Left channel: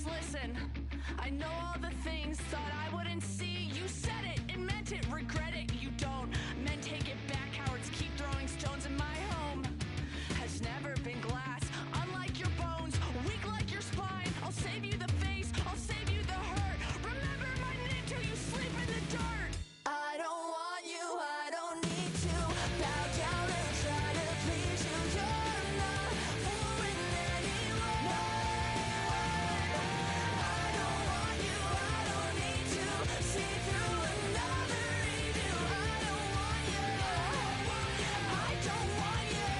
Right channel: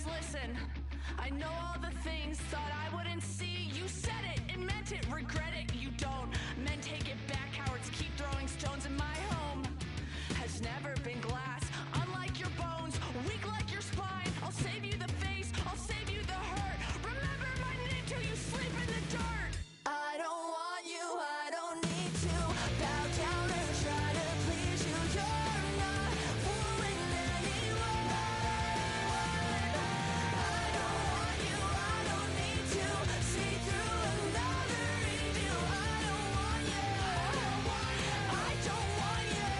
just listen. I know all the things thought I wouldn't see. You said it and meant it, regret it, you don't. Men take it back, cowards keep throwing stones. In my home has never been glass. Unlike your bones, weak like your spine. I'll save you the face, I'll save you the hurt. Remember my name till you sleep in the dirt. I don't want you, I don't need to bow down and try to please you. You're not fooling anyone. I don't want you, I don't need to see through another review. I don't want you, I don't want you.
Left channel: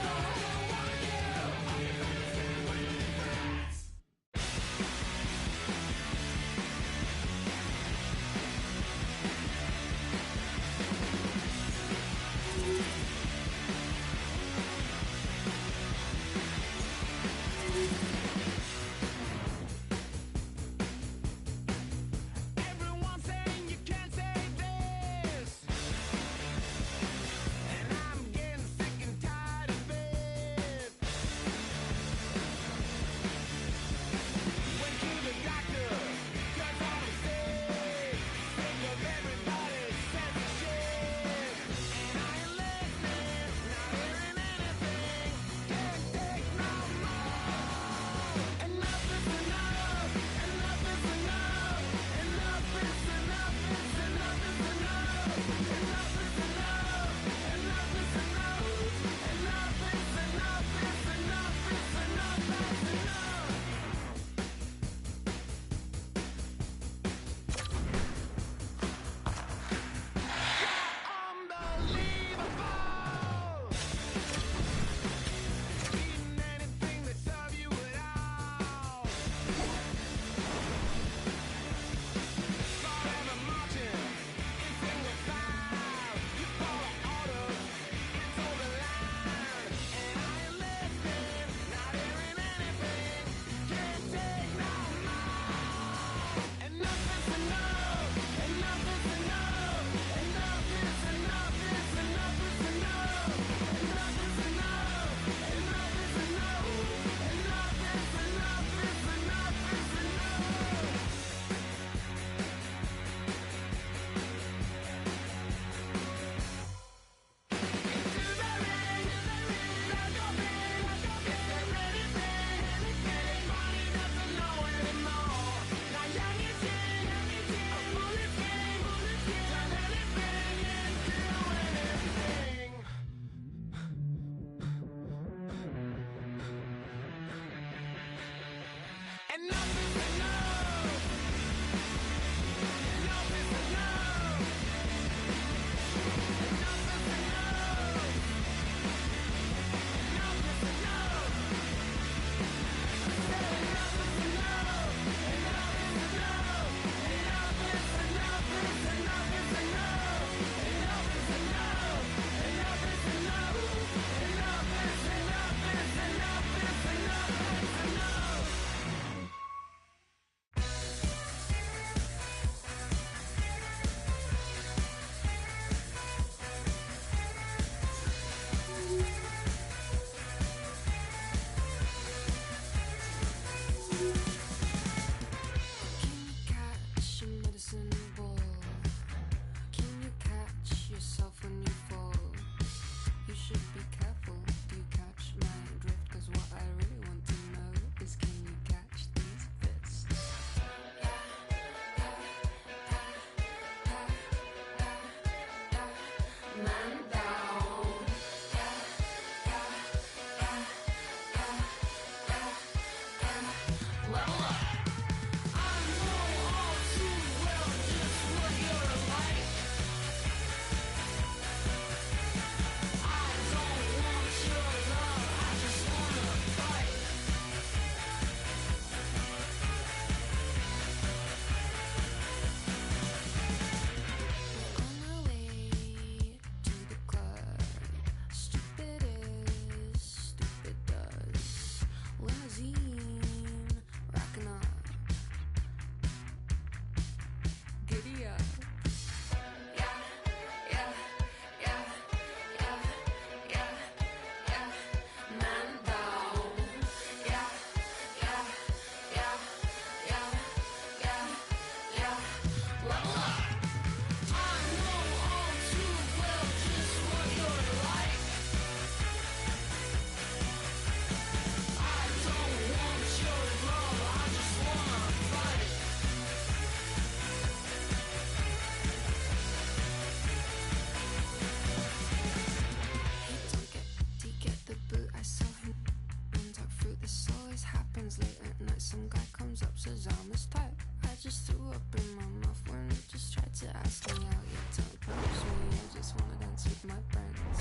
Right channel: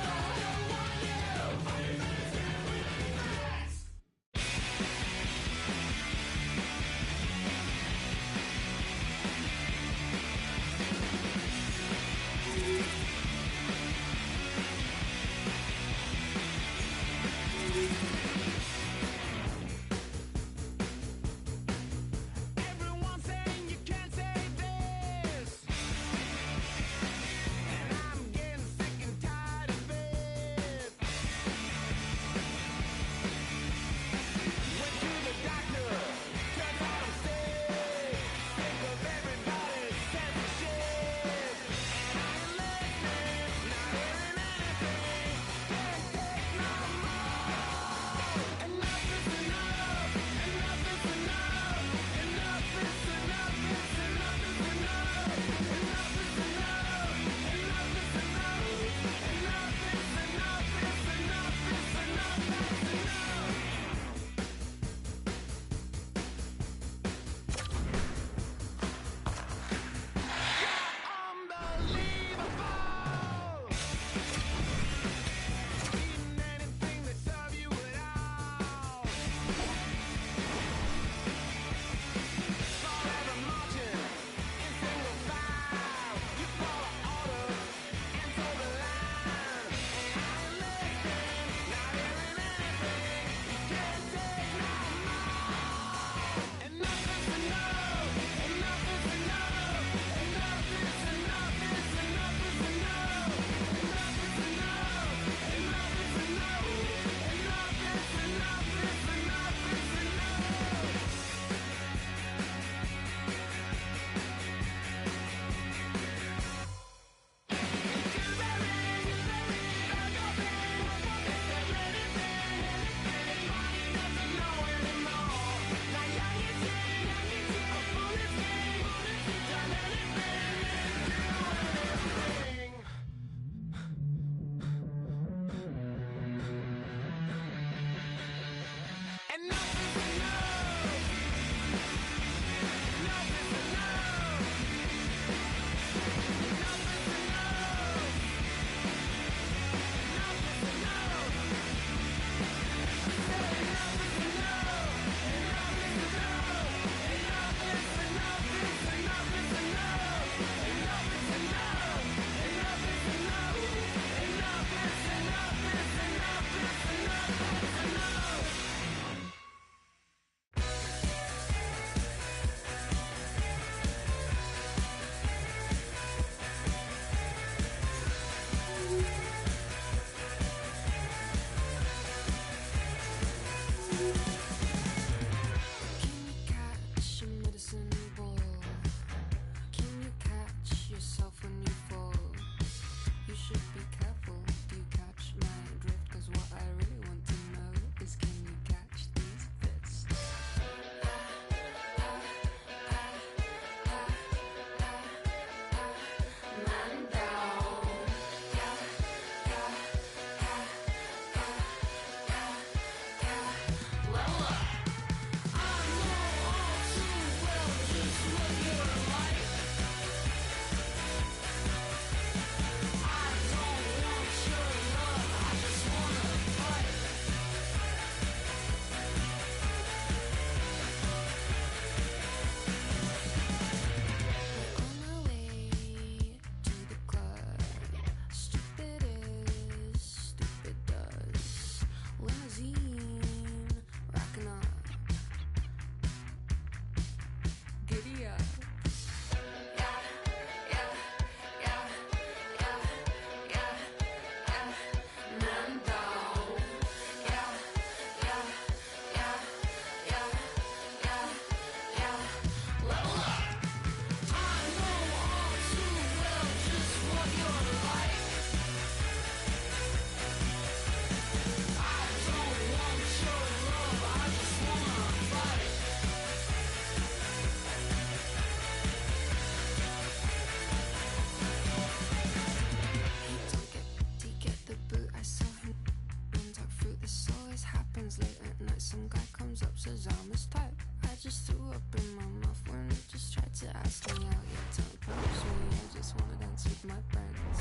up, says I'm his type. I just threw up in my mouth when he just tried to ask me out. Yeah, don't push me, I just wanna dance with my friends.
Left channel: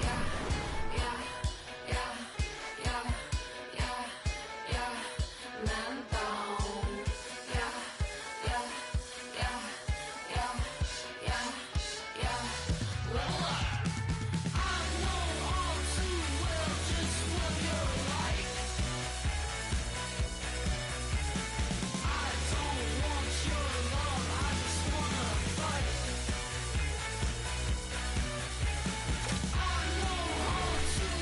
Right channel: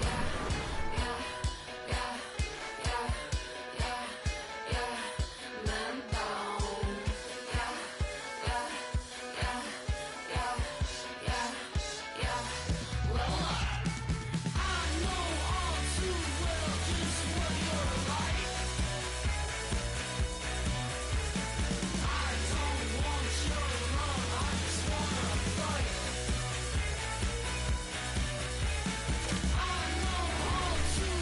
Yeah, yeah, yeah, yeah, yeah, yeah, man down. Yeah, yeah, yeah, yeah, yeah, yeah. Level up. I know all too well just what you're like. I don't want your love, I just wanna fight. I know all too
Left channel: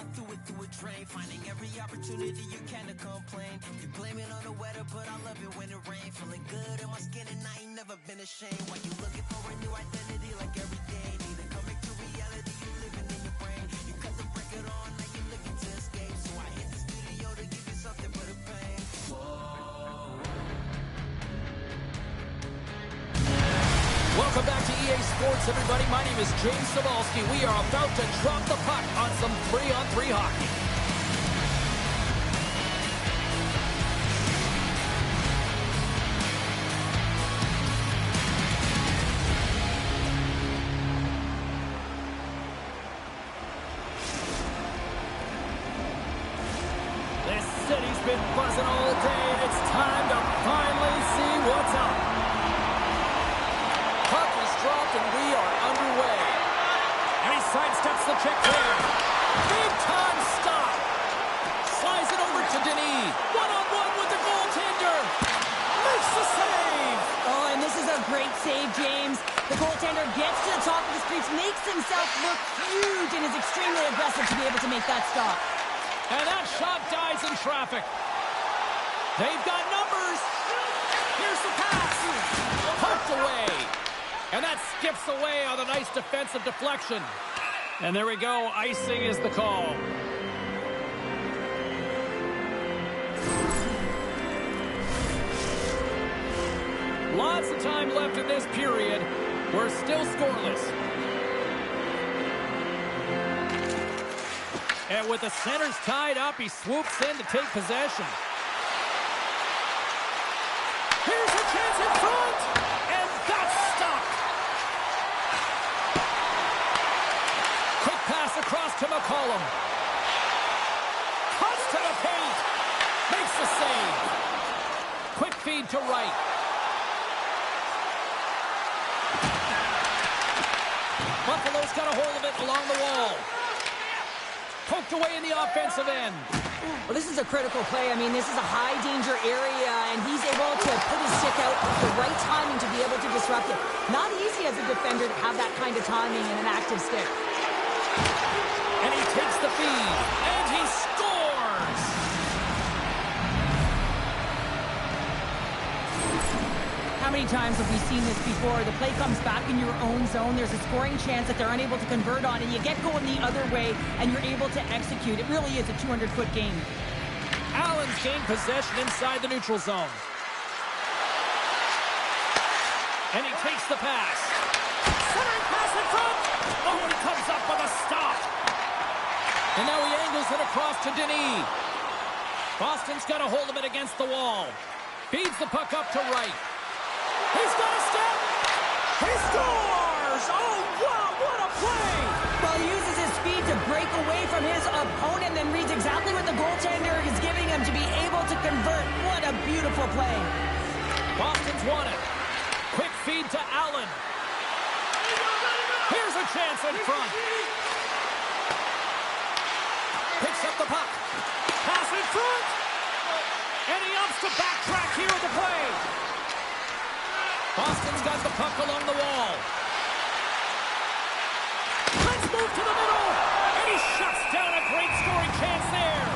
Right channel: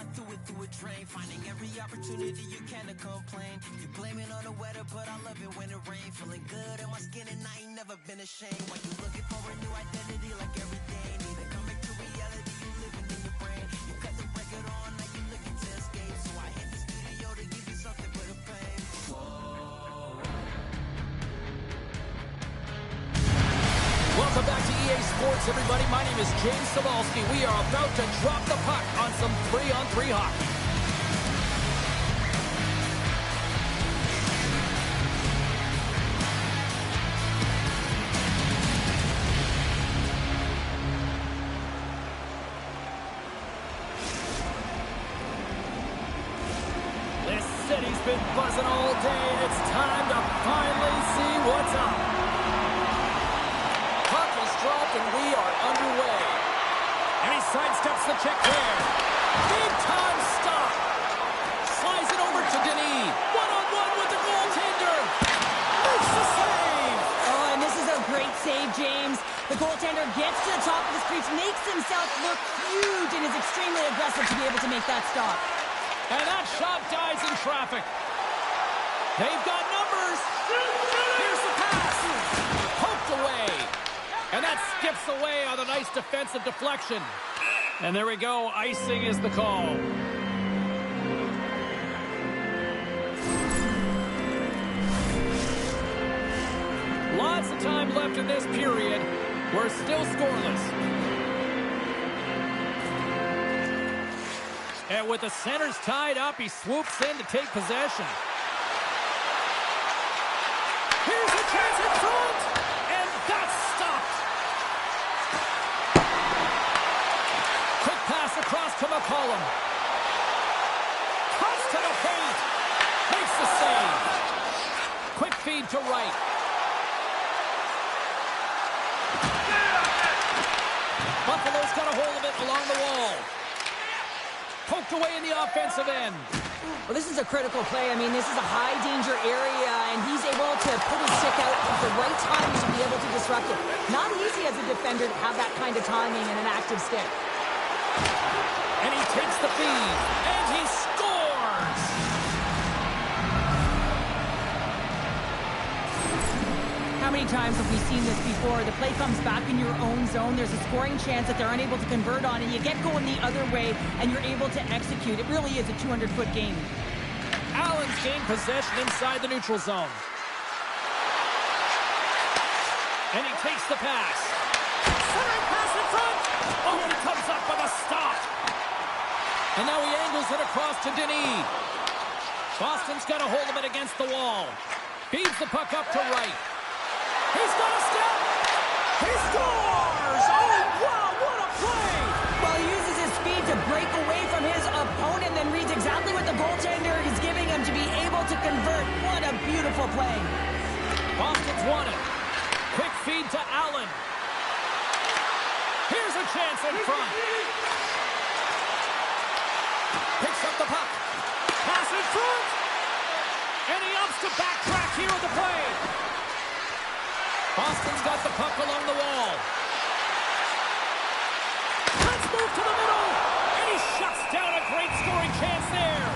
I threw it through a drain. Finding every opportunity you can to complain. You blame it on the weather, but I love it when it rains. Feeling good in my skin and I ain't never been ashamed. While you looking for a new identity like every day. Need to come back to reality, you living in your brain. You cut the record on, now you looking to escape. So I hit the studio to give you something but a pain. Welcome back to EA Sports, everybody. My name is James Cebulski. We are about to drop the puck on some 3-on-3 hockey. This city's been buzzing all day, and it's time to finally see what's up. Puck is dropped and we are underway. And he sidesteps the check there. Big time stop. Slides it over to Denis. One-on-one with the goaltender. Makes the save. Oh, and this is a great save, James. The goaltender gets to the top of his crease, makes himself look huge, and is extremely aggressive to be able to make that stop. And that shot dies in traffic. They've got numbers. Here's the pass. Poked away. And that skips away on a nice defensive deflection. And there we go. Icing is the call. Lots of time left in this period. We're still scoreless. And with the centers tied up, he swoops in to take possession. Here's a chance in front. And that's stopped. Quick pass across to McCollum. Cuts to the paint. Makes the save. Quick feed to Wright. Buffalo's got a hold of it along the wall. Poked away in the offensive end. Well, this is a critical play. I mean, this is a high-danger area, and he's able to put his stick out at the right timing to be able to disrupt it. Not easy as a defender to have that kind of timing and an active stick. And he takes the feed, and he scores! How many times have we seen this before? The play comes back in your own zone. There's a scoring chance that they're unable to convert on, and you get going the other way, and you're able to execute. It really is a 200-foot game. Allen's gained possession inside the neutral zone. And he takes the pass. Centering pass in front. Oh, and he comes up with a stop. And now he angles it across to Denis. Boston's got a hold of it against the wall. Feeds the puck up to Wright. He's got a step. He scores! Oh, wow, what a play! Well, he uses his speed to break away from his opponent, then reads exactly what the goaltender is giving him to be able to convert. What a beautiful play. Boston's won it. Quick feed to Allen. Here's a chance in front. Picks up the puck. Pass in front. And he opts to backtrack here at the play. Boston's got the puck along the wall. Let's move to the middle. And he shuts down a great scoring chance there.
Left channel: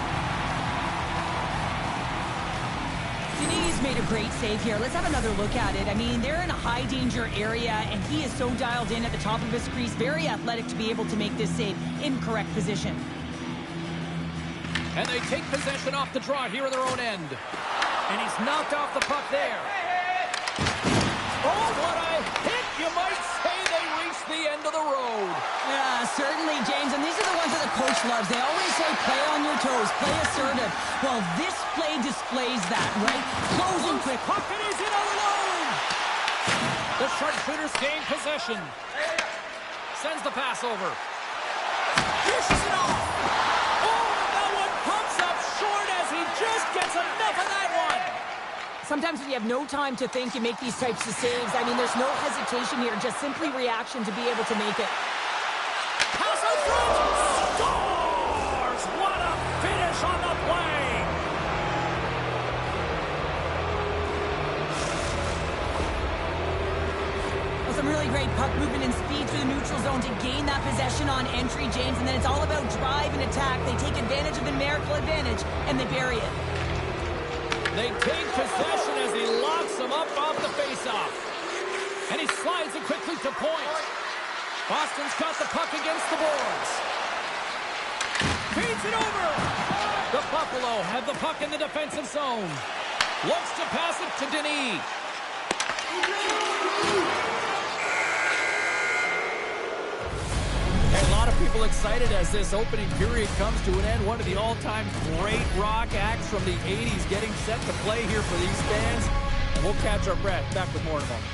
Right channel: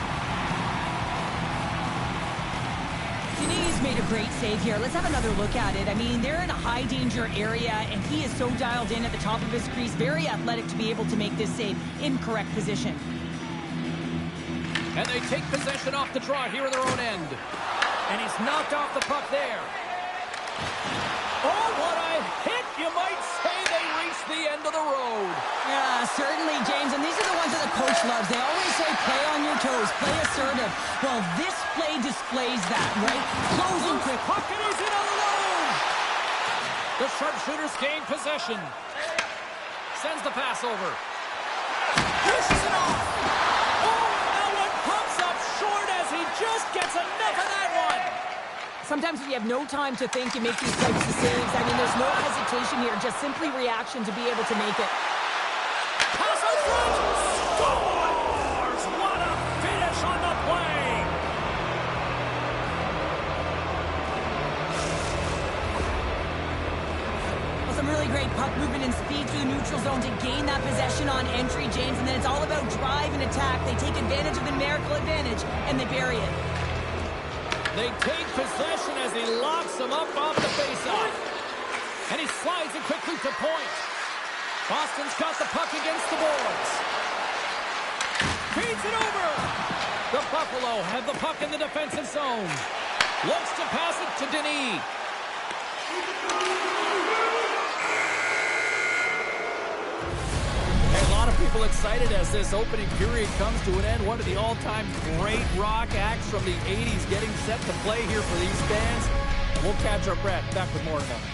Denis made a great save here. Let's have another look at it. I mean, they're in a high-danger area, and he is so dialed in at the top of his crease. Very athletic to be able to make this save in correct position. And they take possession off the draw here in their own end. And he's knocked off the puck there. Oh, what a hit! You might say they reached the end of the road. Yeah, certainly, James. And these are the ones that the coach loves. They always say, play on your toes, play assertive. Well, this play displays that, right? Closing quick. Puck, and he's in all alone. The sharpshooters gain possession. Sends the pass over. Dishes it off. Oh, and that one pumps up short as he just gets enough of that one. Sometimes when you have no time to think, you make these types of saves. I mean, there's no hesitation here, just simply reaction to be able to make it. Pass out front! Scores! What a finish on the play! Well, some really great puck movement and speed through the neutral zone to gain that possession on entry, James, and then it's all about drive and attack. They take advantage of the numerical advantage, and they bury it. They take possession as he locks him up off the faceoff. And he slides it quickly to point. Boston's got the puck against the boards. Feeds it over. The Buffalo have the puck in the defensive zone. Looks to pass it to Denis. A lot of people excited as this opening period comes to an end. One of the all-time great rock acts from the 80s getting set to play here for these fans. And we'll catch our breath. Back with more in a moment.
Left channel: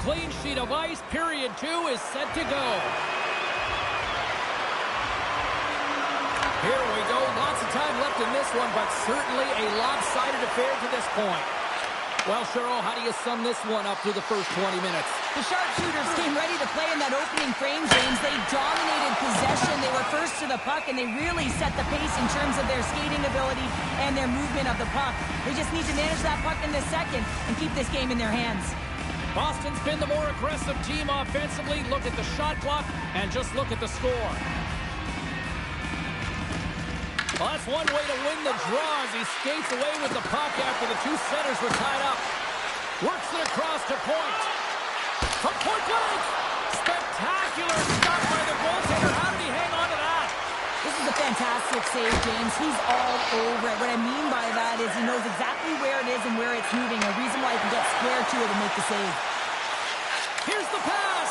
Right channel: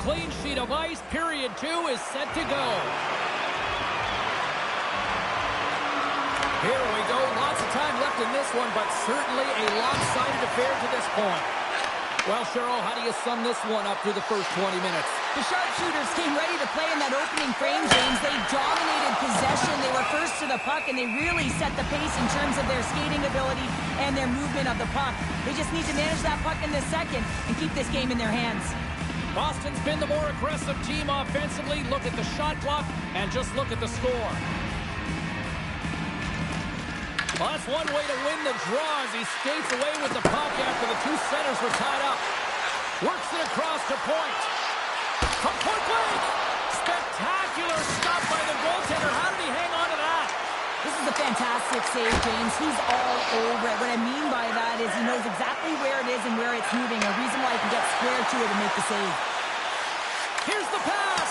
Clean sheet of ice. Period 2 is set to go. Here we go. Lots of time left in this one, but certainly a lopsided affair to this point. Well, Cheryl, how do you sum this one up through the first 20 minutes? The sharpshooters came ready to play in that opening frame, James. They dominated possession. They were first to the puck, and they really set the pace in terms of their skating ability and their movement of the puck. They just need to manage that puck in the second and keep this game in their hands. Boston's been the more aggressive team offensively. Look at the shot clock and just look at the score. Well, that's one way to win the draw as he skates away with the puck after the two centers were tied up. Works it across to point. From point blank! Spectacular stop by the goaltender. How did he hang on to that? This is a fantastic save, James. He's all over it. What I mean by that is he knows exactly where it is and where it's moving. A reason why he can get square to it and make the save. Here's the pass.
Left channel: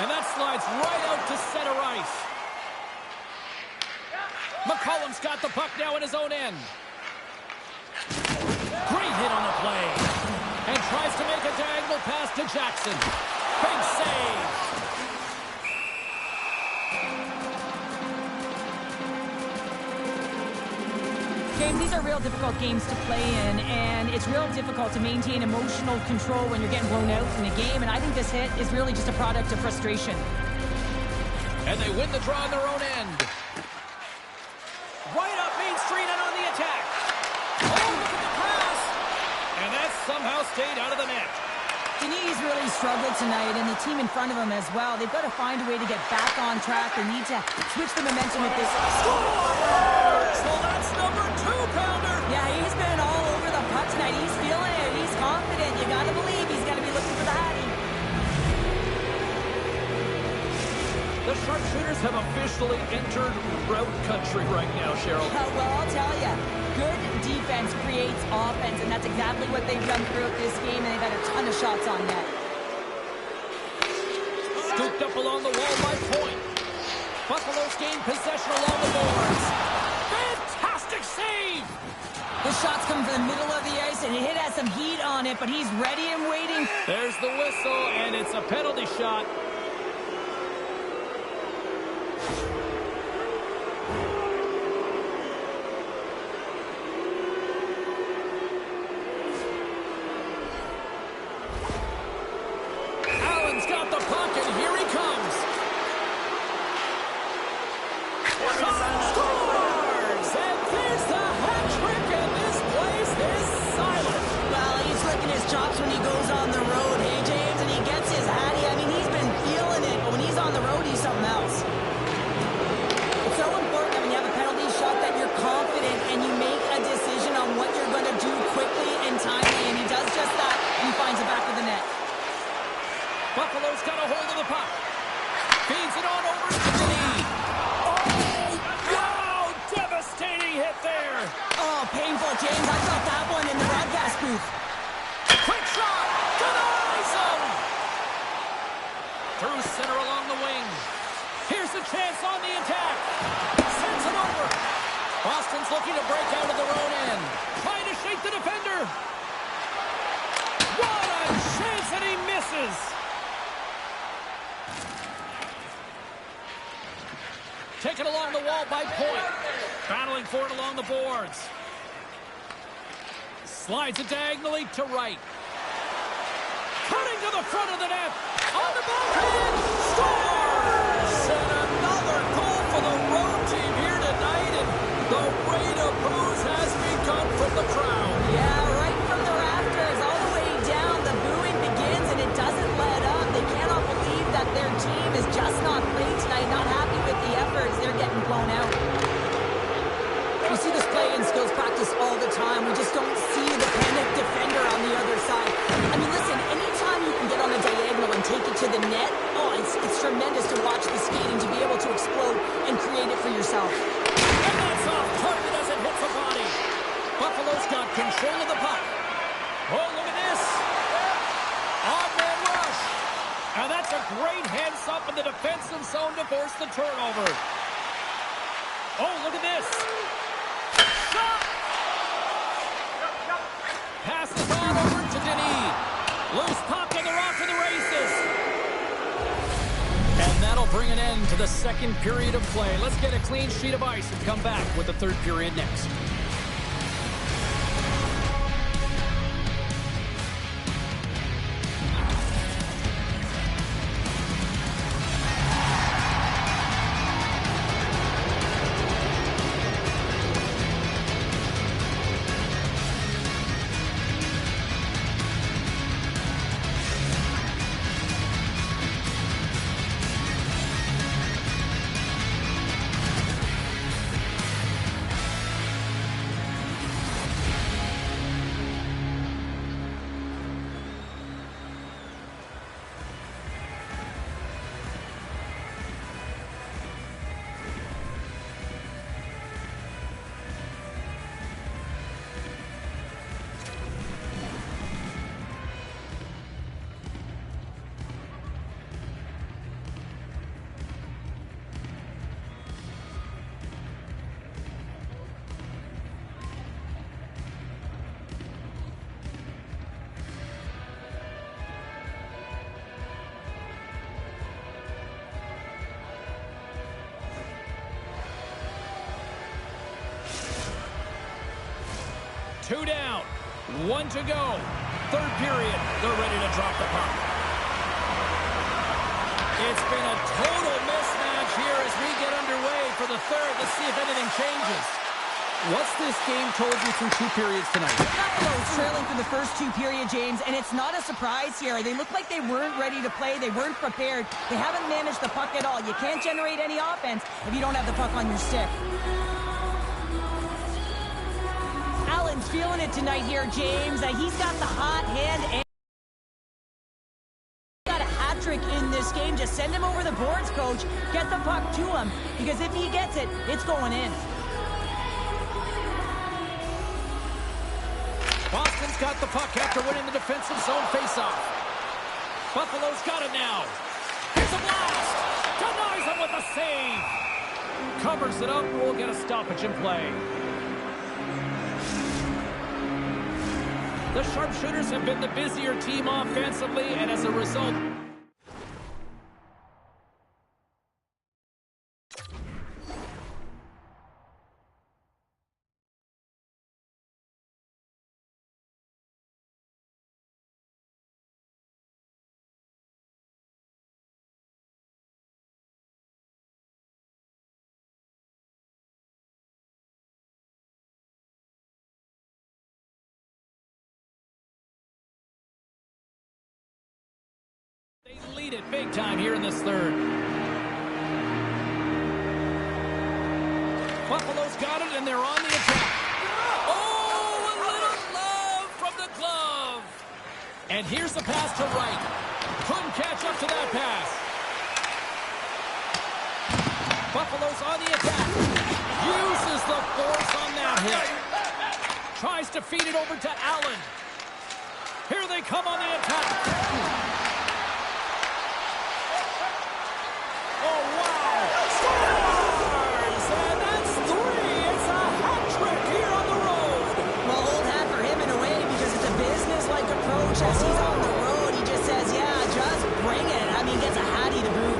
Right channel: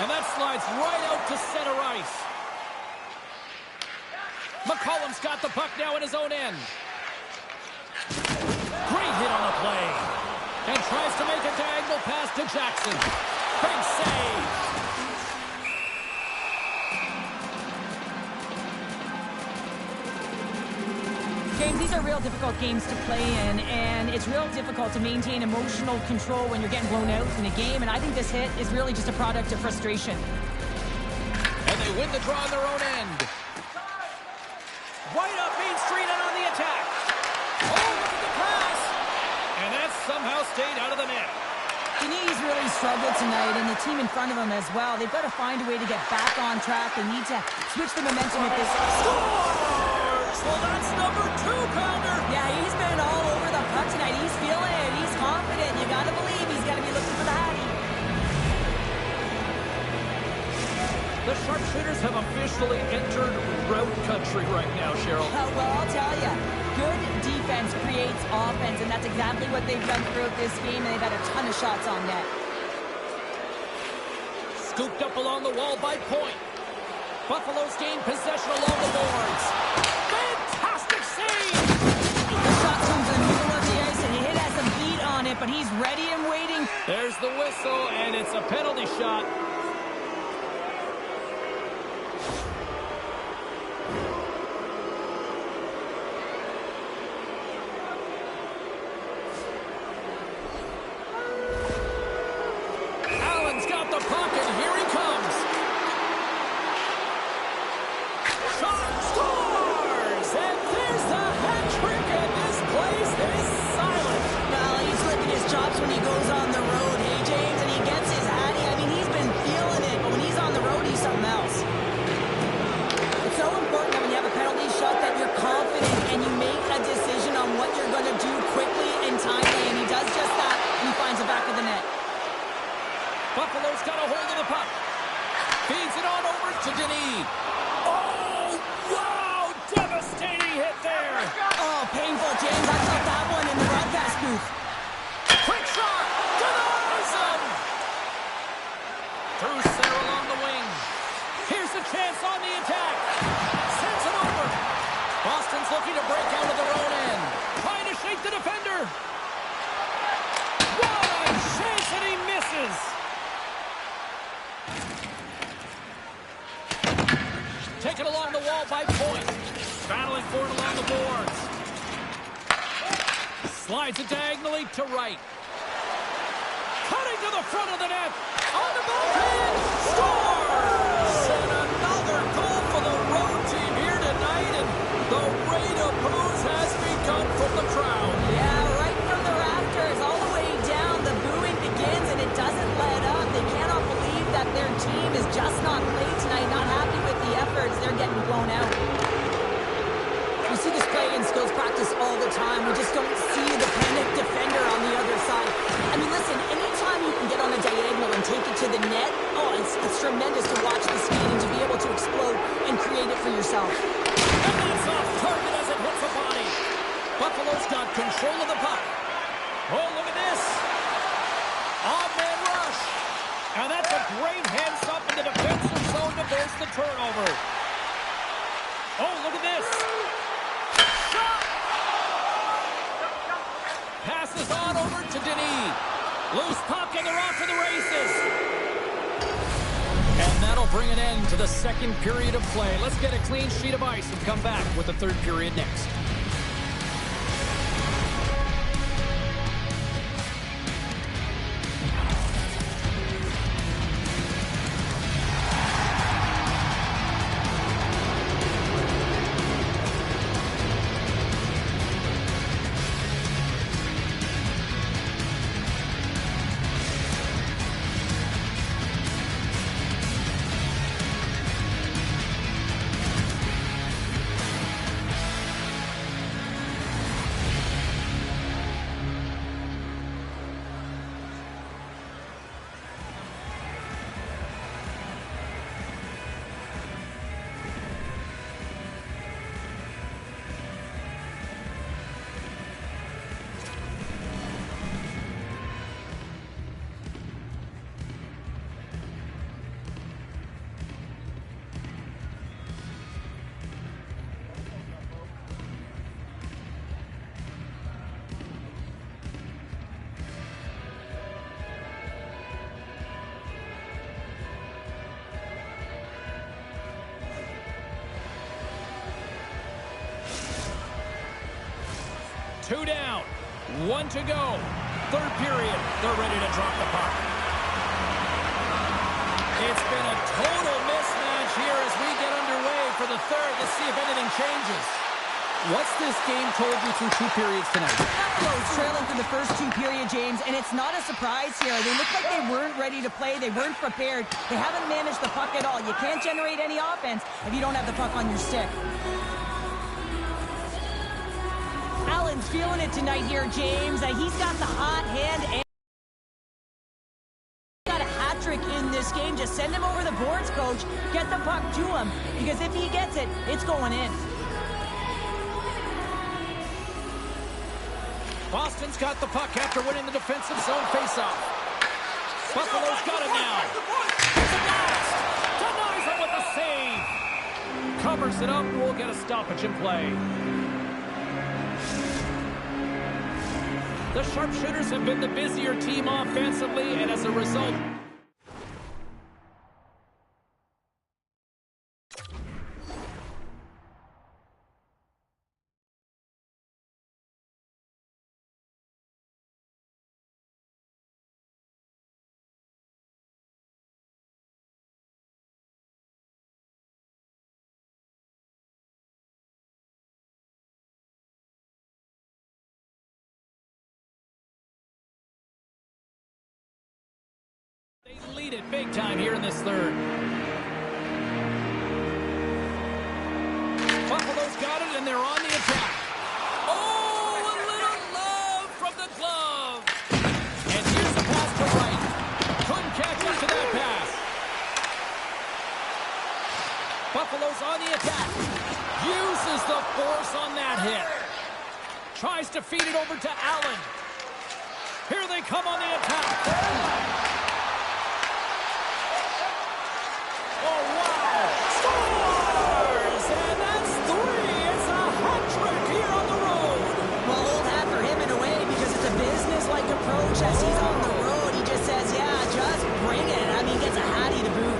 And that slides right out to center ice. McCollum's got the puck now in his own end. Great hit on the play. And tries to make a diagonal pass to Jackson. Big save. James, these are real difficult games to play in, and it's real difficult to maintain emotional control when you're getting blown out in a game, and I think this hit is really just a product of frustration. And they win the draw on their own end. Right up Main Street and on the attack. Oh, look at the pass. And that somehow stayed out of the net. Denis really struggled tonight, and the team in front of him as well. They've got to find a way to get back on track. They need to switch the momentum at this. Scores! Well, that's number 2-pounder. Yeah, he's been all over the puck tonight. He's feeling it. He's confident. You got to believe he's got to be looking for the Hattie. The sharpshooters have officially entered route country right now, Cheryl. Well, I'll tell you, good defense creates offense, and that's exactly what they've done throughout this game, and they've had a ton of shots on net. Scooped up along the wall by Point. Buffalo's gained possession along the boards. Fantastic save! The shots come from the middle of the ice, and it has some heat on it, but he's ready and waiting. There's the whistle, and it's a penalty shot. Allen's got the puck, and here he comes. Shot scores! And there's the hat trick, and this place is silent. Well, he's licking his chops when he goes on the road, hey, James, and he gets his Hattie. I mean, he's been feeling it, but when he's on the road, he's something else. It's so important that when you have a penalty shot that you're confident and you make a decision on what you're going to do quickly and timely, and he does just that, and he finds the back of the net. Buffalo's got a hold of the puck. Feeds it on over to Denis. Oh, wow! Devastating hit there. Oh, painful, James. I felt that one in the broadcast booth. Quick shot! Denies him! Through center along the wing. Here's a chance on the attack. Sends it over. Boston's looking to break out of their own end. Trying to shake the defender. What a chance, and he misses. Taken along the wall by Point. Battling for it along the boards. Slides it diagonally to right. Cutting to the front of the net. On the backhand. Scores! And another goal for the road team here tonight. And the rate of boos has begun from the crowd. Yeah, right from the rafters all the way down. The booing begins and it doesn't let up. They cannot believe that their team is just not played tonight. Not happy with the efforts. They're getting blown out. We see this play in skills practice all the time. We just don't see the panic defender on the other side. I mean, listen, anytime you can get on a diagonal and take it to the net, oh, it's tremendous to watch the skating, to be able to explode and create it for yourself. And that's off target as it hits the body. Buffalo's got control of the puck. Oh, look at this. Odd man rush. And that's a great heads up in the defensive zone to force the turnover. Oh, look at this. Shot! Passes on over to Denis. Loose puck and they're off to the races. And that'll bring an end to the second period of play. Let's get a clean sheet of ice and come back with the third period next. Two down, one to go. Third period, they're ready to drop the puck. It's been a total mismatch here as we get underway for the third. Let's see if anything changes. What's this game told you through two periods tonight? Buffalo's trailing through the first two periods, James, and it's not a surprise here. They look like they weren't ready to play. They weren't prepared. They haven't managed the puck at all. You can't generate any offense if you don't have the puck on your stick. Allen's feeling it tonight here, James. He's got the hot hand and got a hat trick in this game. Just send him over the boards, coach. Get the puck to him, because if he gets it, it's going in. Boston's got the puck after winning the defensive zone faceoff. Buffalo's got it now. Here's a blast. Denies him with a save. Covers it up. We'll get a stoppage in play. The Sharpshooters have been the busier team offensively, and as a result, they lead it big time here in this third. Buffalo got it, and they're on the attack. Oh, a little love from the glove. And here's the pass to Wright. Couldn't catch up to that pass. Buffalo's on the attack. Uses the force on that hit. Tries to feed it over to Allen. Here they come on the attack. Oh, wow. Scores! And that's 3. It's a hat trick here on the road. Well, old hat for him in a way because it's a business-like approach. As he's on the road, he just says, yeah, just bring it. I mean, gets a hattie to boot.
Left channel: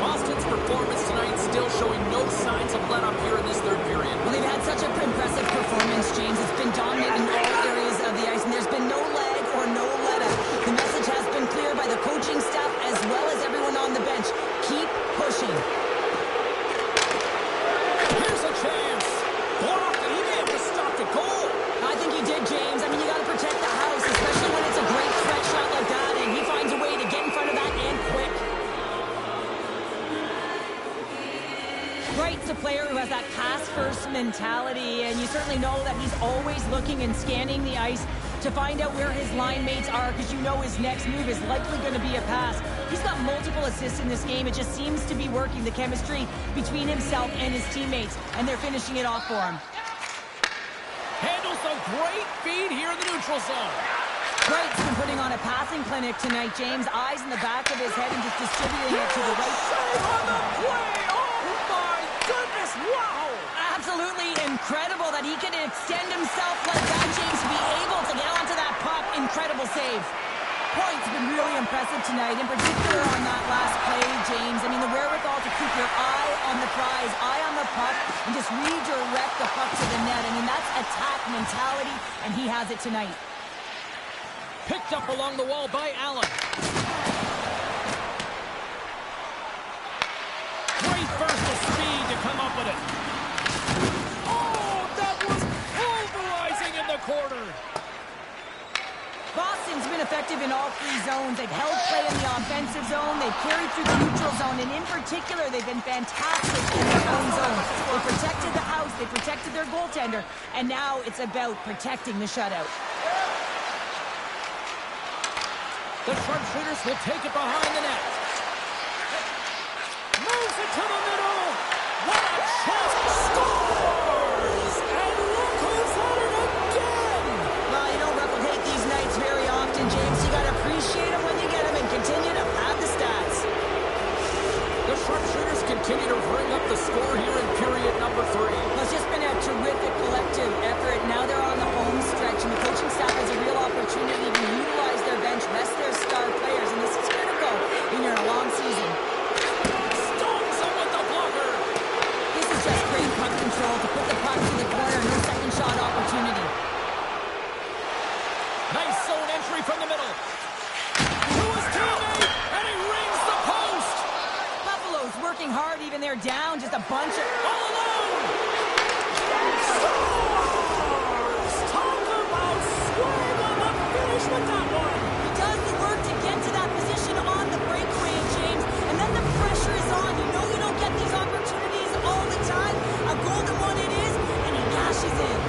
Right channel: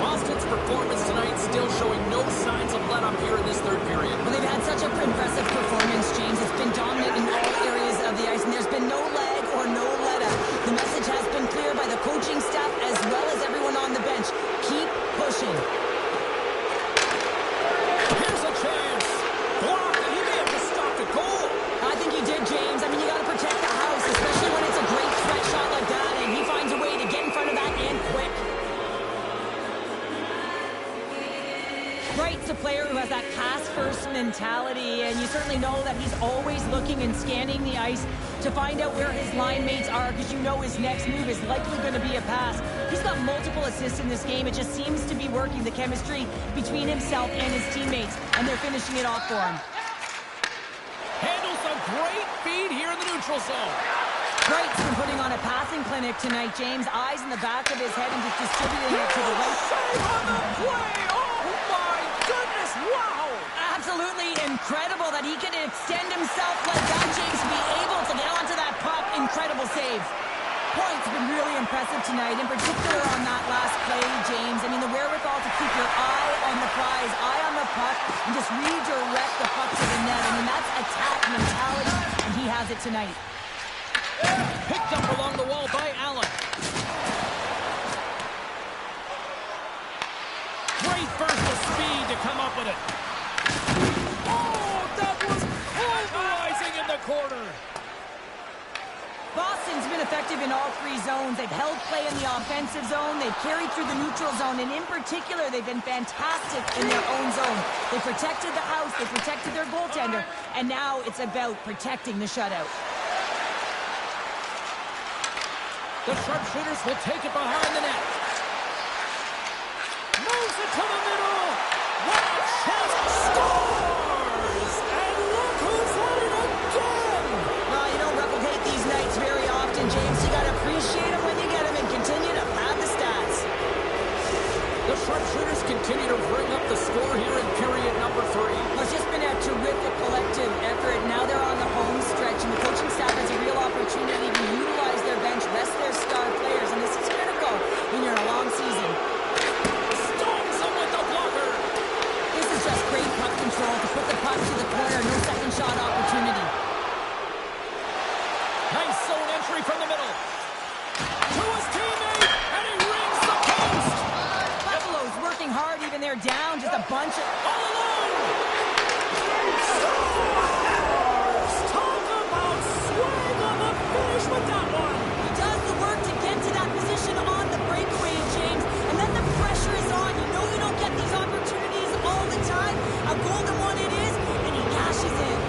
Boston's performance tonight still showing no signs of let-up here in this third period. Well, they've had such an impressive performance, James. It's been dominant in all areas of the ice, and there's been no lag or no let-up. The message has been clear by the coaching staff as well as everyone on the bench. Keep pushing. Here's a chance. Blocked. He may have just stopped a goal. I think he did, James. I mean, you got to protect the house, especially when it's a great threat shot like that, and he finds a way to get in front of that and quick. Wright's a player who has that pass-first mentality, and you certainly know that he's always looking and scanning the ice to find out where his line mates are, because you know his next move is likely going to be a pass. He's got multiple assists in this game. It just seems to be working, the chemistry between himself and his teammates, and they're finishing it off for him. Handles a great feed here in the neutral zone. Wright's been putting on a passing clinic tonight, James. Eyes in the back of his head and just distributing it to the right. Save on the play! Oh my goodness, wow! Absolutely incredible that he can extend himself like that, James, to be able to get onto that puck. Incredible save. Point's been really impressive tonight, in particular on that last play, James. I mean, the wherewithal to keep your eye on the prize, eye on the puck, and just redirect the puck to the net. I mean, that's attack mentality, and he has it tonight. Picked up along the wall by Allen. Great burst of speed to come up with it. Oh, that was pulverizing in the corner. Boston's been effective in all 3 zones. They've held play in the offensive zone. They've carried through the neutral zone. And in particular, they've been fantastic in their own zone. They protected the house. They protected their goaltender. And now it's about protecting the shutout. The sharpshooters will take it behind the net. Moves it to the middle. What a chance. Scores! And look who's at it again! Well, you don't replicate these nights very often, James. You got to appreciate them when you get them and continue to pad the stats. The sharpshooters continue to bring up the score here in period number 3. Well, it's just been a terrific collective effort. Now they're on the home stretch, and the coaching staff has a real opportunity to utilize their bench, rest their star players, and this is critical when you're in a long season. Stones him with the blocker. This is just great puck control to put the puck to the corner. No second shot opportunity. Nice zone entry from the middle. To his teammate, and he rings the post. Buffalo's working hard, even they're down. Just a bunch of... All alone. Scores! Talk about swing on the finish with that one. He does the work to get to that position on the breakaway, James, and then the pressure is on. You know you don't get these opportunities all the time. A golden one it is, and he cashes in.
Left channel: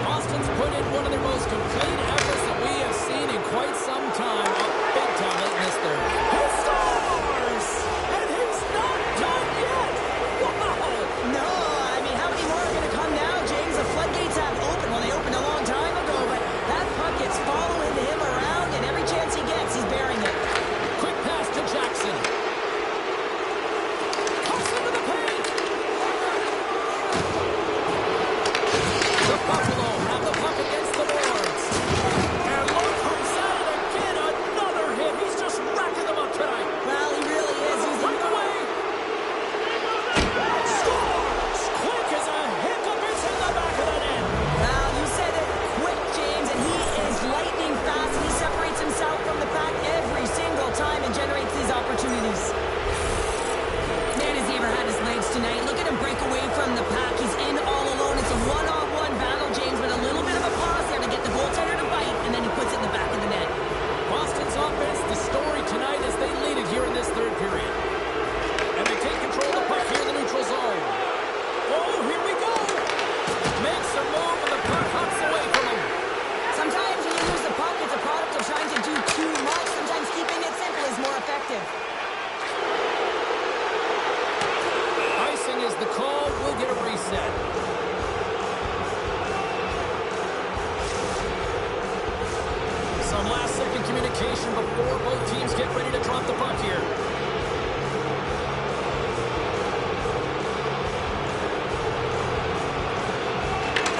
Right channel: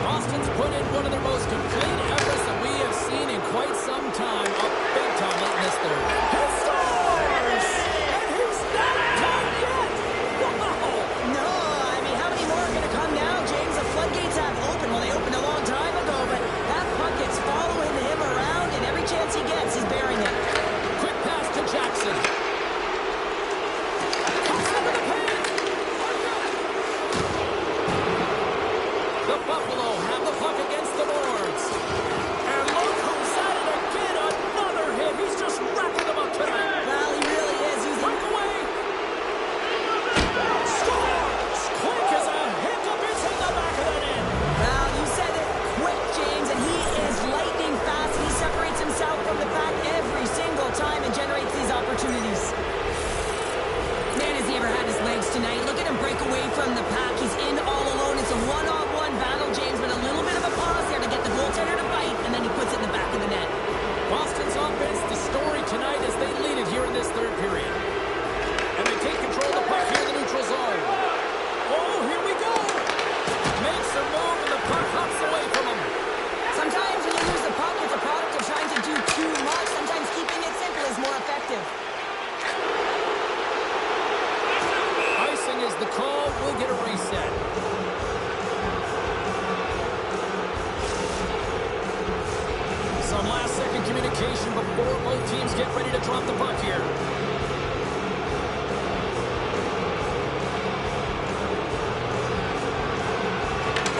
Boston's put in one of their most complete efforts that we have seen in quite some time. Up big time late in this third. He scores! And he's not done yet! Wow! No, I mean, how many more are going to come now, James? The floodgates have opened. Well, they opened a long time ago, but that puck is following him around, and every chance he gets, he's bearing it. Quick pass to Jackson. Comes into the paint! The Buffalo have the puck against the boards. And look who's at it again. Another hit. He's just racking them up tonight. Well, he really is using... Breakaway. Scores! Quick as a hiccup. It's in the back of the net. Well, you said it quick, James, and he is lightning fast, and he separates himself from the pack every single time and generates these opportunities. Man, has he ever had his legs tonight. Look at him break away from the pack. He's in all alone. It's a one-on-one battle, James, but a little bit of a pause there to get the goaltender to bite, and then he puts it in the back of the net. Boston's offense, the story tonight as they lead it here in this third period. And they take control of the puck here in the neutral zone. Oh, here we go. The call will get a reset. Some last-second communication before both teams get ready to drop the puck here.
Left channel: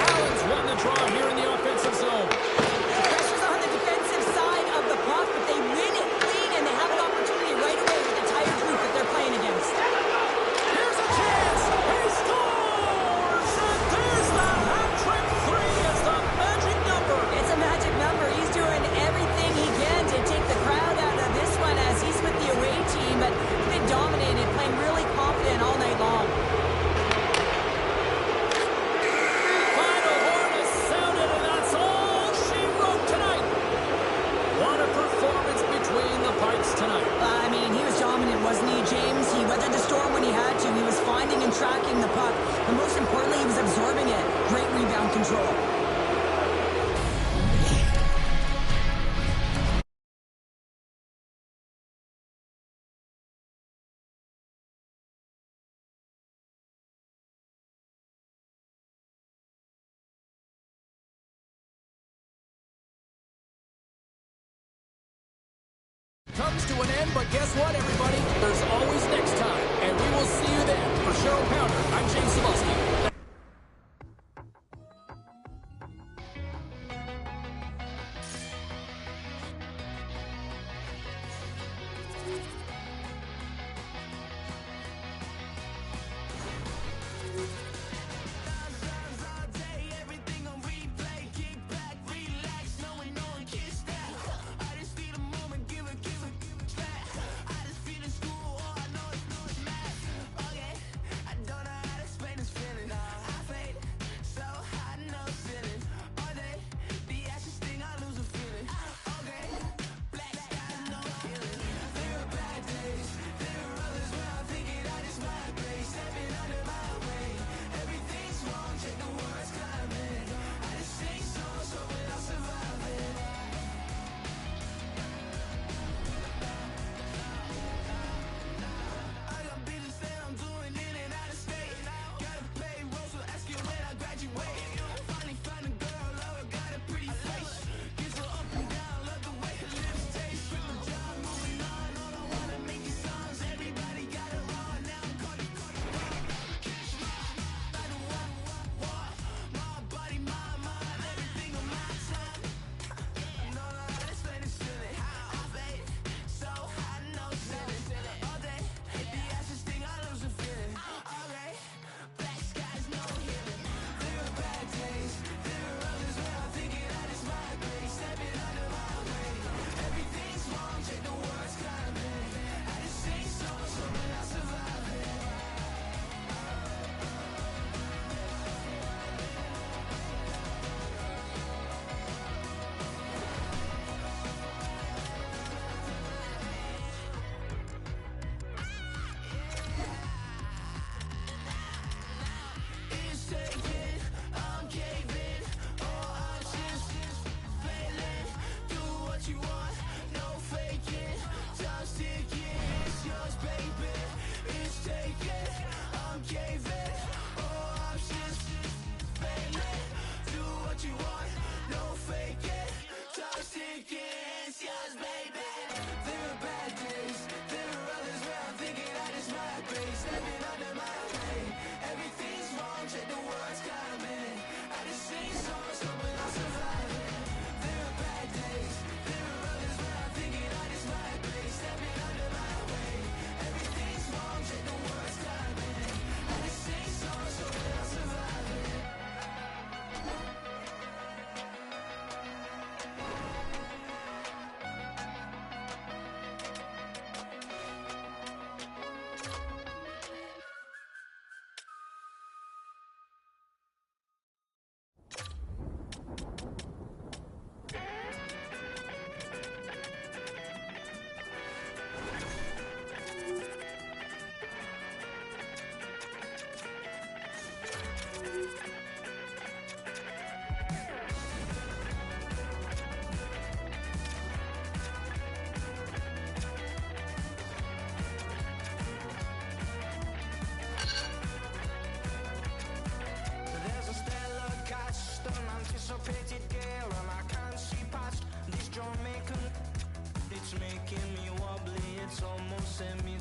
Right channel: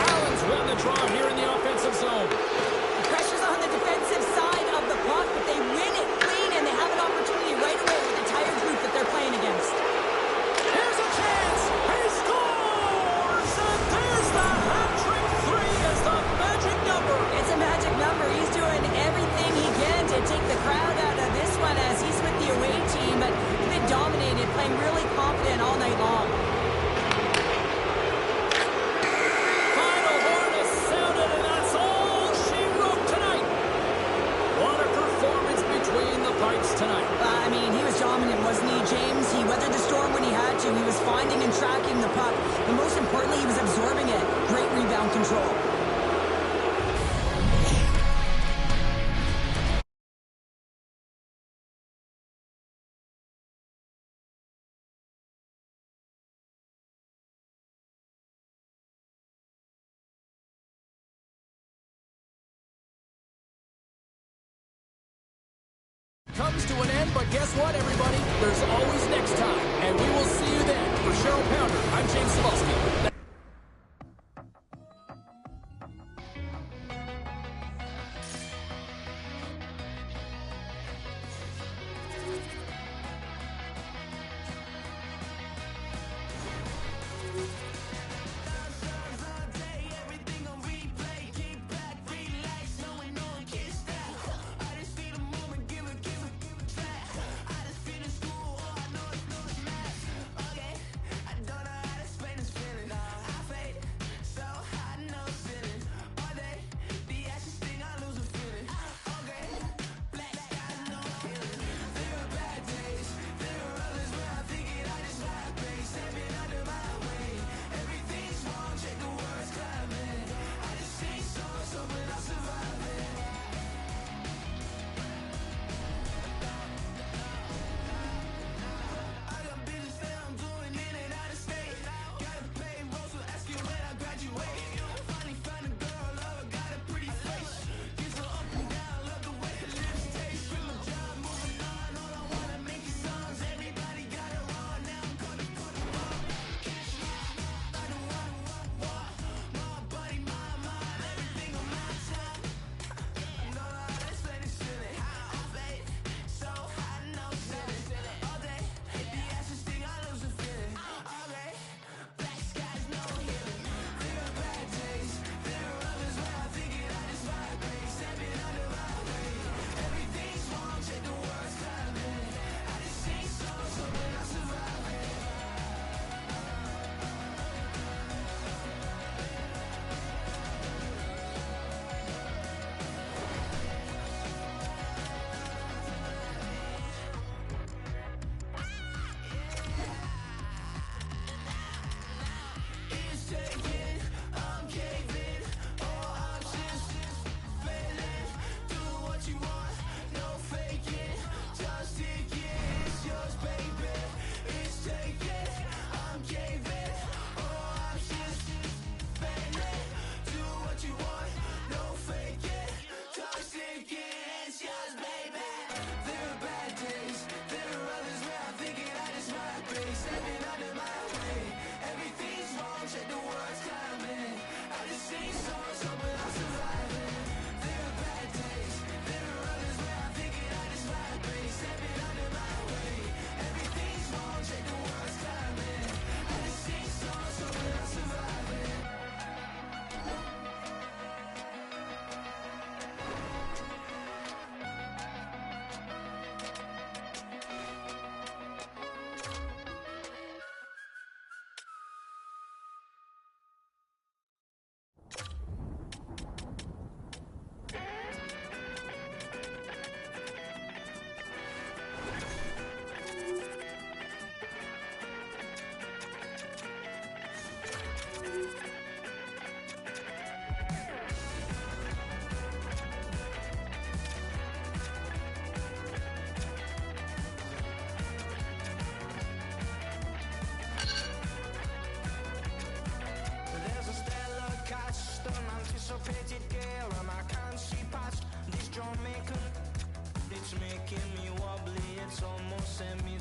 Allen's won the draw here in the offensive zone. The pressure's on the defensive side of the puck, but they win it clean, and they have an opportunity right away with the tired group that they're playing against. Here's a chance. He scores! And there's the hat-trick three as the magic number. It's a magic number. He's doing everything he can to take the crowd out of this one as he's with the away team, but he's been dominated, playing really confident all night long. Final horn has sounded, and that's all she wrote tonight. What a performance between the pipes tonight. I mean, he was dominant, wasn't he, James? He weathered the storm when he had to. He was finding and tracking the puck, but most importantly, he was absorbing it. Great rebound control. Comes to an end, but guess what, everybody? There's always next time, and we will see you then. For Cheryl Pounder, I'm James Cebulski. I don't know how to explain this feeling.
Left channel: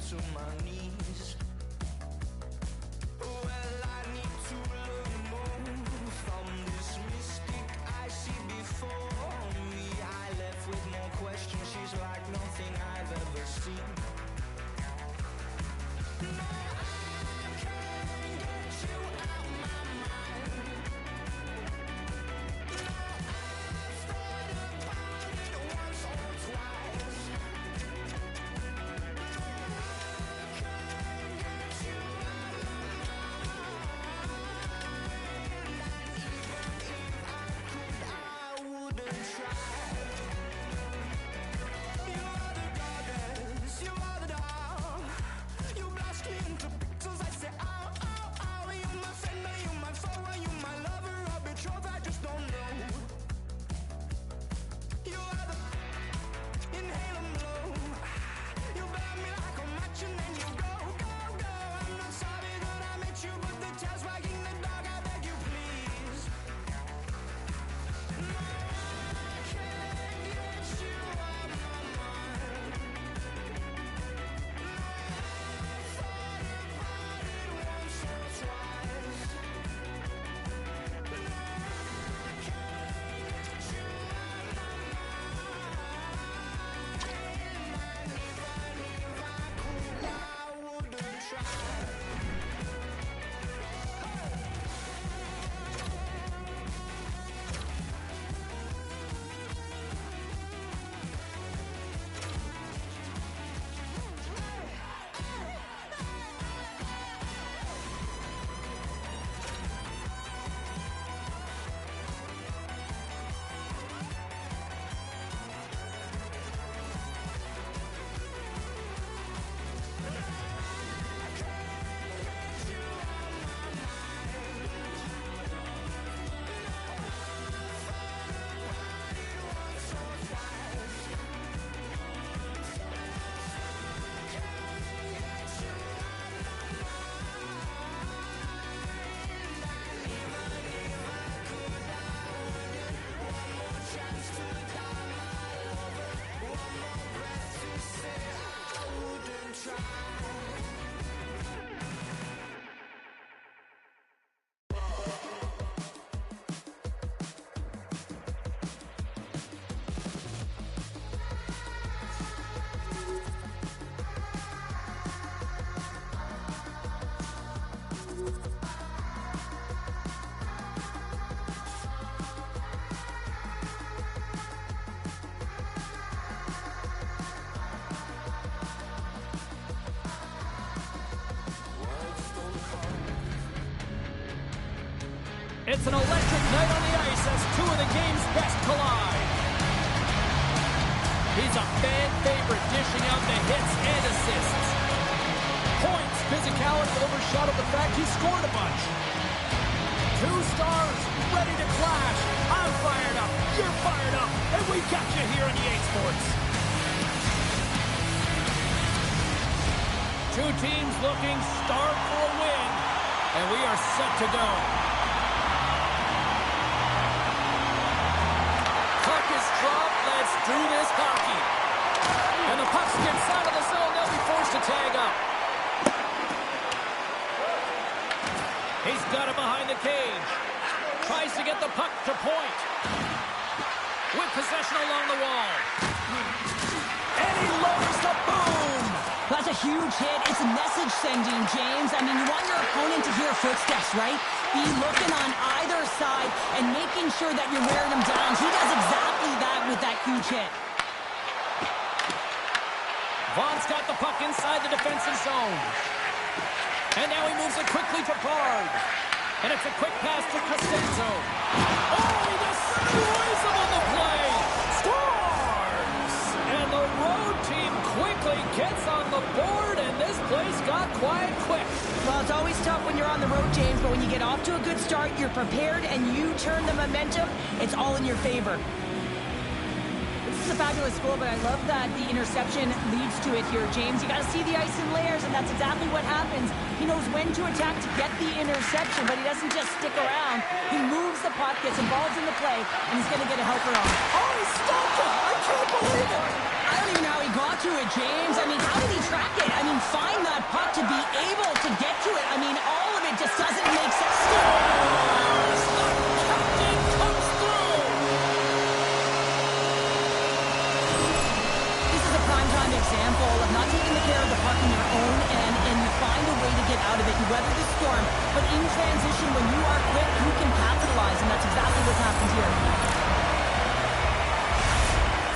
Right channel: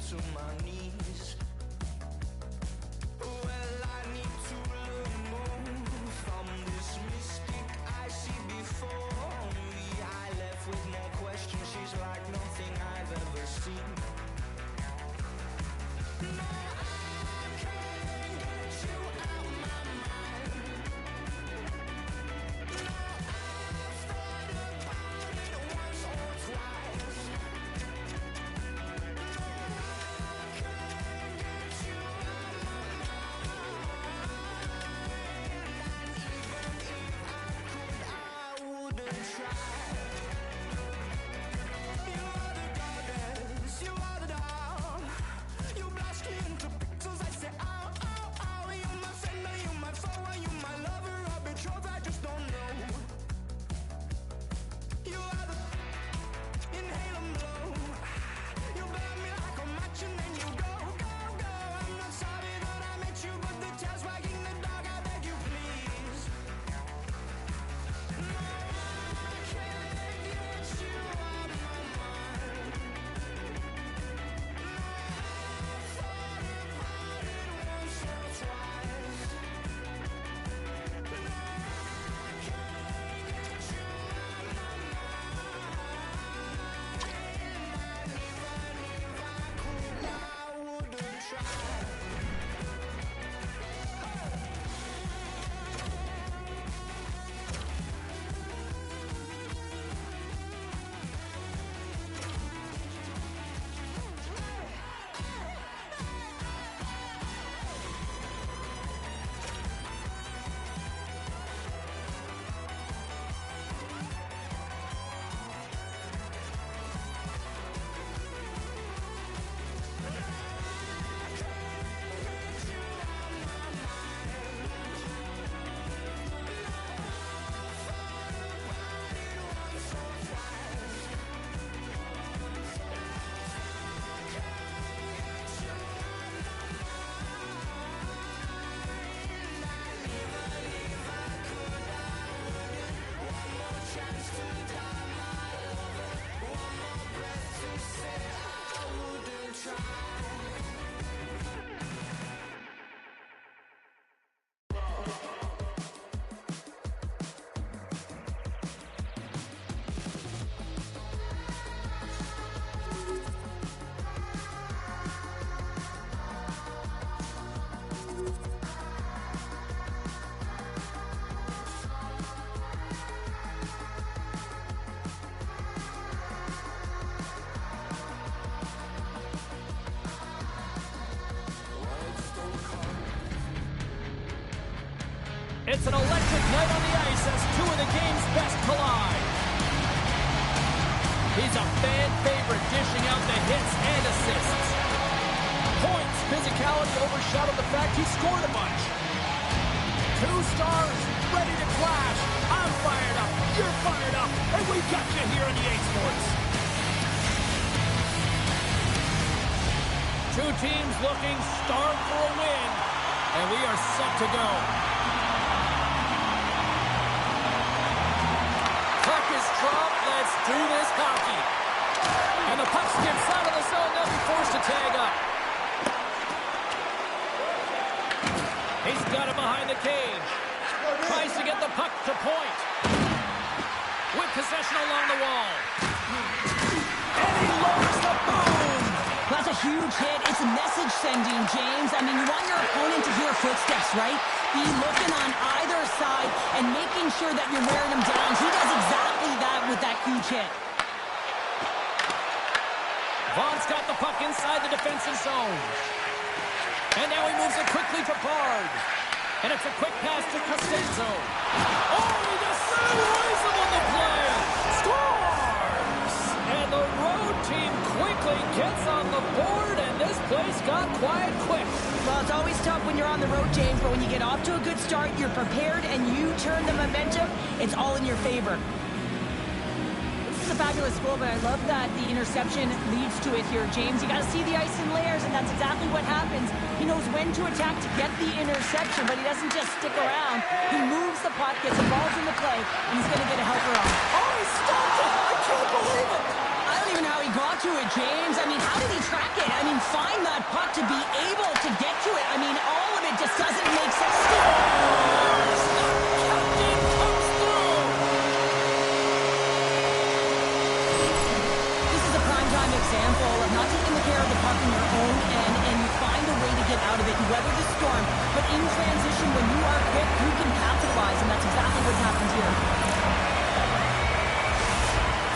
to my knees. Well, I need to learn more from this mystic I see before me. I left with more questions. She's like nothing I've ever seen. No, I can't get you out my mind. No, I've thought about it once or twice. No, I can't get you out my mind. And even if I could, I wouldn't try. You are the goddess, you are the doll. You blast me into pixels, I say ow, ow, ow. You my friend, are you my foe, are you my lover or betrothed? I just don't know. You are the inhale and blow. You burn me like a match and then you go, go, go. I'm not sorry that I met you, but the tail's wagging the dog, I beg you please. No, I can't get you out my mind. No, I've thought about it once or twice. No, I can't get you out my mind. And even if I could, I wouldn't try. It's an electric night on the ice as two of the game's best collide. He's a fan favorite, dishing out the hits and assists. Points, physicality overshadowed the fact he scored a bunch. Two stars ready to clash. I'm fired up, you're fired up, and we got you here on EA Sports. Two teams looking starved for a win, and we are set to go. Puck is dropped. Let's do this hockey. And the puck skips out of the zone. They'll be forced to tag up. He's got it behind the cage. Tries to get the puck to point. With possession along the wall. And he lowers the boom. That's a huge hit. It's a message sending, James. I mean, you want your opponent to hear footsteps, right? Be looking on either side and making sure that you're wearing them down. He does exactly that with that huge hit. Vaughn's got the puck inside the defensive zone. And now he moves it quickly to Bard. And it's a quick pass to Costanzo. Oh, he destroys him on the play. Scores! And the road team quickly gets on the board, and this place got quiet quick. Well, it's always tough when you're on the road, James, but when you get off to a good start, you're prepared, and you turn the momentum, it's all in your favor. This is a fabulous goal, but I love that the interception leads to it here, James. You got to see the ice in layers, and that's exactly what happens. He knows when to attack to get the interception, but he doesn't just stick around. He moves the puck, gets involved in the play, and he's going to get a helper on. Oh, he stopped it! I can't believe it! I don't even know how he got to it, James. I mean, how did he track it? I mean, find that puck to be able to get to it. I mean, all of it just doesn't make sense. Scores! The captain comes through! This is a primetime example of not taking the care of the puck in your own end, and you find a way to get out of it. You weather the storm, but in transition, when you are quick, you can capitalize, and that's exactly what's happened here.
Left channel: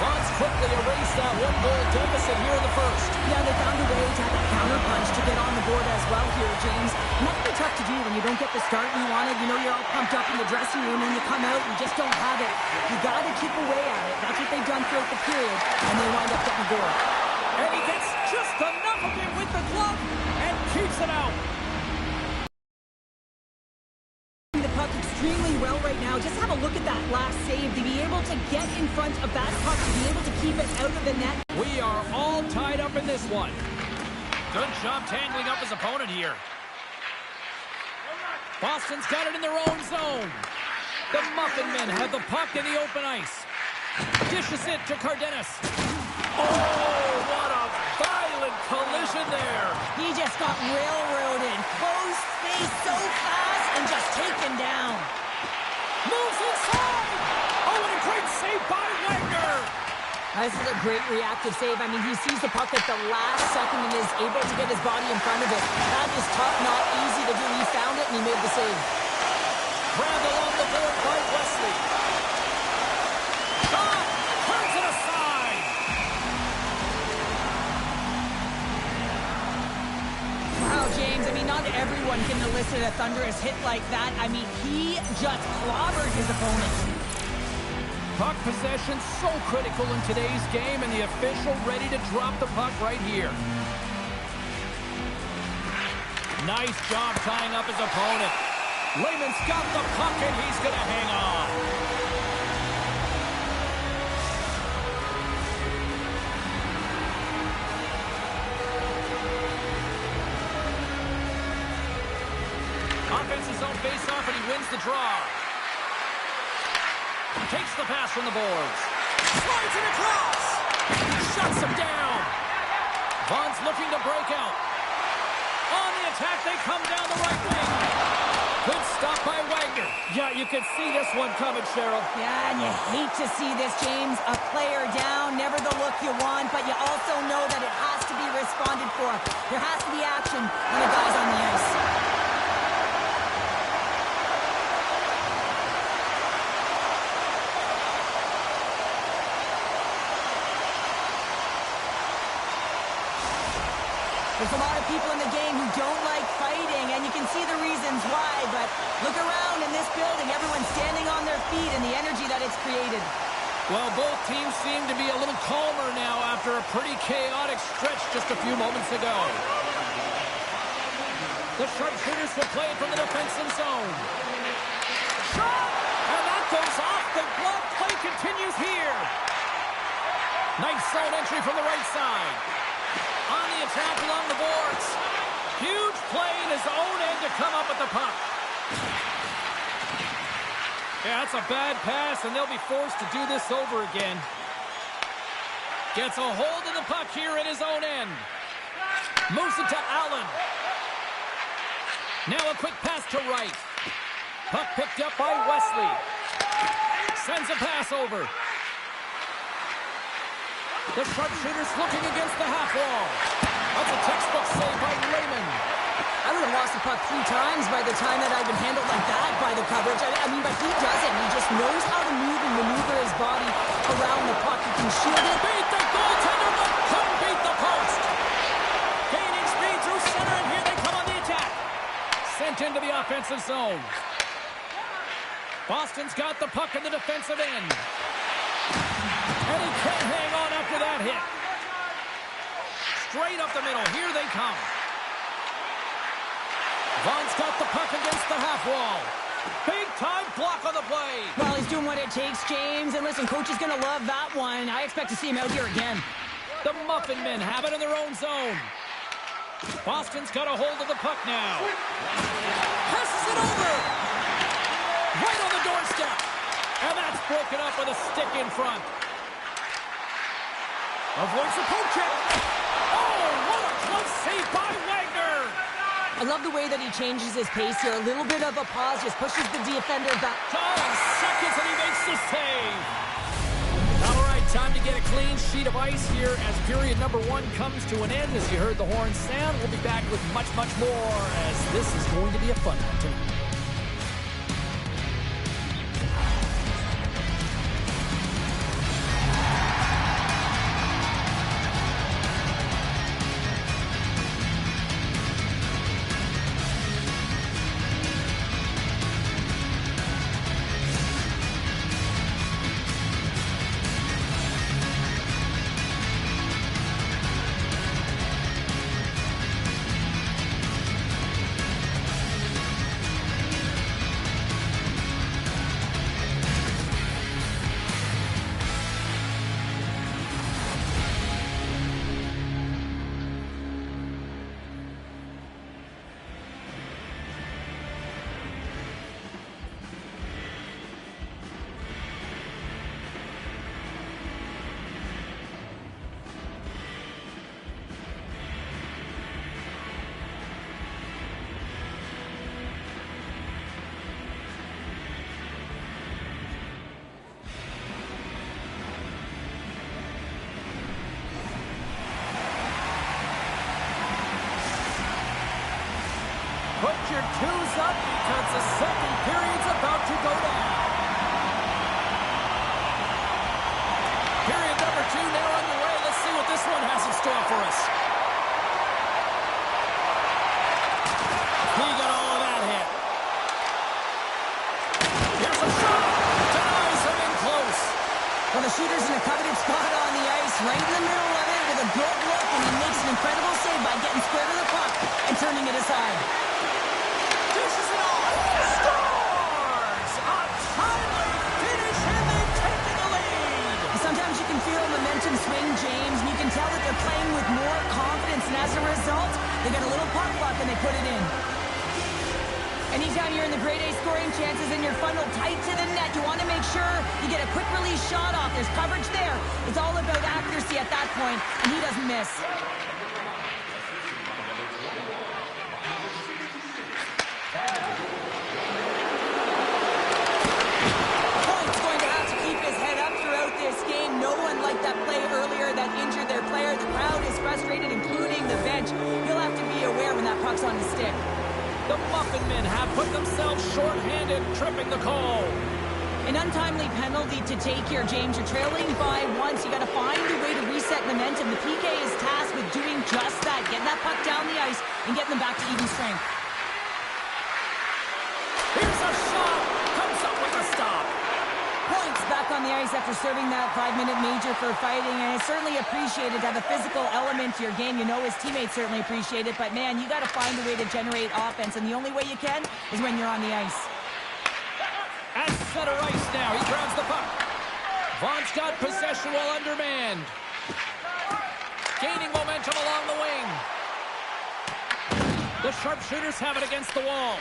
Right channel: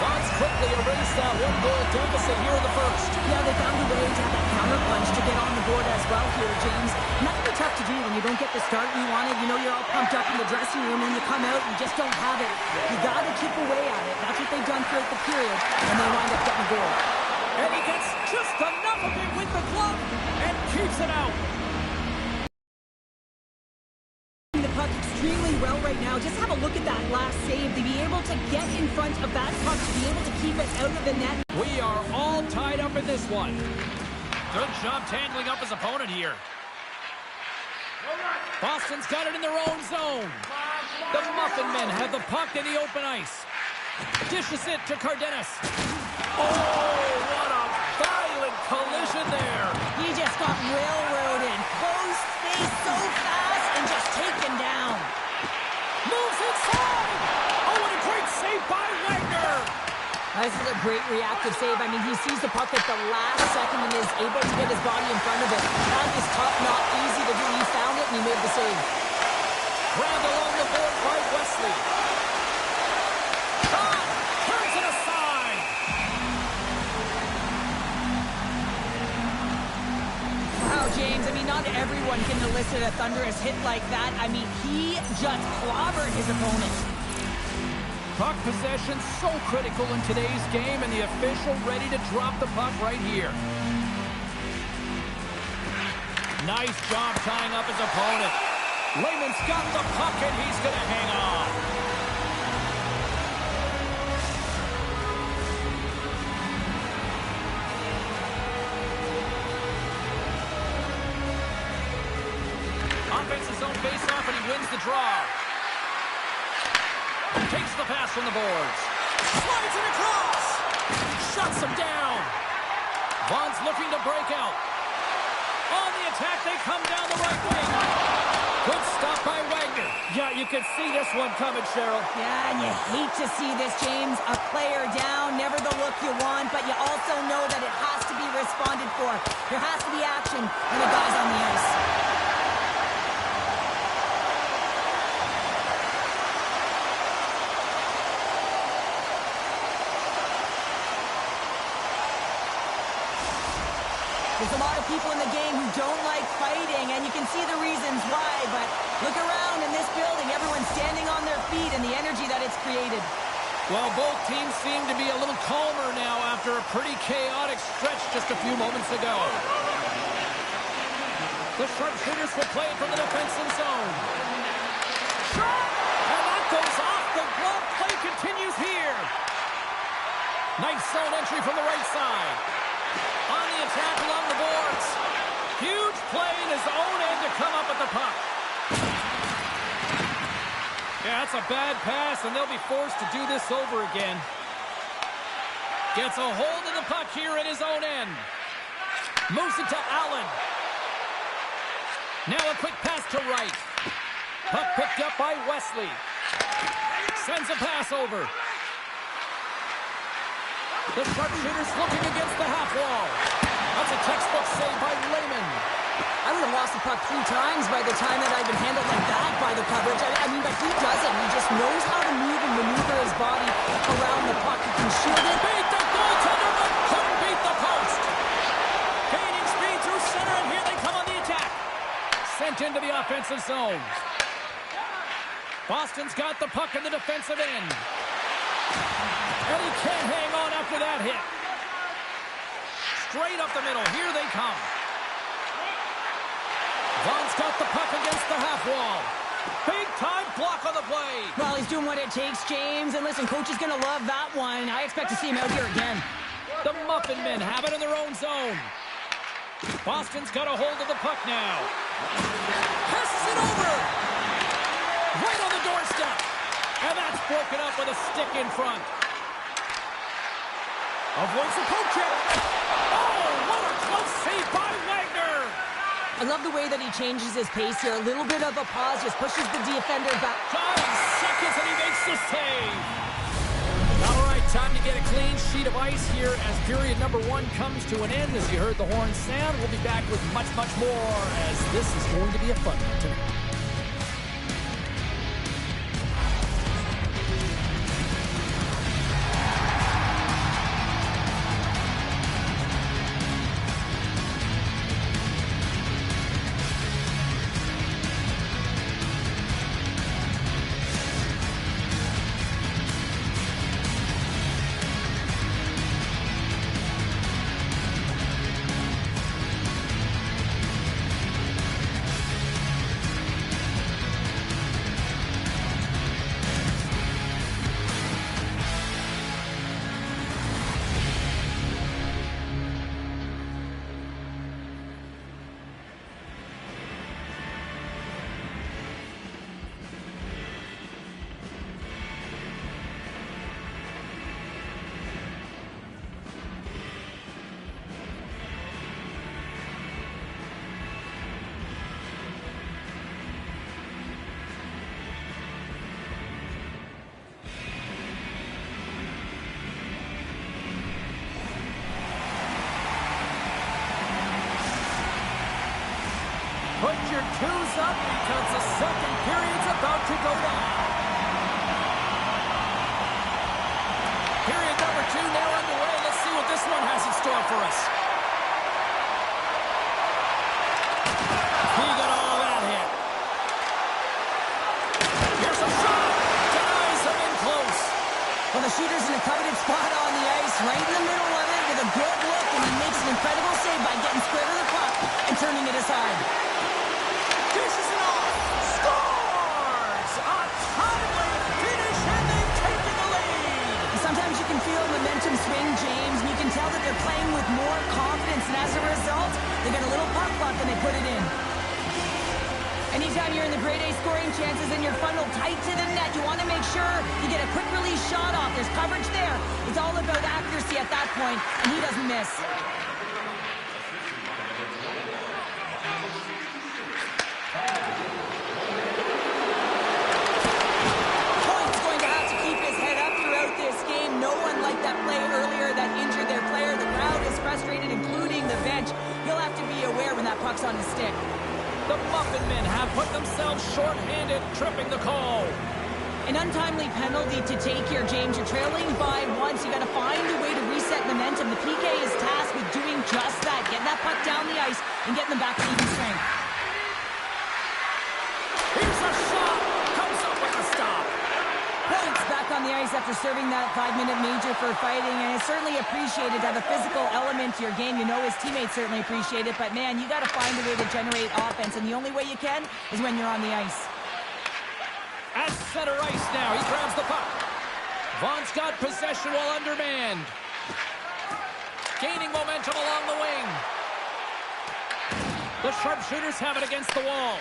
Vons quickly erased that one-goal deficit here in the first. Yeah, they found a way to have that counter punch to get on the board as well here, James. And that can be tough to do when you don't get the start you wanted. You know, you're all pumped up in the dressing room, and you come out, you just don't have it. You got to chip away at it. That's what they've done throughout the period, and they wind up getting a goal. And he gets just enough of it with the glove and keeps it out. The puck extremely well right now. Just have a look at that last save. To be able to get in front of that puck, to be able to keep it out of the net. We are all tied up in this one. Good job tangling up his opponent here. Boston's got it in their own zone. The Muffin Men have the puck in the open ice. Dishes it to Cardenas. Oh, what a violent collision there. He just got railroaded. Close space so fast and just taken down. Moves inside. Oh, what a great save by Wagner. This is a great reactive save. I mean, he sees the puck at the last second and is able to get his body in front of it. That is tough, not easy to do. He found it and he made the save. Grabbed along the board by Wesley. Shot! Turns it aside! Wow, James, I mean, not everyone can elicit a thunderous hit like that. I mean, he just clobbered his opponent. Puck possession so critical in today's game, and the official ready to drop the puck right here. Nice job tying up his opponent. Lehman's got the puck, and he's going to hang on. Offensive zone face-off, and he wins the draw. Takes the pass from the boards. Slides it across. Shuts him down. Vaughn's looking to break out. On the attack, they come down the right wing. Good stop by Wagner. Yeah, you can see this one coming, Cheryl. Yeah, and you hate to see this, James. A player down, never the look you want, but you also know that it has to be responded for. There has to be action when a guy's on the ice. There's a lot of people in the game who don't like fighting, and you can see the reasons why, but look around in this building. Everyone's standing on their feet, and the energy that it's created. Well, both teams seem to be a little calmer now after a pretty chaotic stretch just a few moments ago. The sharpshooters will play it from the defensive zone. Shot! And that goes off the glove. Play continues here. Nice zone entry from the right side. On the attack along the boards. Huge play in his own end to come up with the puck. Yeah, that's a bad pass, and they'll be forced to do this over again. Gets a hold of the puck here in his own end. Moves it to Allen. Now a quick pass to right. Puck picked up by Wesley. Sends a pass over. The sharpshooter's looking against the half wall. That's a textbook save by Raymond. I would have lost the puck 3 times by the time that I'd been handled like that by the coverage. I mean, but he doesn't. He just knows how to move and maneuver his body around the puck. He can shield it. Beat the goaltender, but couldn't beat the post. Gaining speed through center, and here they come on the attack. Sent into the offensive zone. Boston's got the puck in the defensive end. And he can't hang on after that hit. Straight up the middle. Here they come. Vaughn's got the puck against the half wall. Big time block on the play. Well, he's doing what it takes, James. And listen, coach is going to love that one. I expect to see him out here again. The Muffin Men have it in their own zone. Boston's got a hold of the puck now. Passes it over. Right on the doorstep. And that's broken up with a stick in front. Avoids the poke check. Oh, what a close save by Wagner. I love the way that he changes his pace here. A little bit of a pause, just pushes the defender back. 9 seconds and he makes the save. All right, time to get a clean sheet of ice here as period number 1 comes to an end. As you heard the horn sound, we'll be back with much, much more as this is going to be a fun one tonight. Put your twos up because the second period's about to go down. Period number 2 now underway. Let's see what this one has in store for us. He got all of that hit. Here's a shot. Denies him in close. Well, the shooter's in a coveted spot on the ice, right in the middle of it with a good look, and he makes an incredible save by getting square to the puck and turning it aside. Dishes it off. Scores! A timely finish, and they've taken the lead. Sometimes you can feel momentum swing, James, and you can tell that they're playing with more confidence, and as a result, they get a little puck luck and they put it in. Anytime you're in the grade A scoring chances and you're funneled tight to the net, you want to make sure you get a quick release shot off. There's coverage there. It's all about accuracy at that point, and he doesn't miss. Point's going to have to keep his head up throughout this game. No one liked that play earlier that injured their player. The crowd is frustrated, including the bench. He'll have to be aware when that puck's on his stick. The Muffin Men have put themselves short-handed, tripping the call. An untimely penalty to take here, James. You're trailing by once. You got to find a way to reset momentum. The PK is tasked with doing just that, getting that puck down the ice and getting them back to even strength. Here's a shot. Comes up with a stop. Points back on the ice after serving that 5-minute major for fighting, and it's certainly appreciated to have a physical element to your game. You know his teammates certainly appreciate it, but man, you got to find a way to generate offense, and the only way you can is when you're on the ice. At center ice now, he grabs the puck. Vaughn's got possession while undermanned. Gaining momentum along the wing. The sharpshooters have it against the wall.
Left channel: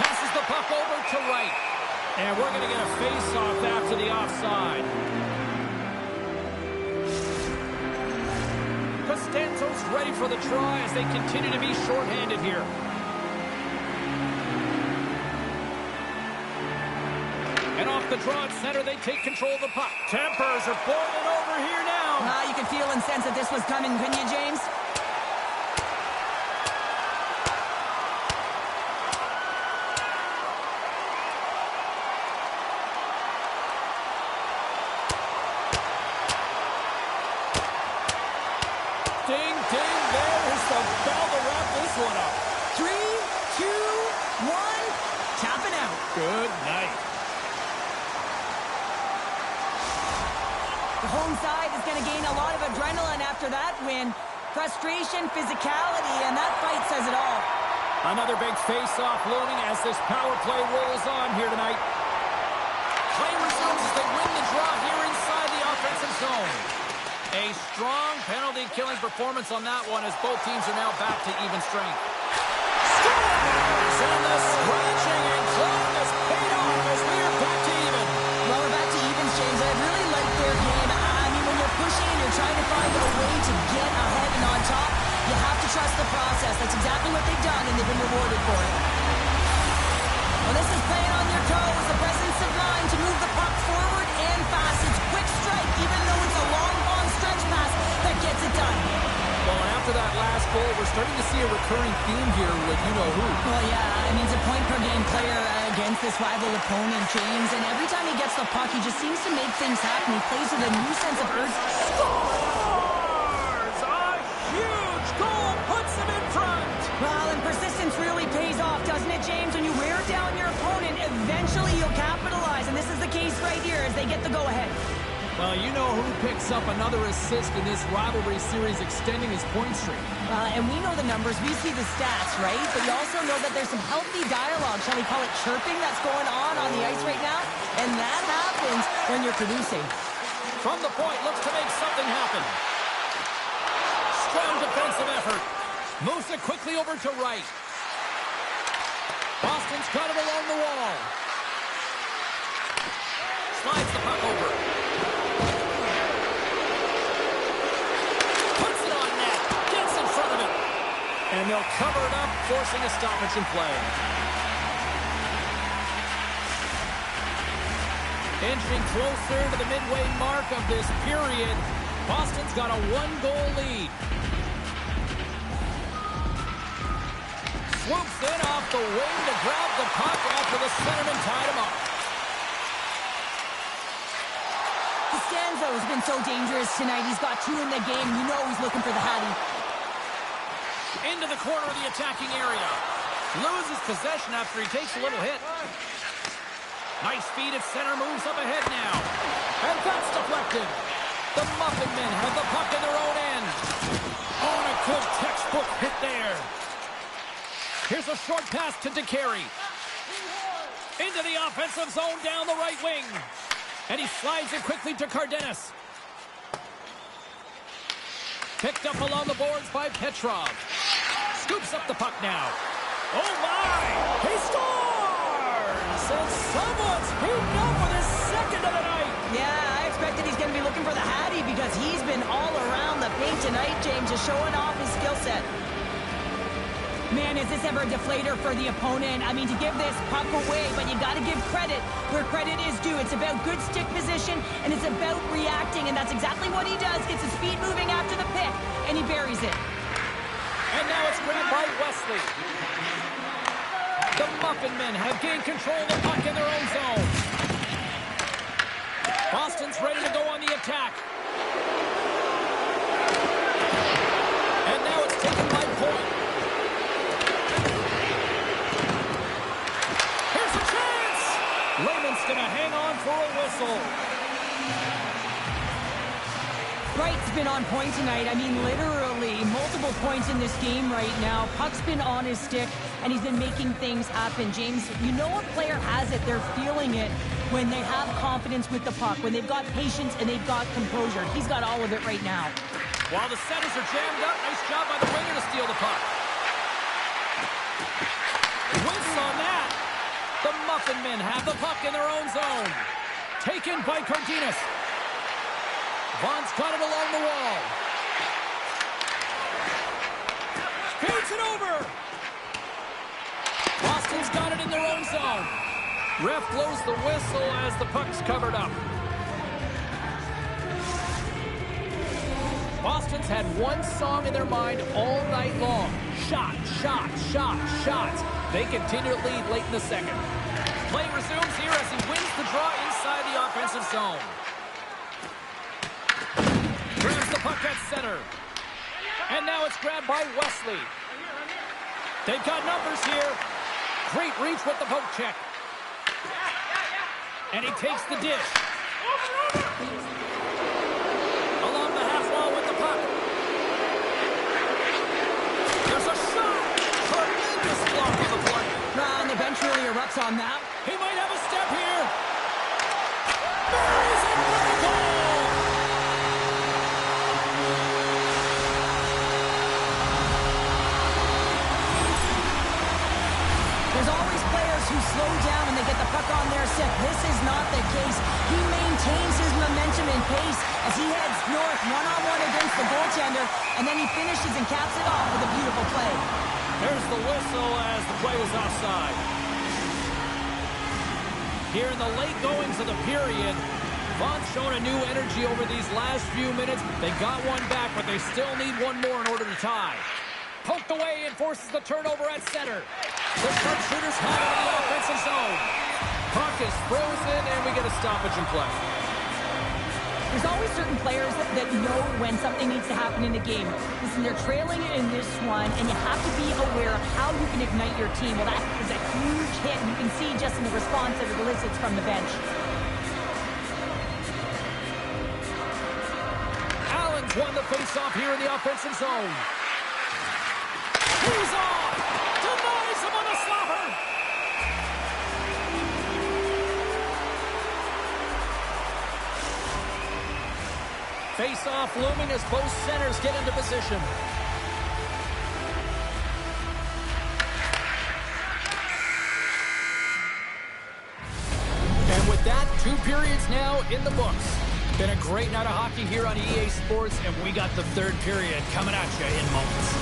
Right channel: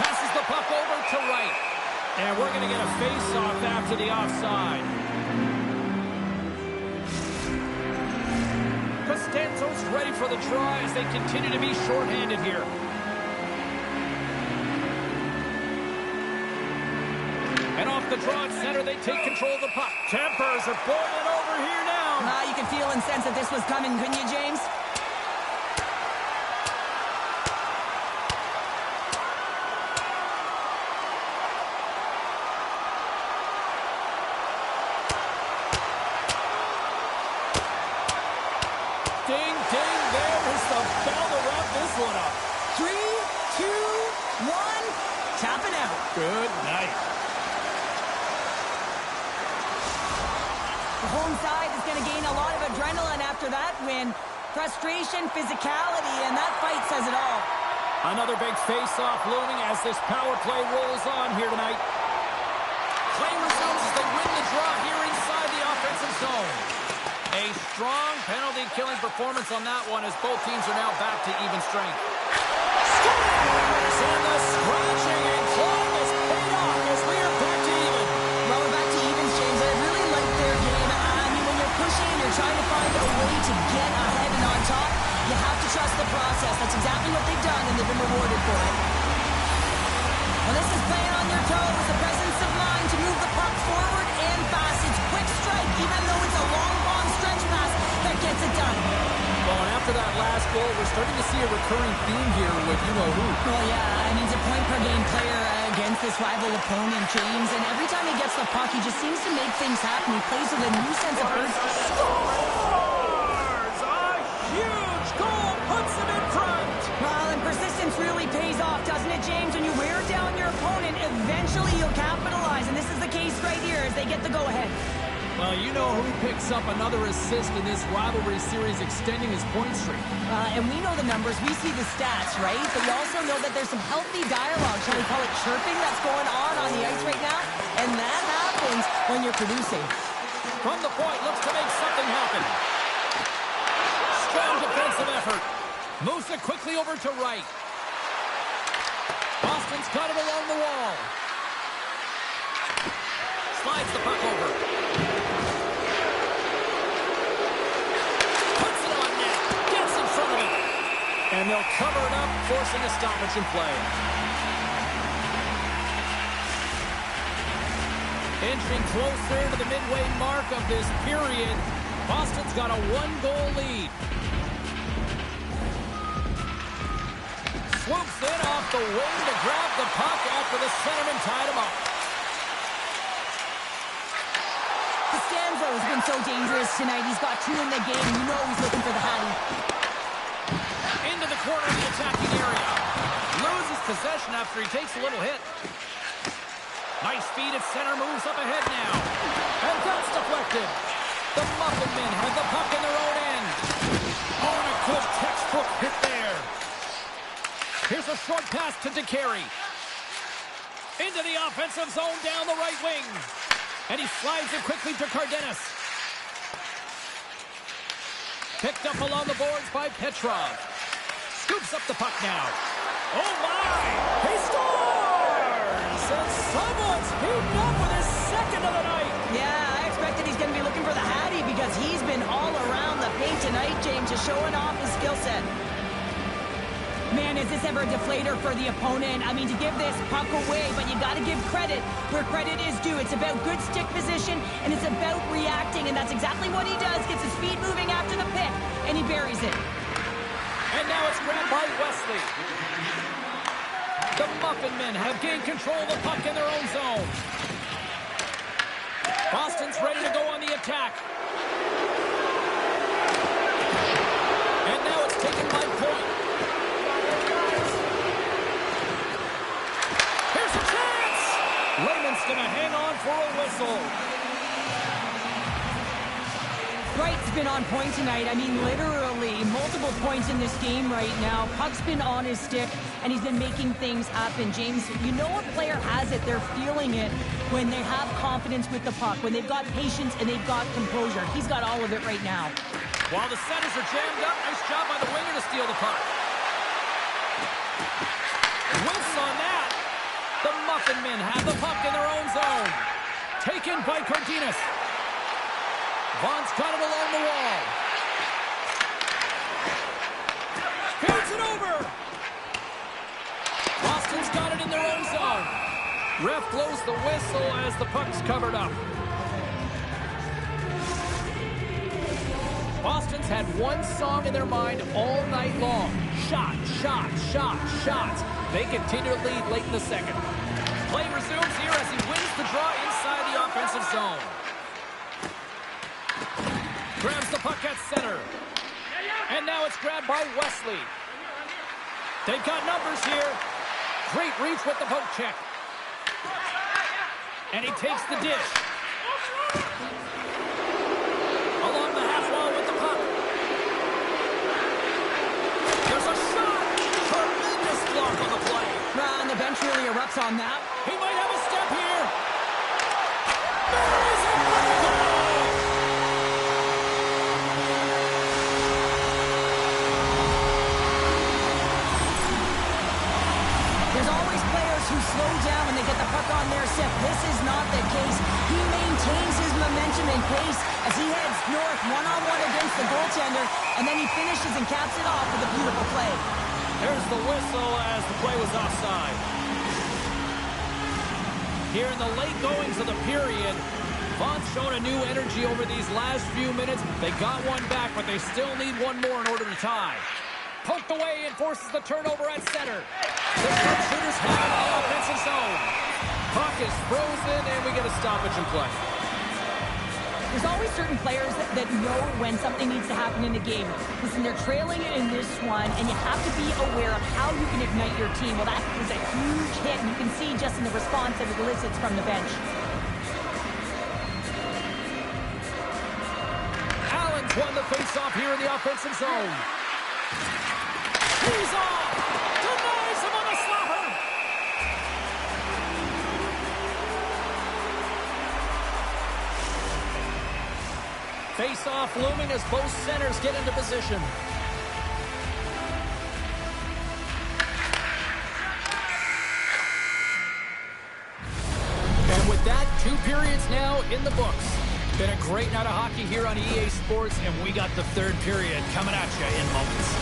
Passes the puck over to right. And we're going to get a face-off after the offside. Costanzo's ready for the try as they continue to be shorthanded here. And off the draw at center, they take control of the puck. Tempers are boiling over here now. You can feel and sense that this was coming, couldn't you, James? Ding, ding, there is the bell to wrap this one up. 3, 2, 1, tapping out. Good night. The home side is going to gain a lot of adrenaline after that win. Frustration, physicality, and that fight says it all. Another big face-off looming as this power play rolls on here tonight. Play resumes as they win the draw here inside the offensive zone. A strong penalty-killing performance on that one as both teams are now back to even strength. Scores! And the scratching and clawing has paid off as we are back to even. Well, we're back to evens, James. I really like their game. I mean, when you're pushing pushing and you're trying to find a way to get ahead and on top, you have to trust the process. That's exactly what they've done, and they've been rewarded for it. Well, this is playing on your toes, the presence of mind to move the puck forward and fast. It's quick strike, even though it's a long bomb stretch pass that gets it done. Well, and after that last goal, we're starting to see a recurring theme here with you-know-who. Well, yeah, I mean, he's a point-per-game player against this rival opponent, James, and every time he gets the puck, he just seems to make things happen. He plays with a new sense of urgency. Scores! A huge goal puts him in front! Well, and persistence really pays off, doesn't it, James? When you wear down your opponent, eventually you'll capitalize, and this is the case right here as they get the go-ahead. Well, you know who picks up another assist in this rivalry series, extending his point streak. And we know the numbers, we see the stats, right? But we also know that there's some healthy dialogue, shall we call it chirping, that's going on the ice right now. And that happens when you're producing. From the point, looks to make something happen. Strong defensive effort. Moves it quickly over to right. Boston's got it along the wall. Slides the puck over. Puts it on net. Gets in front of it. And they'll cover it up, forcing a stoppage in play. Inching closer to the midway mark of this period. Boston's got a one-goal lead. Swoops in off the wing to grab the puck after the centerman tied him up. Costanzo's been so dangerous tonight. He's got 2 in the game. You know he's looking for the Hattie. Into the corner of the attacking area. Loses possession after he takes a little hit. Nice feed at center, moves up ahead now. And that's deflected. The Muffin Men have the puck in their own end. Oh, and a good textbook hit there. Here's a short pass to DeCarey. Into the offensive zone down the right wing. And he slides it quickly to Cardenas. Picked up along the boards by Petrov. Scoops up the puck now. Oh, my! He scores! And someone's heating up with his second of the night. Yeah, I expected he's going to be looking for the Hattie because he's been all around the paint tonight, James, just showing off his skill set. Man, is this ever a deflator for the opponent? I mean, to give this puck away, but you got to give credit where credit is due. It's about good stick position, and it's about reacting, and that's exactly what he does. Gets his feet moving after the pick, and he buries it. And now it's grabbed by Wesley. The Muffin Men have gained control of the puck in their own zone. Boston's ready to go on the attack. And now it's taken by Point. Here's a chance! Lehman's going to hang on for a whistle. Wright's been on point tonight. I mean, literally multiple points in this game right now. Puck's been on his stick, and he's been making things happen. James, you know a player has it. They're feeling it when they have confidence with the puck, when they've got patience and they've got composure. He's got all of it right now. While the centers are jammed up, nice job by the winger to steal the puck. Whiffs on that. The Muffin Men have the puck in their own zone. Taken by Cardenas. Vaughn's got it along the wall. Feeds it over. Boston's got it in their own zone. Ref blows the whistle as the puck's covered up. Boston's had one song in their mind all night long. Shot, shot, shot, shots. They continue to lead late in the second. Play resumes here as he wins the draw inside the offensive zone. Grabs the puck at center. And now it's grabbed by Wesley. They've got numbers here. Great reach with the poke check. And he takes the dish. Along the half wall with the puck. There's a shot. Tremendous block on the play. And the bench really erupts on that. He might have a step here. Buries it for the goal. There's always players players who slow down when they get the puck on their stick. This is not the case. He maintains his momentum and pace as he heads north one-on-one against the goaltender, and then he finishes and caps it off with a beautiful play. There's the whistle as the play was offside. Here in the late goings of the period, Vaughn's shown a new energy over these last few minutes. They got one back, but they still need one more in order to tie. Poked away and forces the turnover at center. The sharpshooters have it in the offensive zone. Puck is frozen, and we get a stoppage in play. There's always certain players that know when something needs to happen in the game. Listen, they're trailing in this one, and you have to be aware of how you can ignite your team. Well, that was a huge hit, and you can see just in the response that it elicits from the bench. Allen's won the faceoff here in the offensive zone. He's off! Denies him on the slapper! Face-off looming as both centers get into position. And with that, 2 periods now in the books. Been a great night of hockey here on EA Sports, and we got the 3rd period coming at you in moments.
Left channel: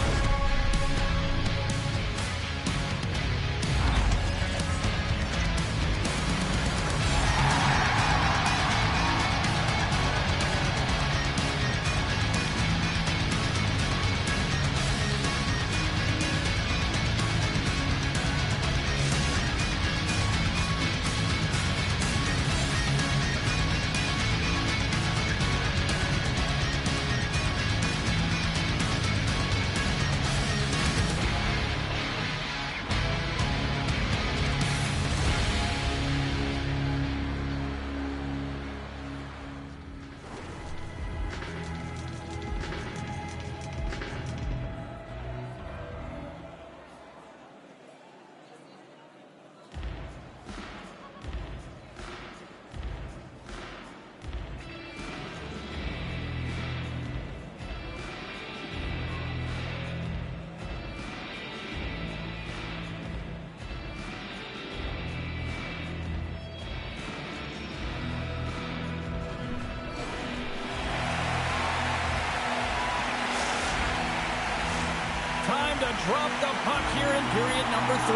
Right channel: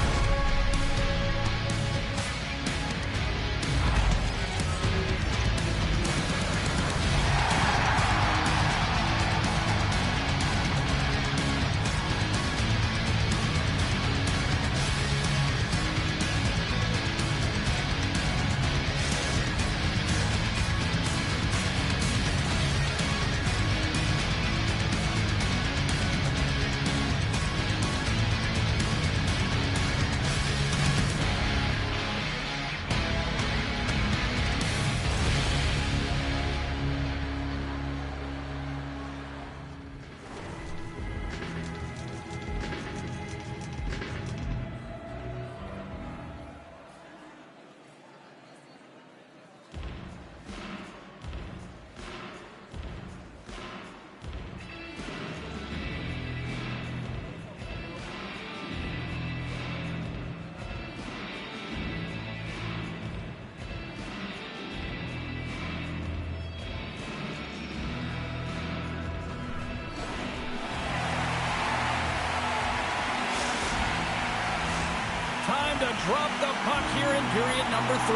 Time to drop the puck here in period number 3.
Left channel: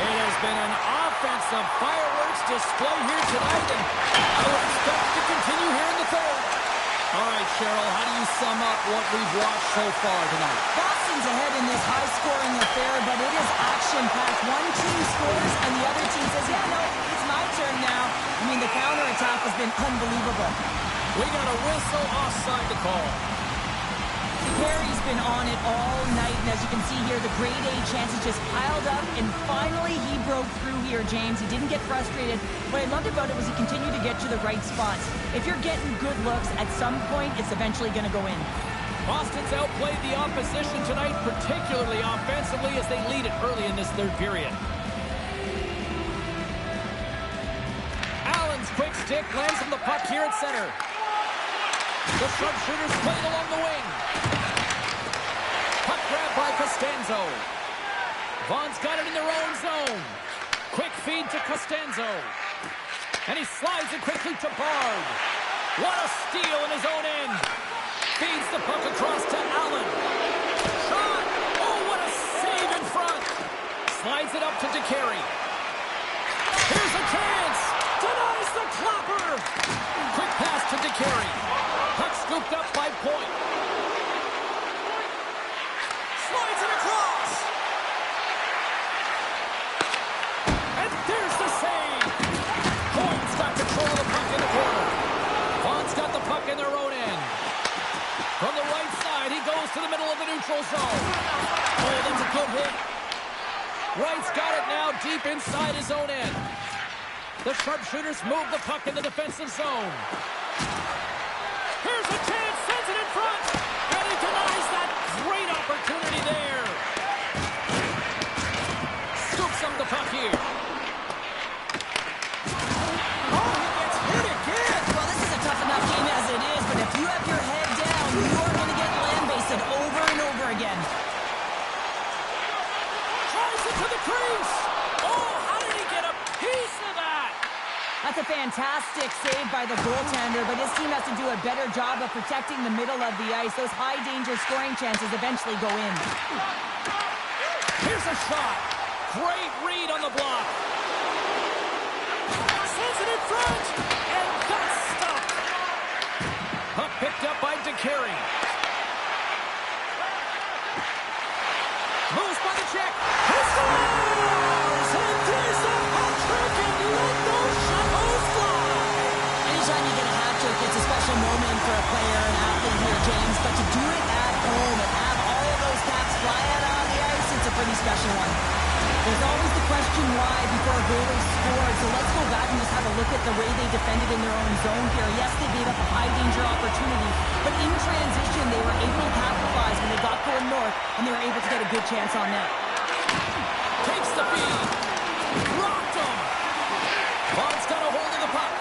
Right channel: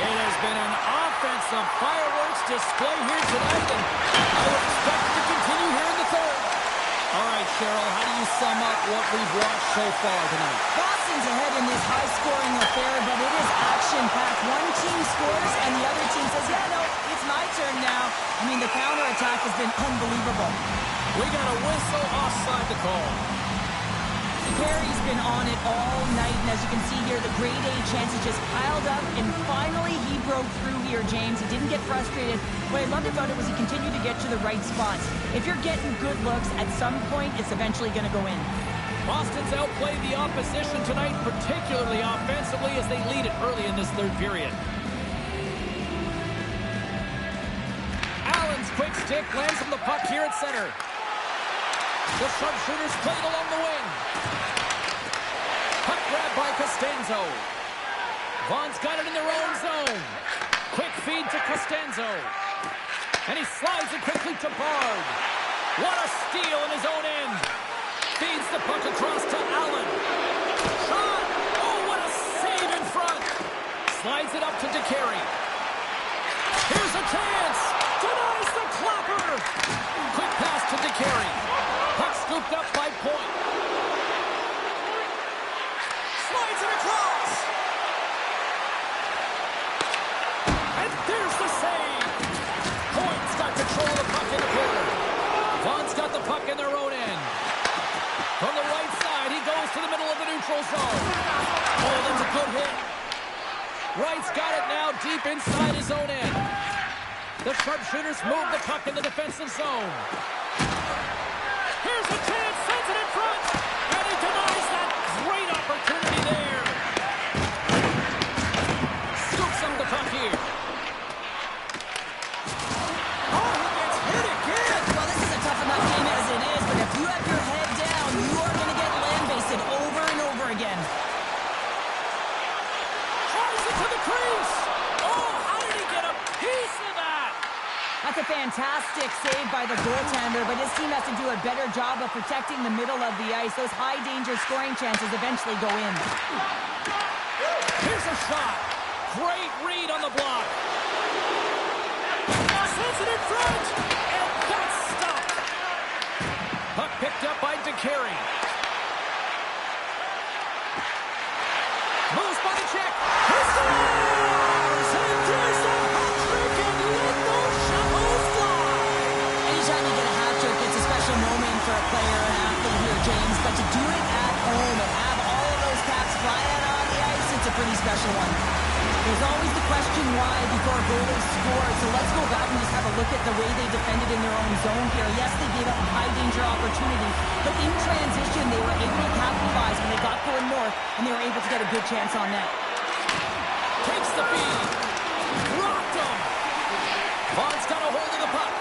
It has been an offensive fireworks display here tonight, and I would expect to continue here in the 3rd. All right, Cheryl, how do you sum up what we've watched so far tonight? Boston's ahead in this high-scoring affair, but it is action-packed. One team scores, and the other team says, yeah, no, it's my turn now. I mean, the counterattack has been unbelievable. We got a whistle offside to call. Perry's been on it all night, and as you can see here, the grade A chances just piled up, and finally he broke through here, James. He didn't get frustrated. What I loved about it was he continued to get to the right spots. If you're getting good looks, at some point, it's eventually going to go in. Boston's outplayed the opposition tonight, particularly offensively, as they lead it early in this 3rd period. Allen's quick stick lands him the puck here at center. The sharpshooters played along the wing. Puck grab by Costanzo. Vaughn's got it in their own zone. Quick feed to Costanzo. And he slides it quickly to Bard. What a steal in his own end. Feeds the puck across to Allen. Shot! Oh, what a save in front. Slides it up to DeCarey. Here's a chance. Denies the clapper. Quick pass to DeCarey. Puck scooped up by Point. Slides it across. And there's the save. Point's got control of the puck in the corner. Vaughn's got the puck in their own end. From the right side, he goes to the middle of the neutral zone. Oh, that's a good hit. Wright's got it now deep inside his own end. The sharpshooters move the puck in the defensive zone. Here's a chance, sends it in front, and he denies that great opportunity there. Scoops him the puck here. Oh, he gets hit again. Well, this is a tough enough game as it is, but if you have your head down, you are going to get lambasted over and over again. crease. Oh, how did he get a piece of that? That's a fantastic save by the goaltender, but his team has to do a better job of protecting the middle of the ice. Those high-danger scoring chances eventually go in. Here's a shot. Great read on the block. Sends it in front, and that's stopped. Puck picked up by DeCarey. Moves by the check. He scores! And there's a hat trick, and let those shackles fly. Anytime you get a hat trick, it's a special moment for a player, an athlete here, James. But to do it at home and have all of those caps flying on the ice, it's a pretty special one. There's always the question why before a goal is scored. So let's go back and just have a look at the way they defended in their own zone here. Yes, they gave up a high-danger opportunity, but in transition, they were able to capitalize when they got going north, and they were able to get a good chance on net. Takes the feed. Rocked him. Vaughn's got a hold of the puck.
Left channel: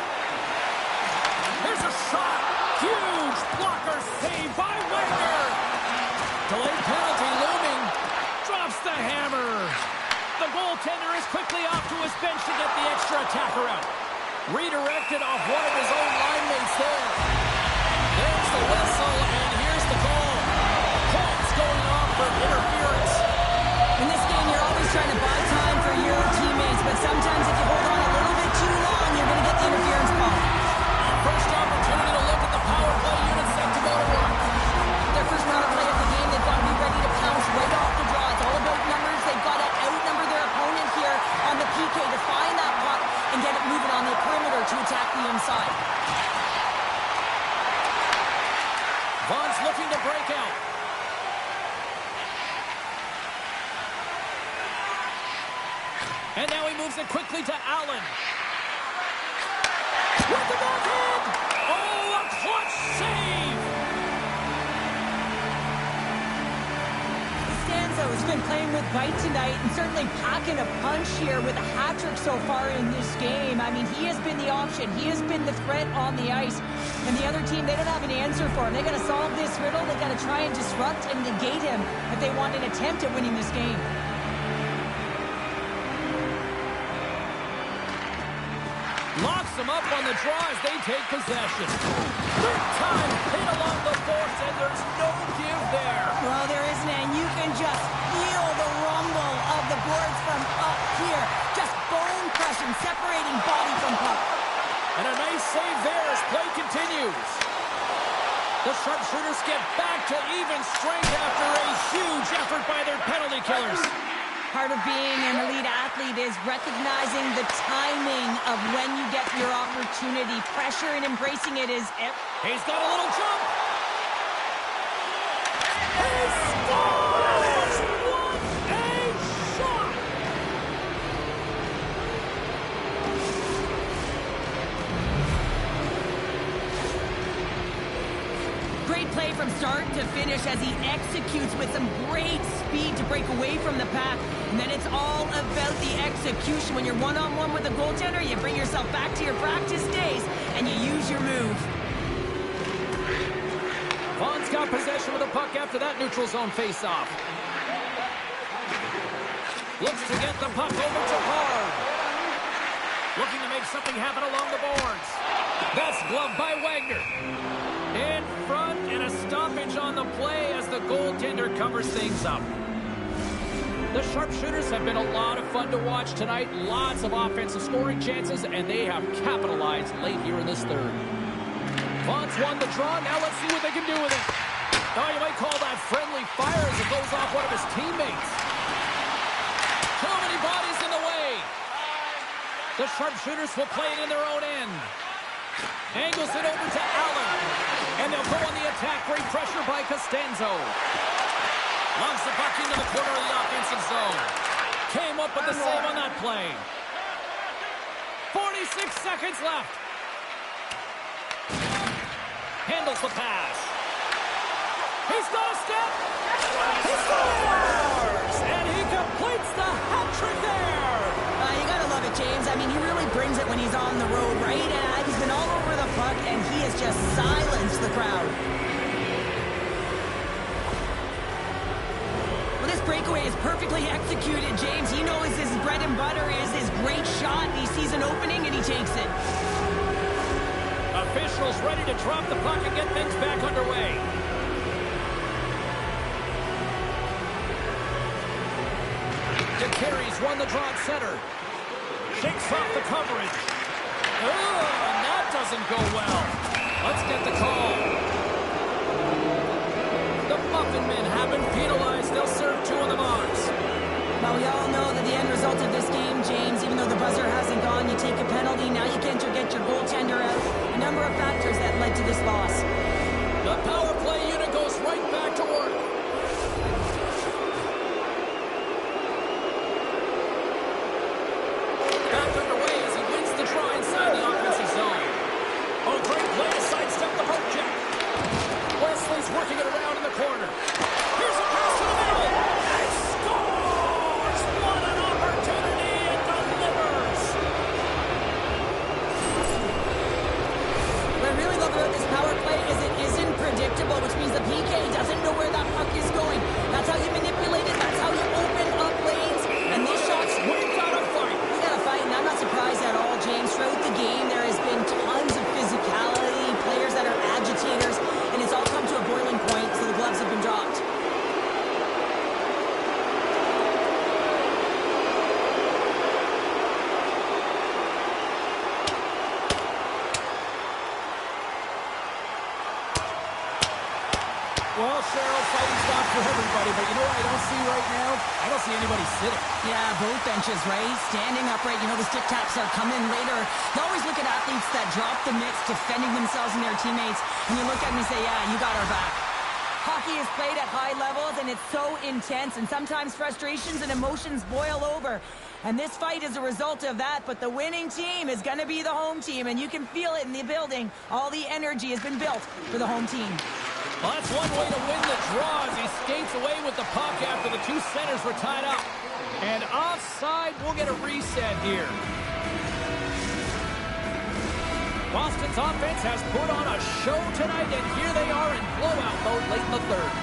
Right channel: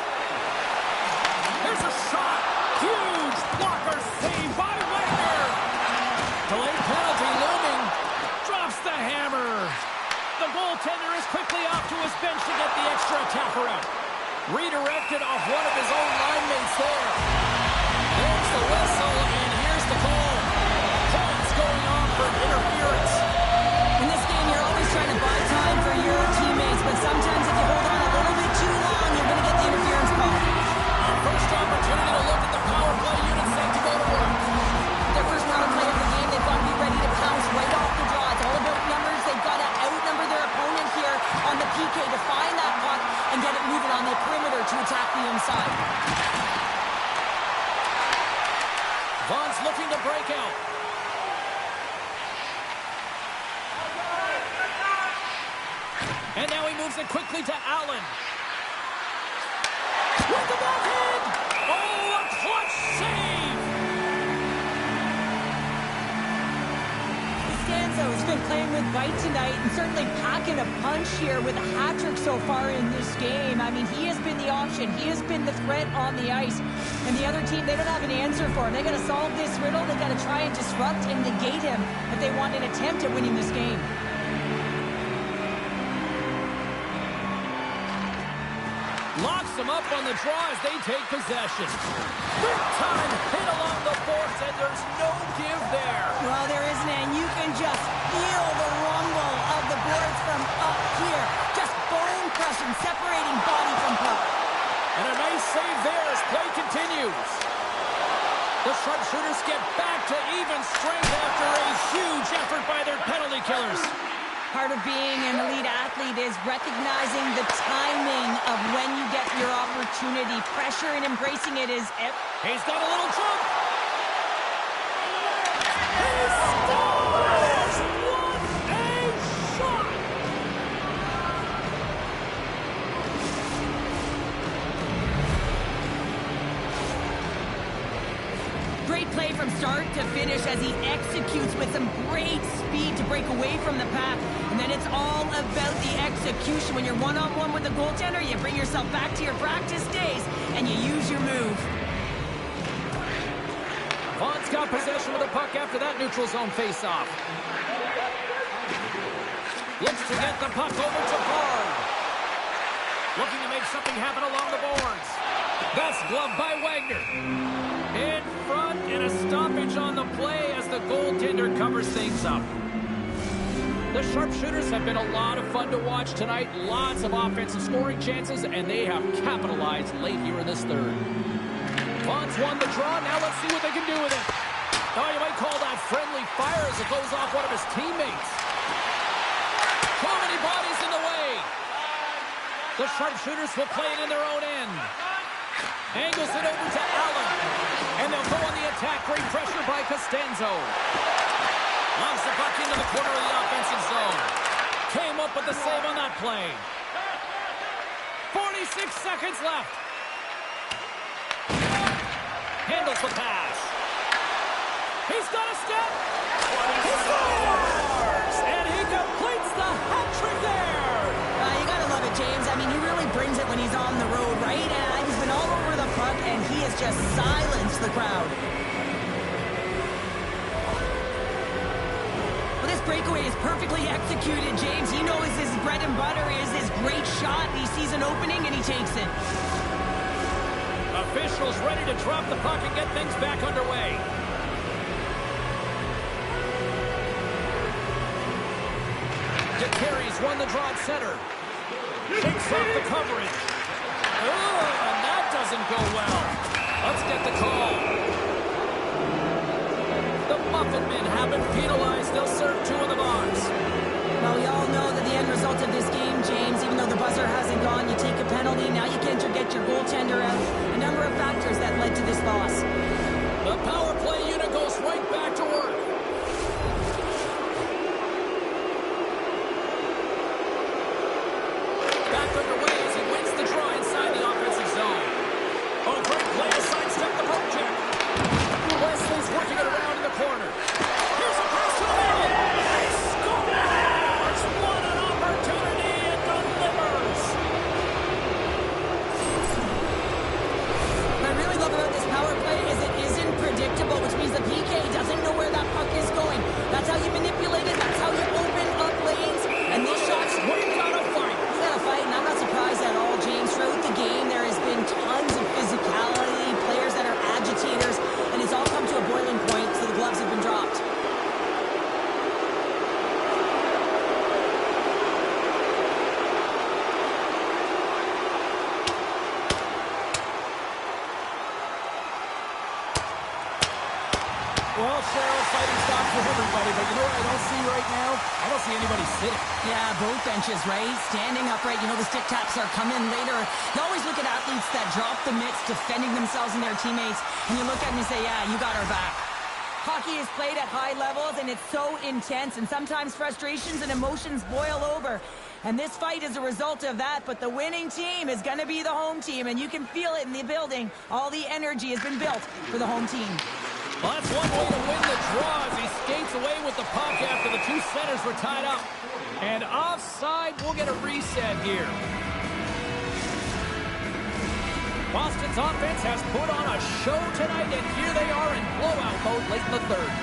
Here's a shot. Huge blocker save by Wagner. Delayed penalty looming. Drops the hammer. The goaltender is quickly off to his bench to get the extra attacker out. Redirected off one of his own line mates there. There's the whistle, and here's the call. Points going off for interference. In this game, you're always trying to buy time for your teammates, but sometimes if you hold on a little bit too long, you're going to get the interference call. First opportunity to look at the power play unit set to go to work. Their first power play of the game, they've got to be ready to pounce right off the draw. It's all about numbers. They've got to outnumber their opponent here on the PK to find that puck and get it moving on the perimeter to attack the inside. Vaughn's looking to break out. And now he moves it quickly to Allen. With the backhand! Oh, a clutch save! Costanzo's been playing with bite tonight and certainly packing a punch here with a hat trick so far in this game. I mean, he has been the option. He has been the threat on the ice. And the other team, they don't have an answer for him. They got to solve this riddle. They got to try and disrupt and negate him if they want an attempt at winning this game. Locks them up on the draw as they take possession. Big time hit along the boards, and there's no give there. Well, there isn't, and you can just feel the rumble of the boards from up here. Just bone crushing, separating body from puck. And a nice save there as play continues. The sharpshooters get back to even strength after a huge effort by their penalty killers. Part of being an elite athlete is recognizing the timing of when you get your opportunity. Pressure and embracing it is... He's got a little jump. He scores! What a shot! Great play from start to finish as he executes with some great speed to break away from the pack. And then it's all about the execution. When you're one-on-one with the goaltender, you bring yourself back to your practice days and you use your move. Vaughn's got possession of the puck after that neutral zone face-off. Looks to get the puck over to Hard. Looking to make something happen along the boards. That's gloved by Wagner. In front, and a stoppage on the play as the goaltender covers things up. The sharpshooters have been a lot of fun to watch tonight. Lots of offensive scoring chances, and they have capitalized late here in this third. Vaughn's won the draw. Now let's see what they can do with it. Oh, you might call that friendly fire as it goes off one of his teammates. Too many bodies in the way. The sharpshooters will play it in their own end. Angles it over to Allen. And they'll go on the attack. Great pressure by Costanzo. Loves the puck into the corner of the offensive zone. Came up with the save on that play. 46 seconds left. Handles the pass. He's got a step. He scores! And he completes the hat trick there. You gotta love it, James. I mean, he really brings it when he's on the road, right? And he's been all over the puck, and he has just silenced the crowd. Well, this this breakaway is perfectly executed, James. He knows his bread and butter is his great shot. He sees an opening and he takes it. Officials ready to drop the puck and get things back underway. DeCarey's won the draw at center. Shakes off the coverage. Oh, and that doesn't go well. Let's get the call. The Muffin Men have been penalized. They'll serve 2 in the box. Well, we all know that the end result of this game, James, even though the buzzer hasn't gone, you take a penalty, now you can't get your goaltender out. A number of factors that led to this loss. The power play unit goes right back to work. Back underway as he wins the draw inside the offensive zone. Oh, great play to sidestep the poke check. Wesley's working it around in the corner. Here's a pass to the middle. He scores! What an opportunity and delivers! What I really love about this power play is it isn't predictable, which means the PK doesn't know where that puck is going. That's how you manipulate it. That's how you open up lanes. And these shots, we've got to fight. We got to fight, and I'm not surprised at all, James. Throughout the game, there has been tons of physicality, players that are agitators, and it's all come to a boiling point, so the gloves have been dropped. Well, Cheryl, fighting stopped for everybody, but you know what I don't see right now? I don't see anybody sitting. Yeah, both benches, right? Standing upright. You know the stick taps are coming later. You always look at athletes that drop the mitts, defending themselves and their teammates, and you look at them and say, yeah, you got our back. Hockey is played at high levels, and it's so intense, and sometimes frustrations and emotions boil over. And this fight is a result of that, but the winning team is going to be the home team, and you can feel it in the building. All the energy has been built for the home team. Well, that's one way to win the draw as he skates away with the puck after the 2 centers were tied up. And offside, we'll get a reset here. Boston's offense has put on a show tonight, and here they are in blowout mode late in the 3rd.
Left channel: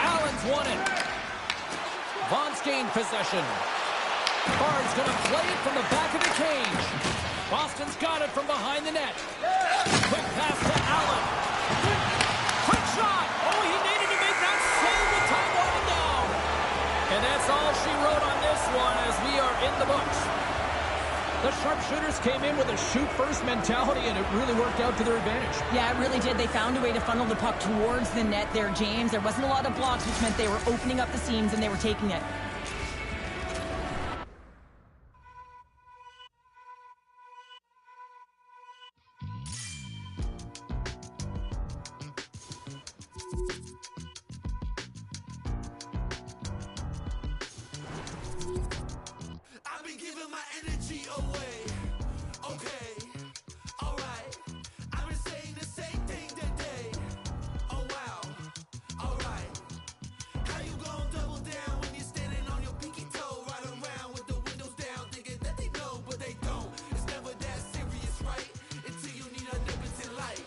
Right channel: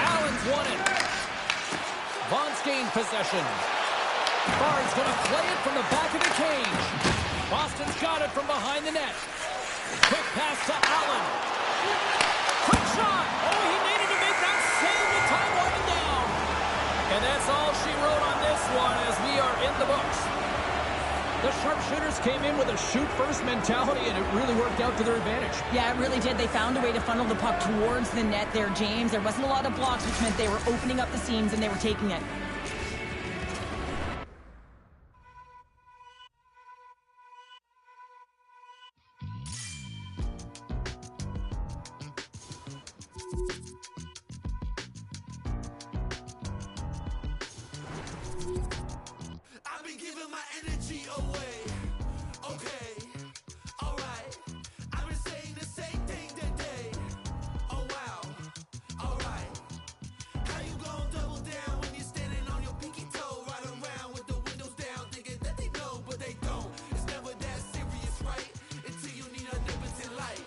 Allen's won it. Vaughn's gained possession. Bard's going to play it from the back of the cage. Boston's got it from behind the net. Quick pass to Allen. Quick shot. Oh, he needed to make that save with time winding down. And that's all she wrote on this one as we are in the books. The sharpshooters came in with a shoot-first mentality, and it really worked out to their advantage. Yeah, it really did. They found a way to funnel the puck towards the net there, James. There wasn't a lot of blocks, which meant they were opening up the seams, and they were taking it. I've been giving my energy away. Okay, alright. I've been saying the same thing today. Oh wow, alright. How you gon' double down when you're standing on your pinky toe? Right around with the windows down, thinking that they know, but they don't. It's never that serious, right? Until you need a omnipotent light.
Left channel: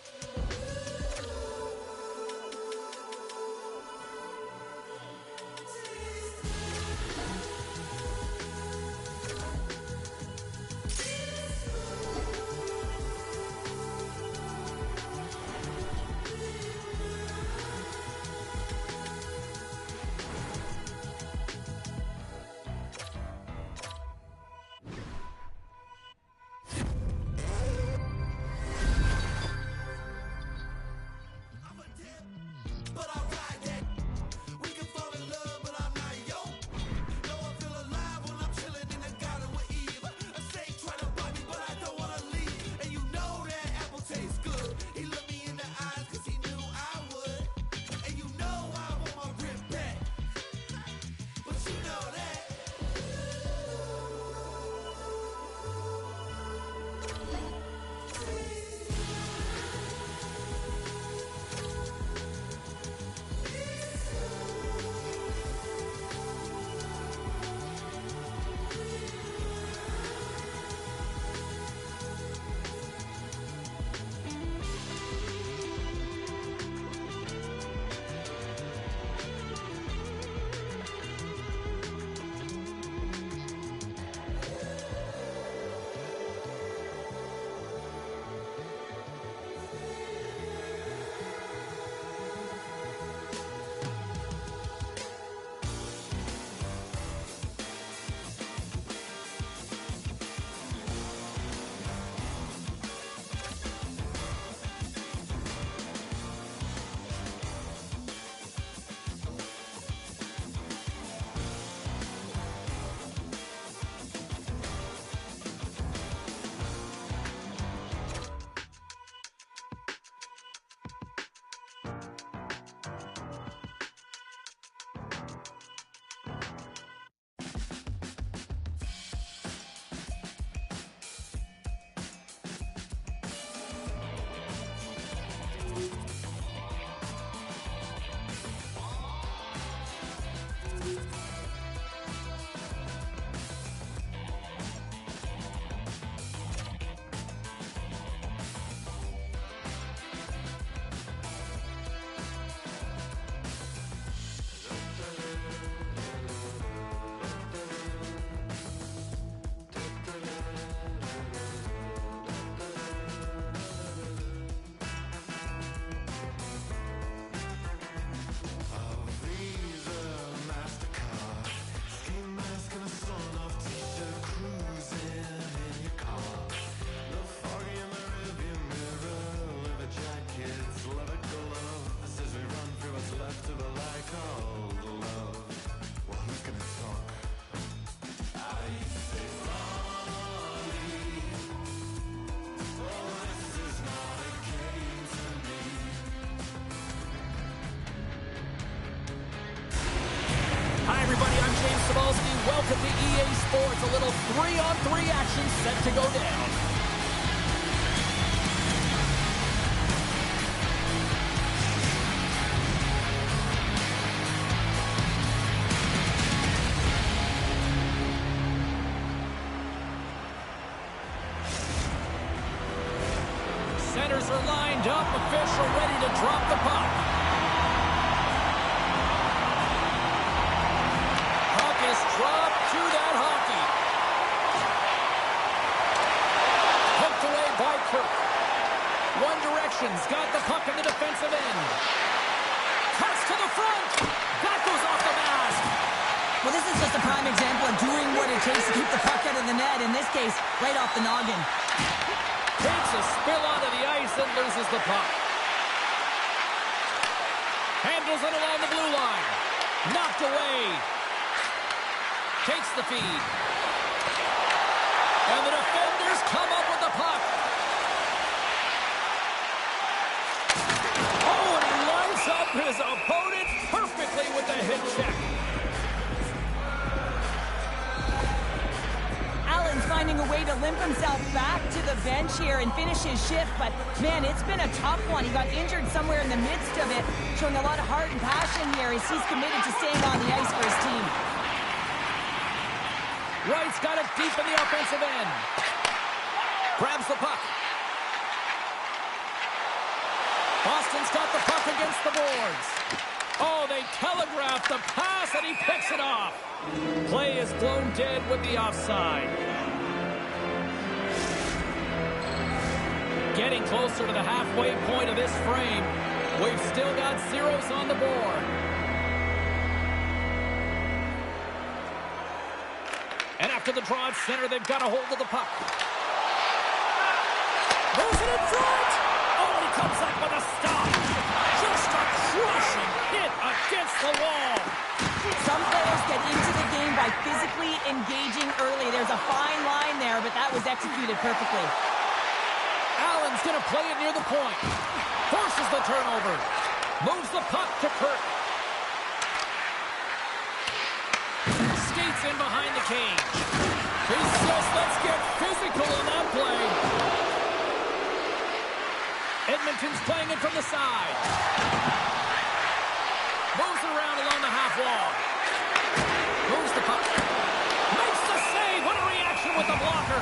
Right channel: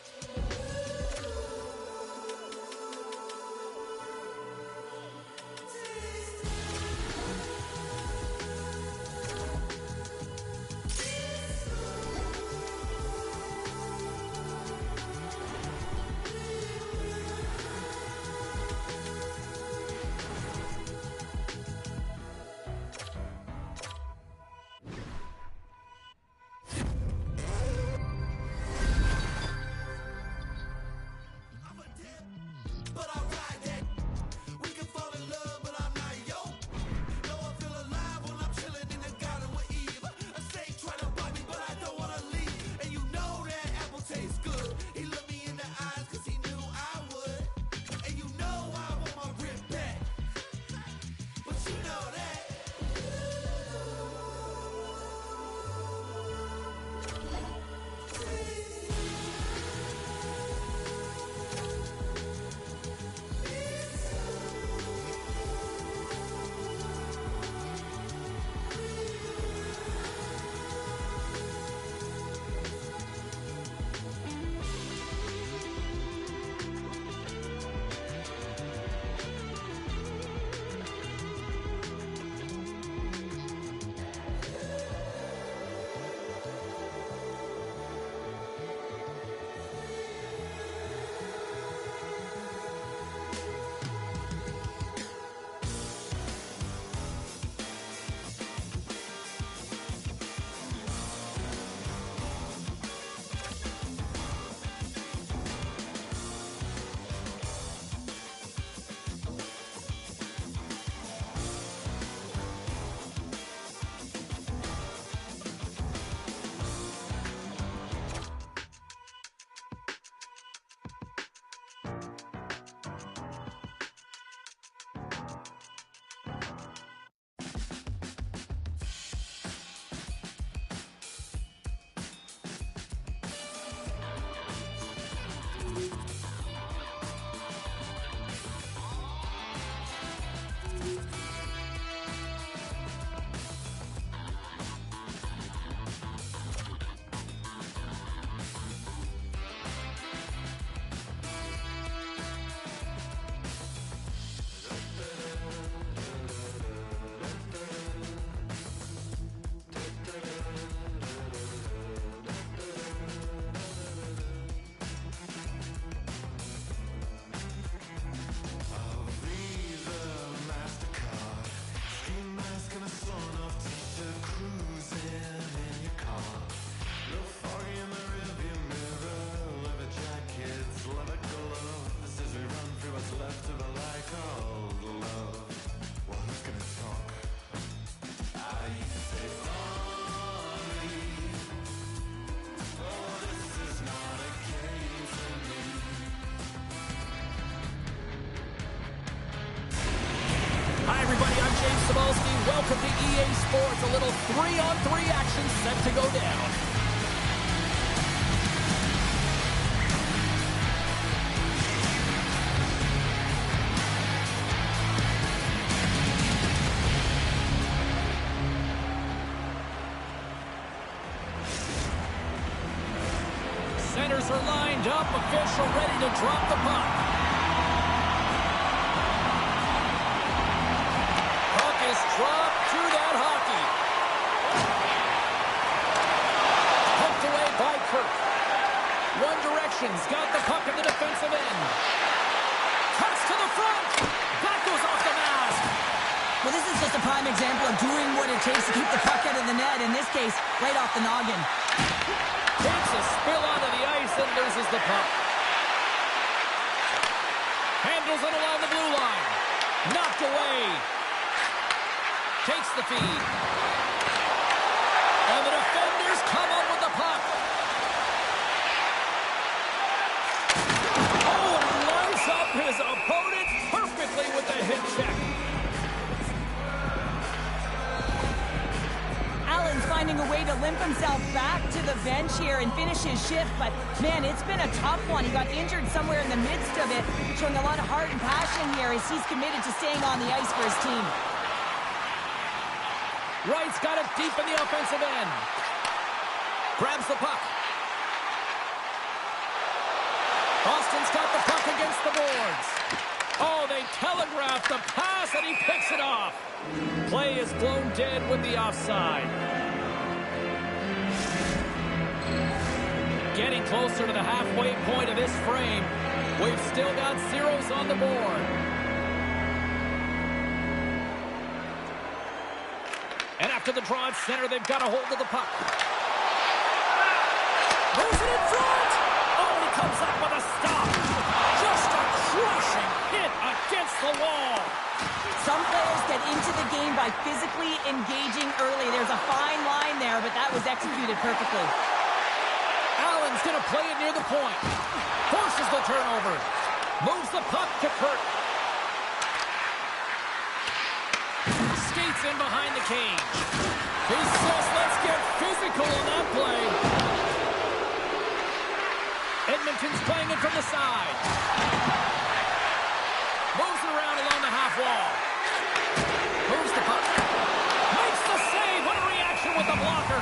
I'm James Cebulski. Welcome to EA Sports. A little 3-on-3 action set to go down. Centers are lined up. Official ready to drop the puck. Puck is dropped to that hockey. Poked away by Kirk. One Direction's got the puck in the defensive end. Cuts to the front. That goes off the mask. Well, this is just a prime example of doing what it takes to keep the puck out of the net. In this case, right off the noggin. Takes a spill onto the ice and loses the puck. Handles it along the blue line. Knocked away. Takes the feed. And the defenders come up with the puck. Oh, and he lines up his opponent perfectly with the hit check. Allen's finding a way to limp himself back to the bench here and finish his shift, but man, it's been a tough one. He got injured somewhere in the midst of it, showing a lot of heart and passion here as he's committed to staying on the ice for his team. Wright's got it deep in the offensive end. Grabs the puck. Boston's got the puck against the boards. Oh, they telegraph the pass, and he picks it off. Play is blown dead with the offside. Getting closer to the halfway point of this frame. We've still got zeros on the board. And after the draw at center, they've got a hold of the puck. Moves it in front. Oh, and he comes up with a stop. Just a crushing hit against the wall. Some players get into the game by physically engaging early. There's a fine line there, but that was executed perfectly. Allen's going to play it near the point. Forces the turnover. Moves the puck to Kirk. Skates in behind the cage. He says, let's get physical on that play. Edmonton's playing it from the side. Moves it around along the half wall. Moves the puck. Makes the save. What a reaction with the blocker.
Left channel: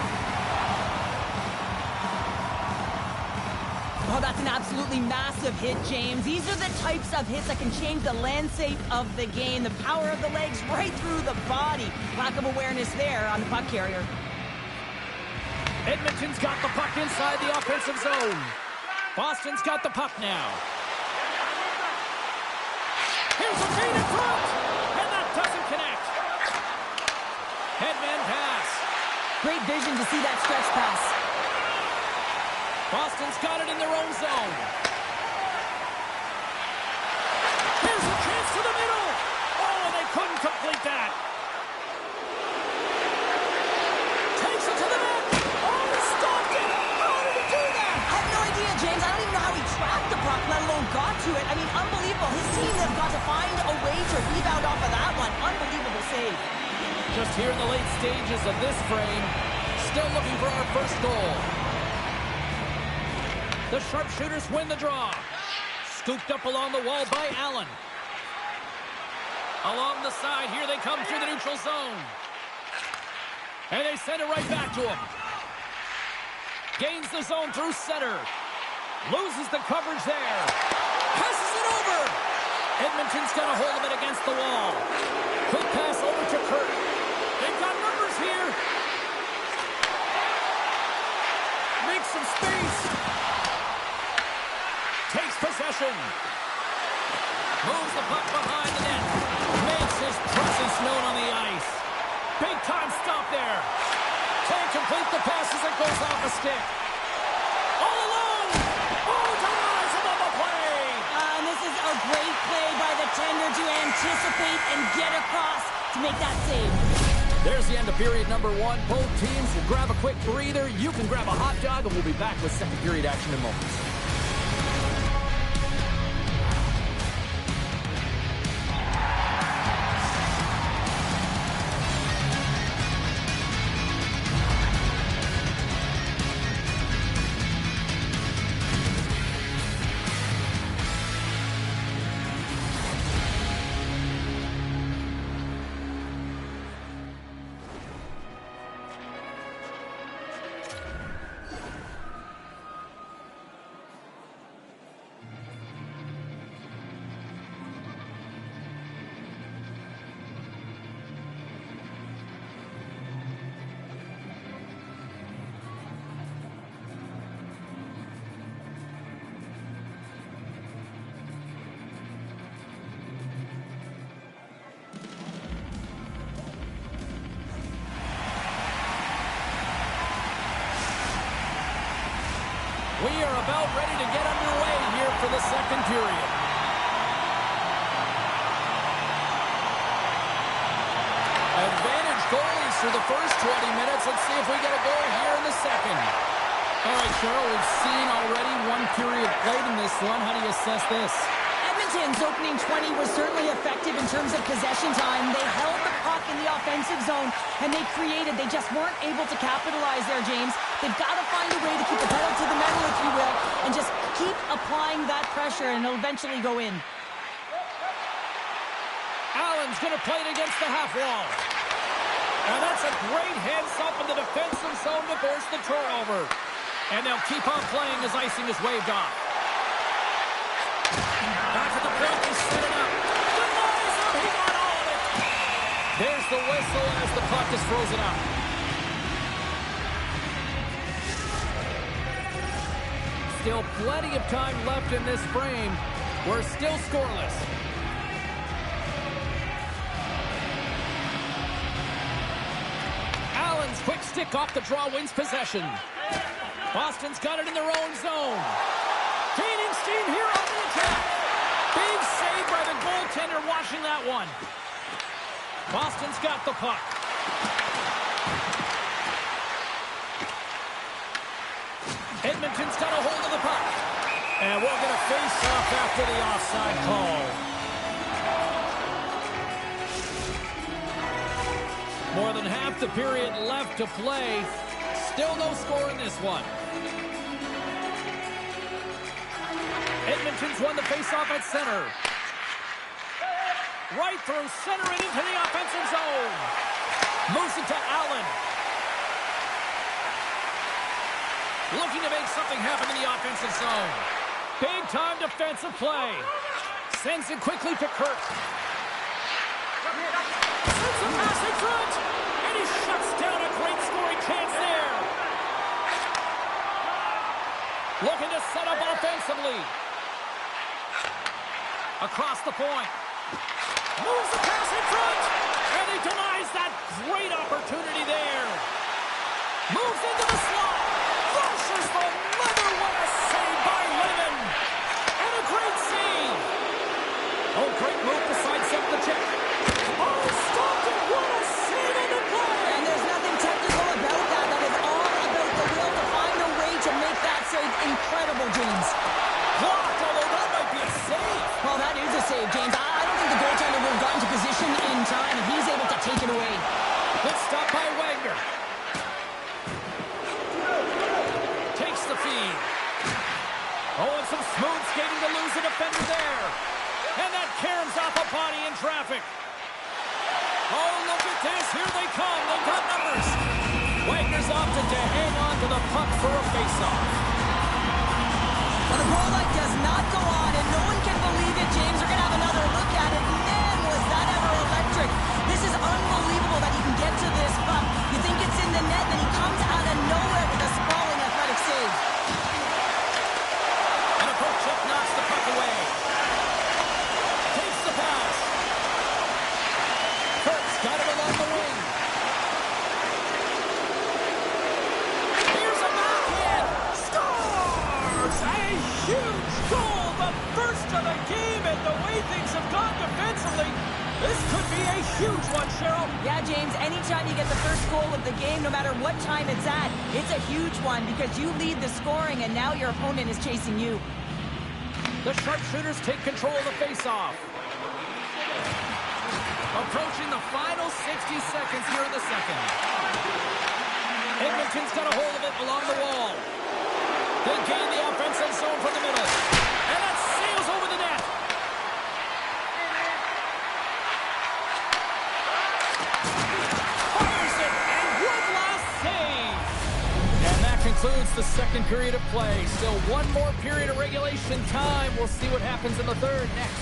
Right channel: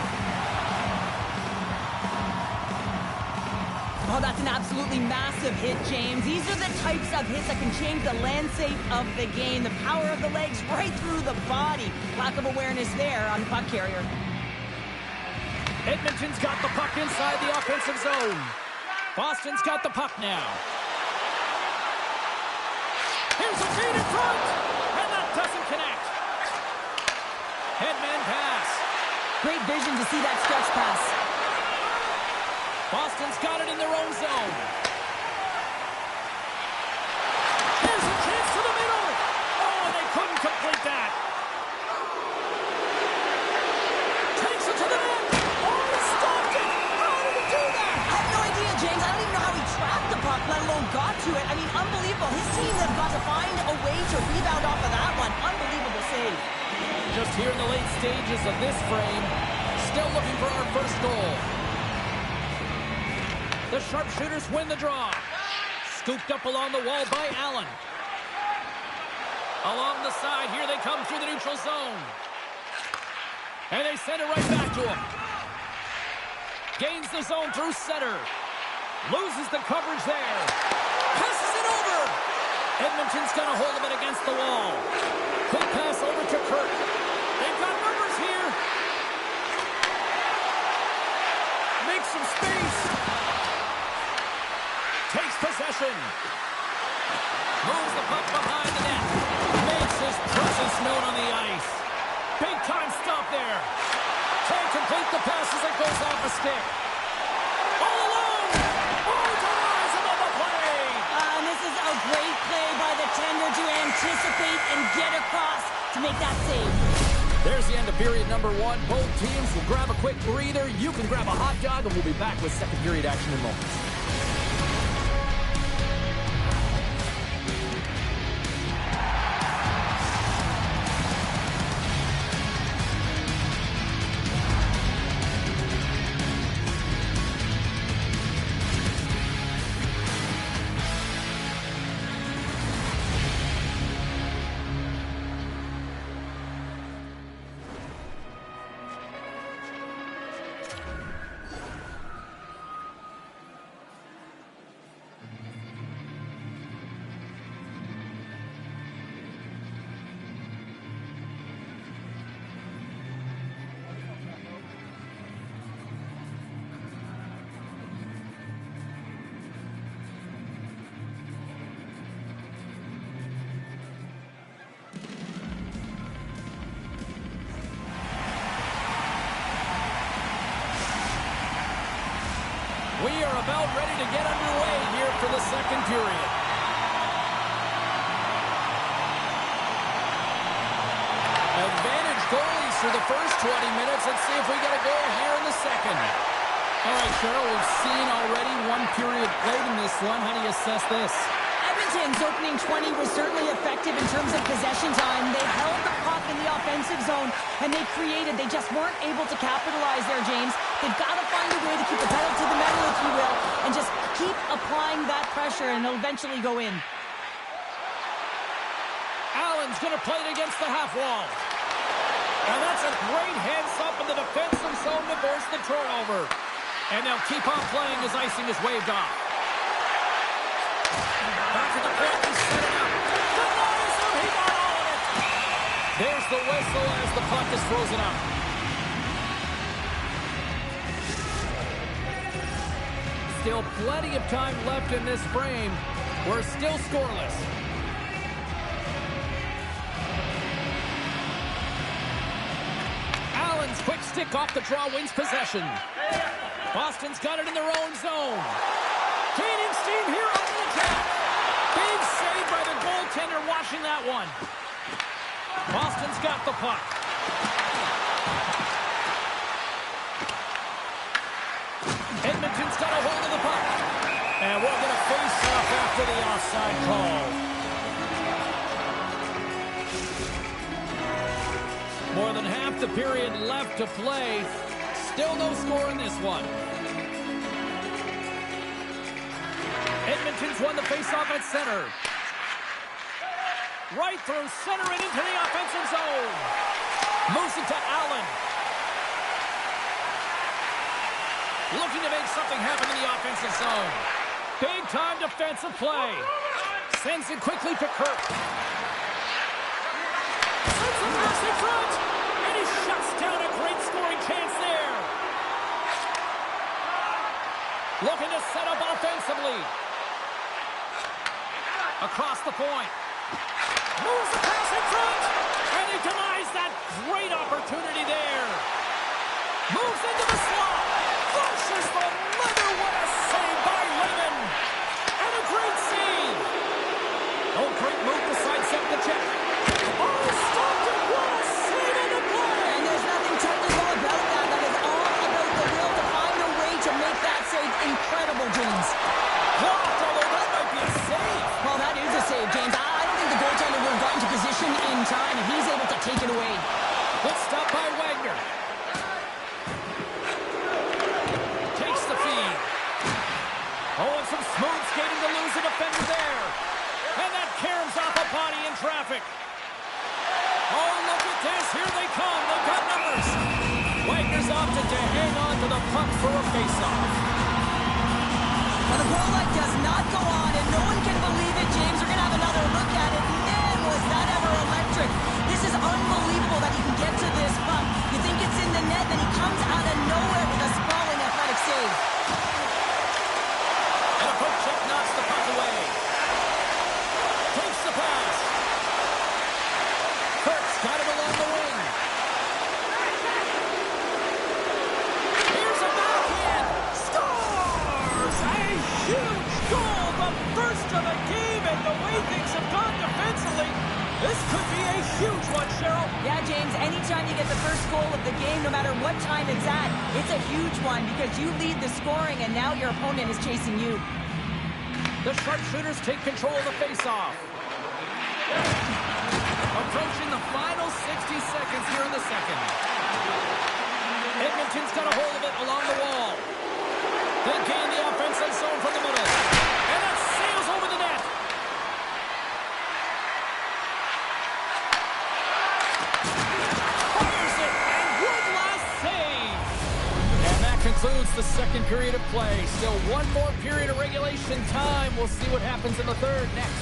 Oh, that's an absolutely massive hit, James. These are the types of hits that can change the landscape of the game. The power of the legs right through the body. Lack of awareness there on the puck carrier. Edmonton's got the puck inside the offensive zone. Boston's got the puck now. Here's a feed in front, and that doesn't connect. Headman pass. Great vision to see that stretch pass. Boston's got it in their own zone. Here's a chance to the middle. Oh, and they couldn't complete that. Takes it to the net. Oh, he stopped it. How did he do that? I have no idea, James. I don't even know how he tracked the puck, let alone got to it. I mean, unbelievable. His team have got to find a way to rebound off of that one. Unbelievable save. Just here in the late stages of this frame, still looking for our first goal. The sharpshooters win the draw. Scooped up along the wall by Allen. Along the side, here they come through the neutral zone. And they send it right back to him. Gains the zone through center. Loses the coverage there. Passes it over. Edmonton's got a hold of it against the wall. Quick pass over to Kirk. They've got numbers here. Makes some space. Takes possession. Moves the puck behind the net. Makes his presence known on the ice. Big time stop there. Can't complete the pass as it goes off a stick. All alone. Oh, denies him on the play. And this is a great play by the tender to anticipate and get across to make that save. There's the end of period number one. Both teams will grab a quick breather. You can grab a hot dog, and we'll be back with second period action in moments. are about ready to get underway here for the second period. Advantage goalies for the first 20 minutes. Let's see if we get a goal here in the second. All right, Cheryl, we've seen already one period played in this one. How do you assess this? Edmonton's opening 20 was certainly effective in terms of possession time. They held the puck in the offensive zone, and they created. They just weren't able to capitalize there, James. They've got to find a way to keep the pedal to the metal, if you will, and just keep applying that pressure, and it'll eventually go in. Allen's going to play it against the half wall. And that's a great heads-up in the defensive zone to force the turnover. And they'll keep on playing as icing is waved off. Back at the point, he set it up. Denies him, he got all of it. There's the whistle as the puck is frozen up. Still plenty of time left in this frame. We're still scoreless. Allen's quick stick off the draw wins possession. Boston's got it in their own zone. Gaining steam here on the attack. Big save by the goaltender watching that one. Boston's got the puck. Edmonton's got a hold of the puck. And we'll get a face-off after the offside call. More than half the period left to play. Still no score in this one. Edmonton's won the faceoff at center. Right through center and into the offensive zone. Moves it to Allen. Looking to make something happen in the offensive zone. Big-time defensive play. Sends it quickly to Kirk. Sends a pass in front. And he shuts down a great scoring chance there. Looking to set up offensively. Across the point. Moves the pass in front. And he denies that great opportunity there. Moves into the slot. Flushes the leather. What a save by Raymond. And a great save. Oh, great move to sidestep the check. Oh, stopped it. What a save in the play. And there's nothing technical about that. That is all about the will to find a way to make that save incredible, James. Blocked, although that might be a save. Well, that is a save, James. I don't think the goaltender would have gotten to position in time, and he's able to take it away. Good stop by Wagner. Takes the feed. Oh, and some smooth skating to lose a defender there. And that caroms off a body in traffic. Oh, look at this. Here they come. They've got numbers. Wagner's opted to hang on to the puck for a faceoff. Well, the goal light does not go on, and no one can believe it, James. We're going to have another look at it. Man, was that ever electric. This is unbelievable that he can get to this puck. You think it's in the net, then he comes out of nowhere with a sprawling athletic save. And a poke check knocks the puck away. Takes the pass. Kurtz got it along the wing. Here's a backhand. Scores! A huge goal, the first of the game, and the way things have gone defensively, this could be a huge one, Cheryl. Yeah, James, anytime you get the first goal of the game, no matter what time it's at, it's a huge one because you lead the scoring and now your opponent is chasing you. The sharpshooters take control of the faceoff. Approaching the final 60 seconds here in the second. Edmonton's got a hold of it along the wall. They gain the offensive zone from the middle. And that sails over the net. Fires it, and one last save. And that concludes the second period of play. Still one more period of regulation time. We'll see what happens in the third next.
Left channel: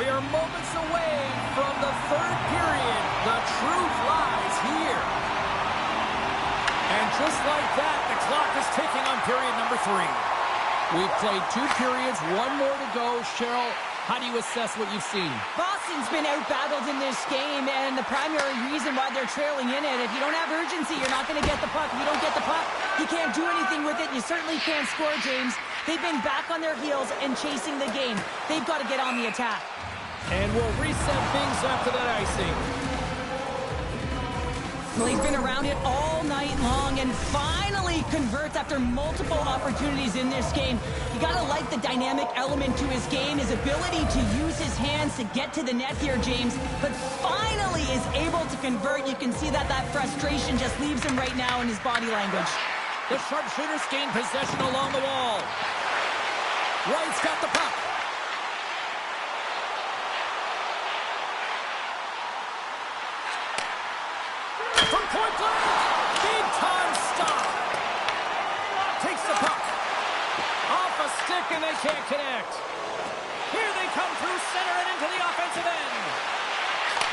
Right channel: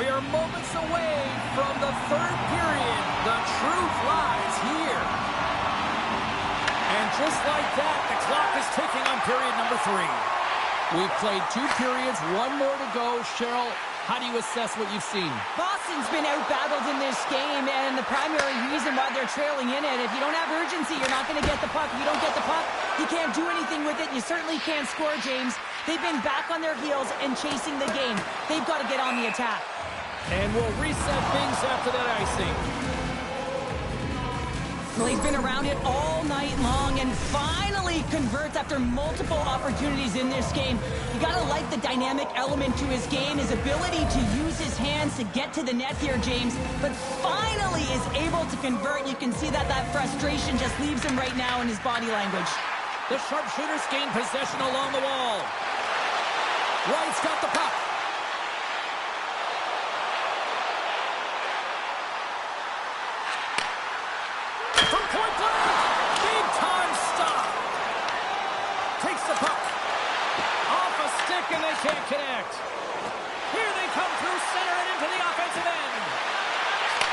We are moments away from the third period. The truth lies here. And just like that, the clock is ticking on period number 3. We've played 2 periods, 1 more to go. Cheryl, how do you assess what you've seen? Boston's been out-battled in this game, and the primary reason why they're trailing in it, if you don't have urgency, you're not going to get the puck. If you don't get the puck, you can't do anything with it. You certainly can't score, James. They've been back on their heels and chasing the game. They've got to get on the attack. And we'll reset things after that icing. Well, he's been around it all night long and finally converts after multiple opportunities in this game. You got to like the dynamic element to his game, his ability to use his hands to get to the net here, James, but finally is able to convert. You can see that frustration just leaves him right now in his body language. The sharpshooters gain possession along the wall. Wright's got the puck. From point blank, big time stop. Takes the puck. Off a stick and they can't connect. Here they come through center and into the offensive end.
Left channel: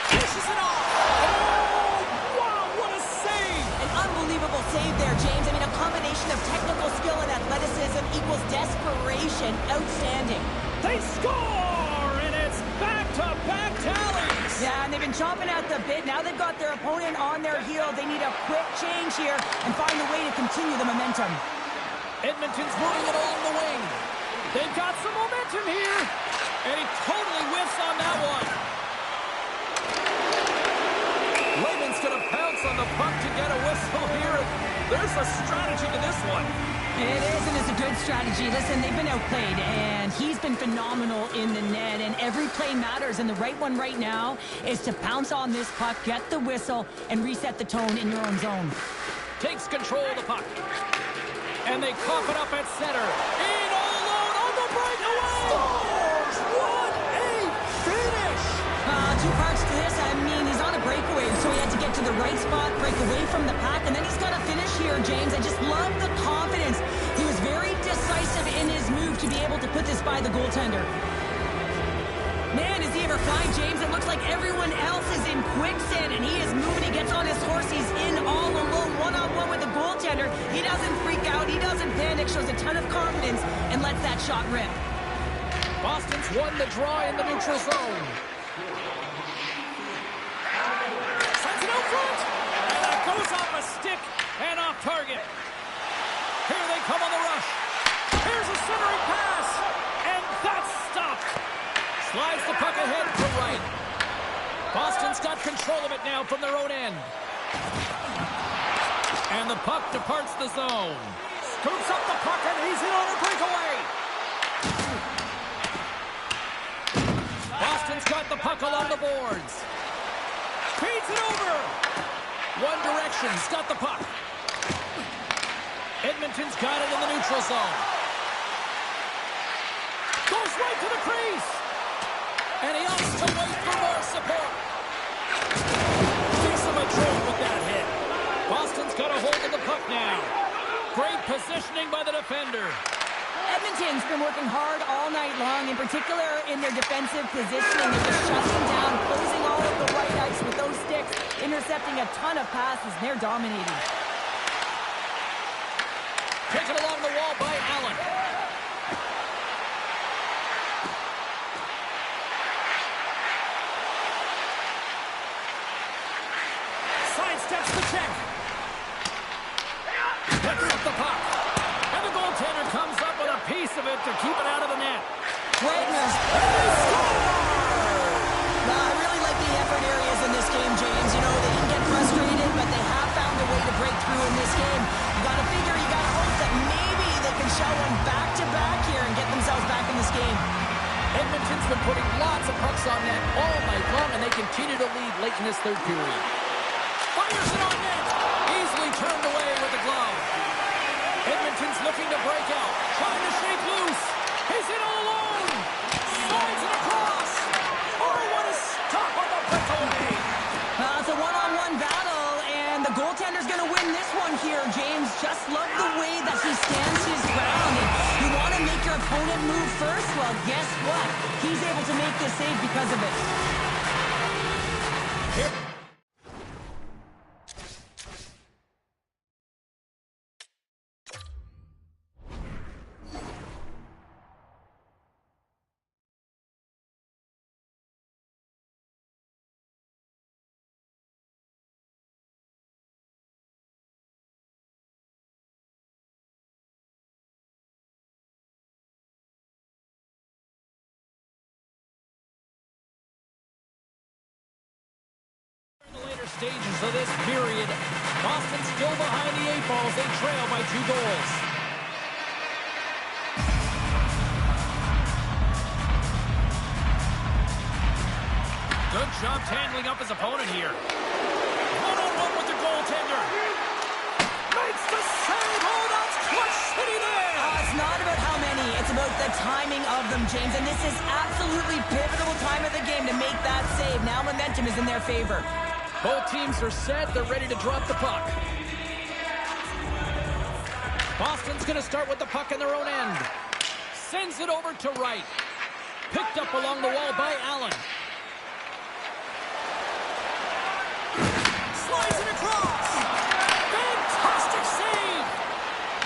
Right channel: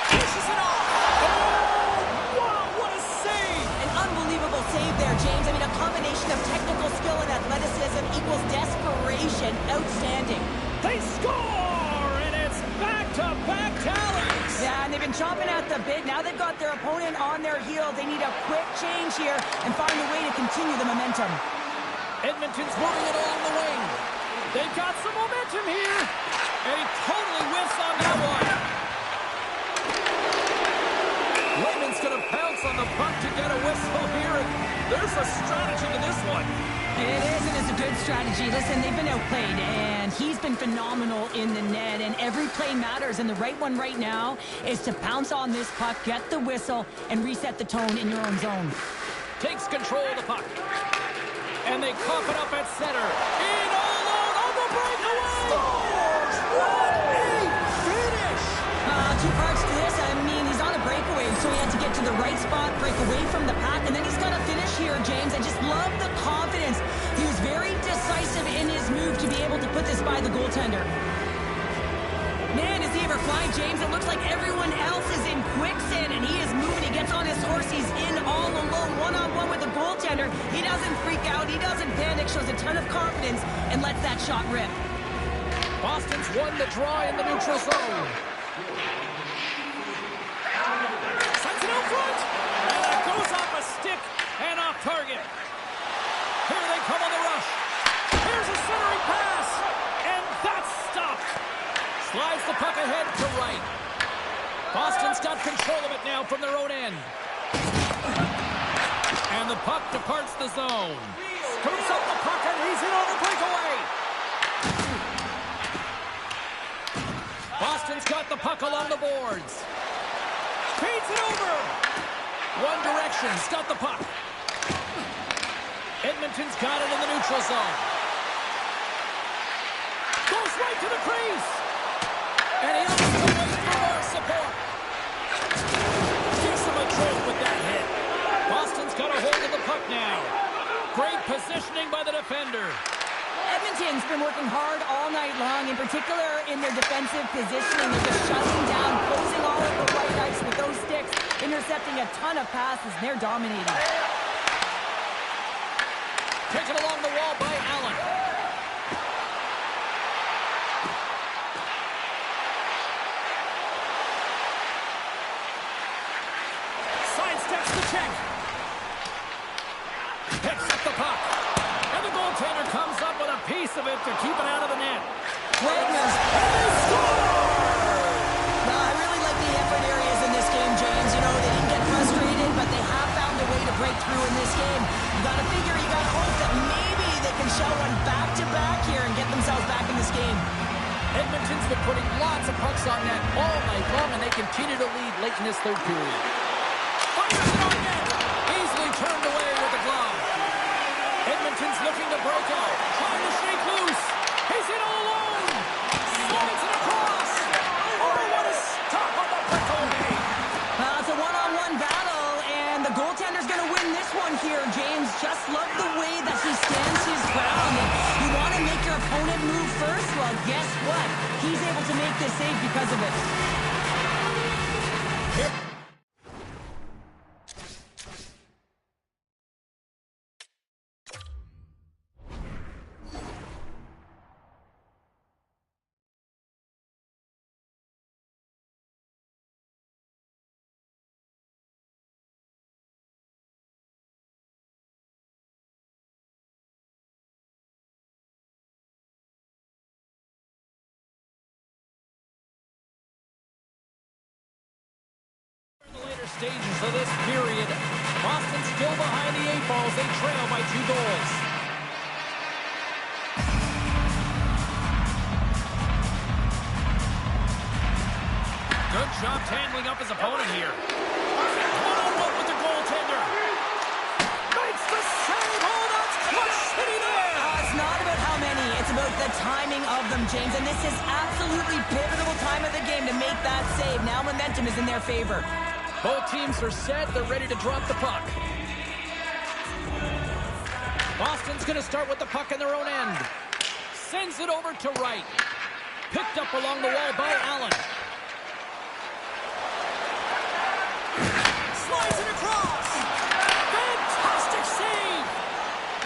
Dishes it off. Oh, wow, what a save. An unbelievable save there, James. I mean, a combination of technical skill and athleticism equals desperation. Outstanding. They score, and it's back-to-back tallies. Yeah, and they've been chomping at the bit. Now they've got their opponent on their heels. They need a quick change here and find a way to continue the momentum. Edmonton's moving it along the wing. They've got some momentum here. And he totally whiffs on that one. Layman's going to pounce on the puck to get a whistle here. There's a strategy to this one. It is, and it's a good strategy. Listen, they've been outplayed, and he's been phenomenal in the net, and every play matters, and the right one right now is to pounce on this puck, get the whistle, and reset the tone in your own zone. Takes control of the puck. And they cough it up at center. In all alone on the breakaway! Scores! What a finish! 2 parts to this. I mean, he's on a breakaway, so he had to get to the right spot, break away from the pack, and then he's got to finish here, James. I just love the confidence. He was very decisive in his move to be able to put this by the goaltender. Man, is he ever flying, James? It looks like everyone else is in quicksand, and he is moving. He gets on his horse. He's in all alone, one-on-one with the goaltender. He doesn't freak out. He doesn't panic. Shows a ton of confidence and lets that shot rip. Boston's won the draw in the neutral zone. Sends it out front. And that goes off a stick and off target. Here they come on the rush. Here's a centering pass. And that's stopped. Slides the puck ahead to Wright. Boston's got control of it now from their own end. And the puck departs the zone. Scoops up the puck and he's in on a breakaway. Boston's got the puck along the boards. Feeds it over. One direction's got the puck. Edmonton's got it in the neutral zone. Goes right to the crease. And he opts to wait for more support. Gives him a jolt with that hit. Boston's got a hold of the puck now. Great positioning by the defender. Edmonton's been working hard all night long, in particular in their defensive positioning. They're just shutting down, closing all of the white ice with those sticks, intercepting a ton of passes, and they're dominating. Taken along the wall by Allen. Sidesteps the check. Picks up the puck. And the goaltender comes up with a piece of it to keep it out of the net. Wagner's. And they score! I really like the effort areas in this game, James. You know, they didn't get frustrated, but they have found a way to break through in this game. You got to figure, you got to hope that maybe they can shell one back-to-back here and get themselves back in this game. Edmonton's been putting lots of pucks on net all night long, and they continue to lead late in this third period. Fires it on net. Easily turned away with the glove. Edmonton's looking to break out. Trying to shake loose. He's in all alone. Slides it across. Oh, what a stop on the breakaway. It's a one-on-one battle, and the goaltender's going to win this one here, James. Just love the way that he stands his ground. And you want to make your opponent move first? Well, guess what? He's able to make this save because of it. Here. Stages of this period. Boston still behind the 8 balls. They trail by 2 goals. Good job handling up his opponent here. One-on-one with the goaltender. Makes the save. Oh, that's clutch city there. It's not about how many. It's about the timing of them, James. And this is absolutely pivotal time of the game to make that save. Now momentum is in their favor. Both teams are set. They're ready to drop the puck. Boston's going to start with the puck in their own end. Sends it over to right. Picked up along the wall by Allen. Slides it across. Fantastic save.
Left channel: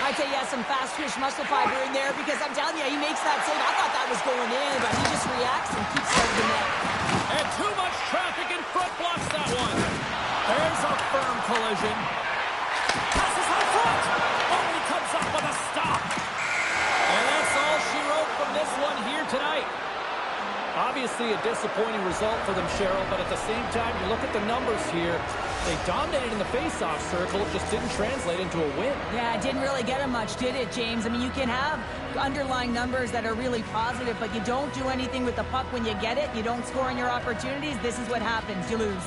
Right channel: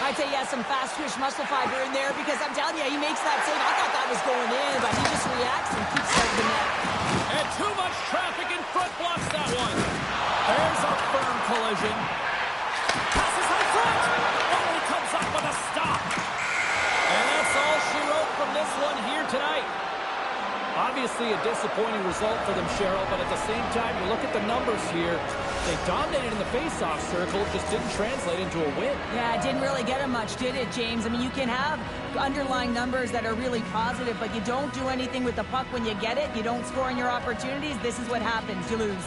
I'd say, yeah, some fast twitch muscle fiber in there because I'm telling you, he makes that save. I thought that was going in, but he just reacts and keeps out of the net. And too much traffic in front blocks that one. There's a firm collision. Passes on front. Oh, he comes up with a stop. And that's all she wrote from this one here tonight. Obviously a disappointing result for them, Cheryl, but at the same time, you look at the numbers here. They dominated in the face-off circle, just didn't translate into a win. Yeah, it didn't really get him much, did it, James? I mean, you can have underlying numbers that are really positive, but you don't do anything with the puck when you get it. You don't score in your opportunities. This is what happens. You lose.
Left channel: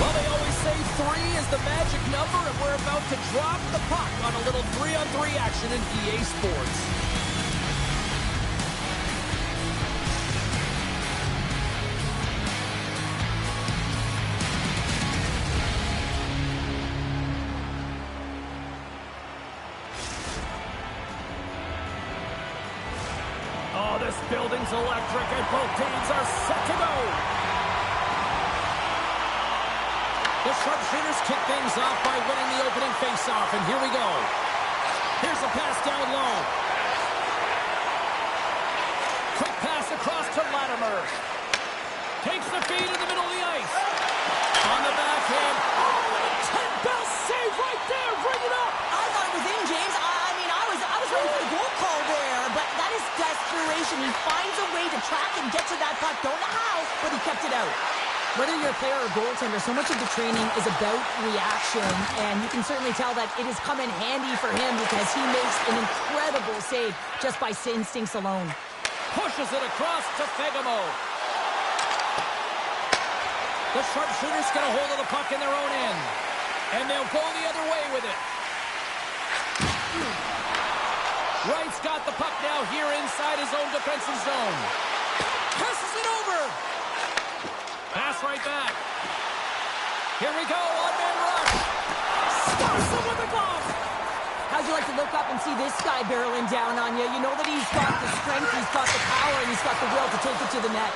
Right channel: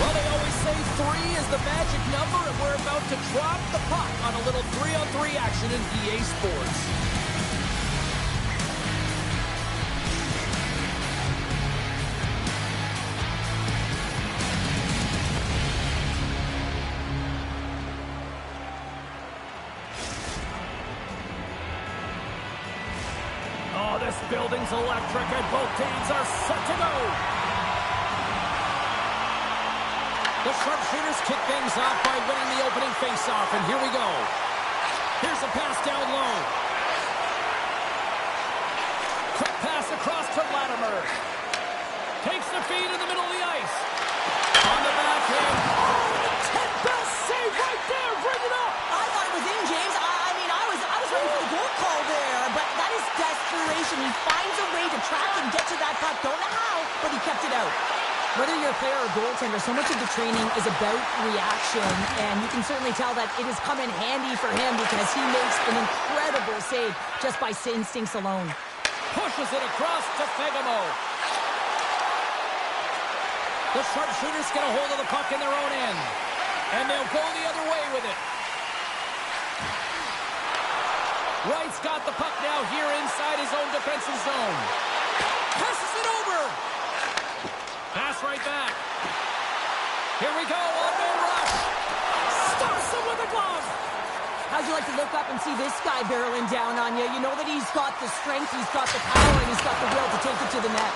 Well, they always say 3 is the magic number, and we're about to drop the puck on a little 3-on-3 action in EA Sports. Oh, this building's electric, and both teams are set to go. The sharpshooters kick things off by winning the opening faceoff, and here we go. Here's a pass down low. Quick pass across to Latimer. Takes the feed in the middle of the ice. On the backhand. Oh, and a 10-bell save right there. Bring it up. I thought it was in, James. I was ready for the goal call there, but that is desperation. He finds a way to track and get to that puck. Don't know how, but he kept it out. Whether you're a player or goaltender, so much of the training is about reaction, and you can certainly tell that it has come in handy for him because he makes an incredible save just by instincts alone. Pushes it across to Fegamo. The sharpshooters get a hold of the puck in their own end, and they'll go the other way with it. Wright's got the puck now here inside his own defensive zone. Passes it over. Pass right back. Here we go, one-man rush. Stops him with a glove. How'd you like to look up and see this guy barreling down on you? You know that he's got the strength, he's got the power, and he's got the will to take it to the net.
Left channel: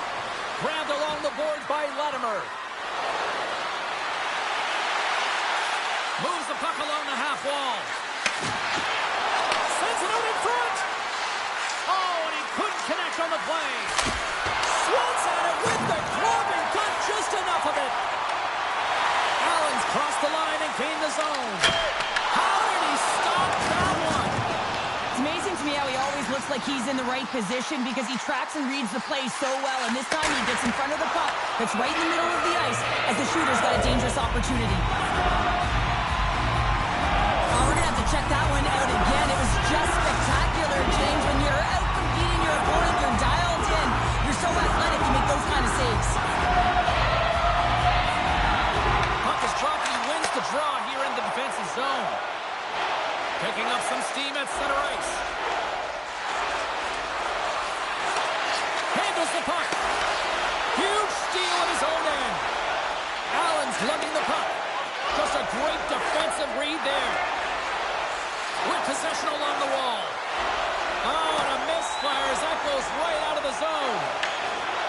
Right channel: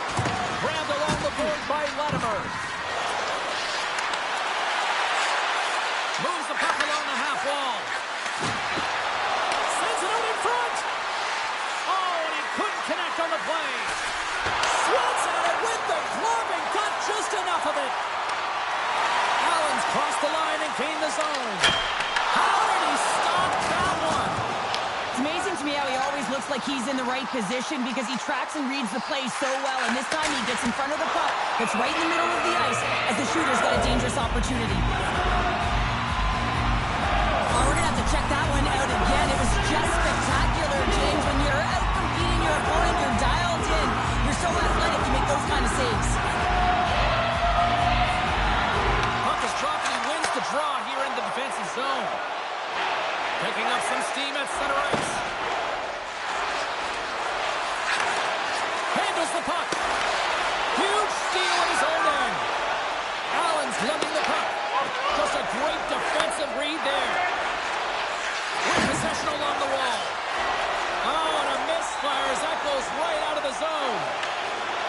Grabbed along the board by Latimer. Moves the puck along the half wall. Sends it out in front. Oh, and he couldn't connect on the play. Swats at it with the glove and got just enough of it. Allen's crossed the line and gained the zone. How did he stop that one? It's amazing to me how he always looks like he's in the right position because he tracks and reads the play so well, and this time he gets in front of the puck that's right in the middle of the ice as the shooter's got a dangerous opportunity. Oh, we're going to have to check that one out again. It was just spectacular, James. When you're out competing your opponent, you're dialed in. You're so athletic, you make those kind of saves. Puck is dropped and he wins the draw here in the defensive zone. Picking up some steam at center ice. Handles the puck. Huge steal at his own end. Allen's lugging the puck. Just a great defensive read there. With possession along the wall. Oh, and a misfire as that goes right out of the zone.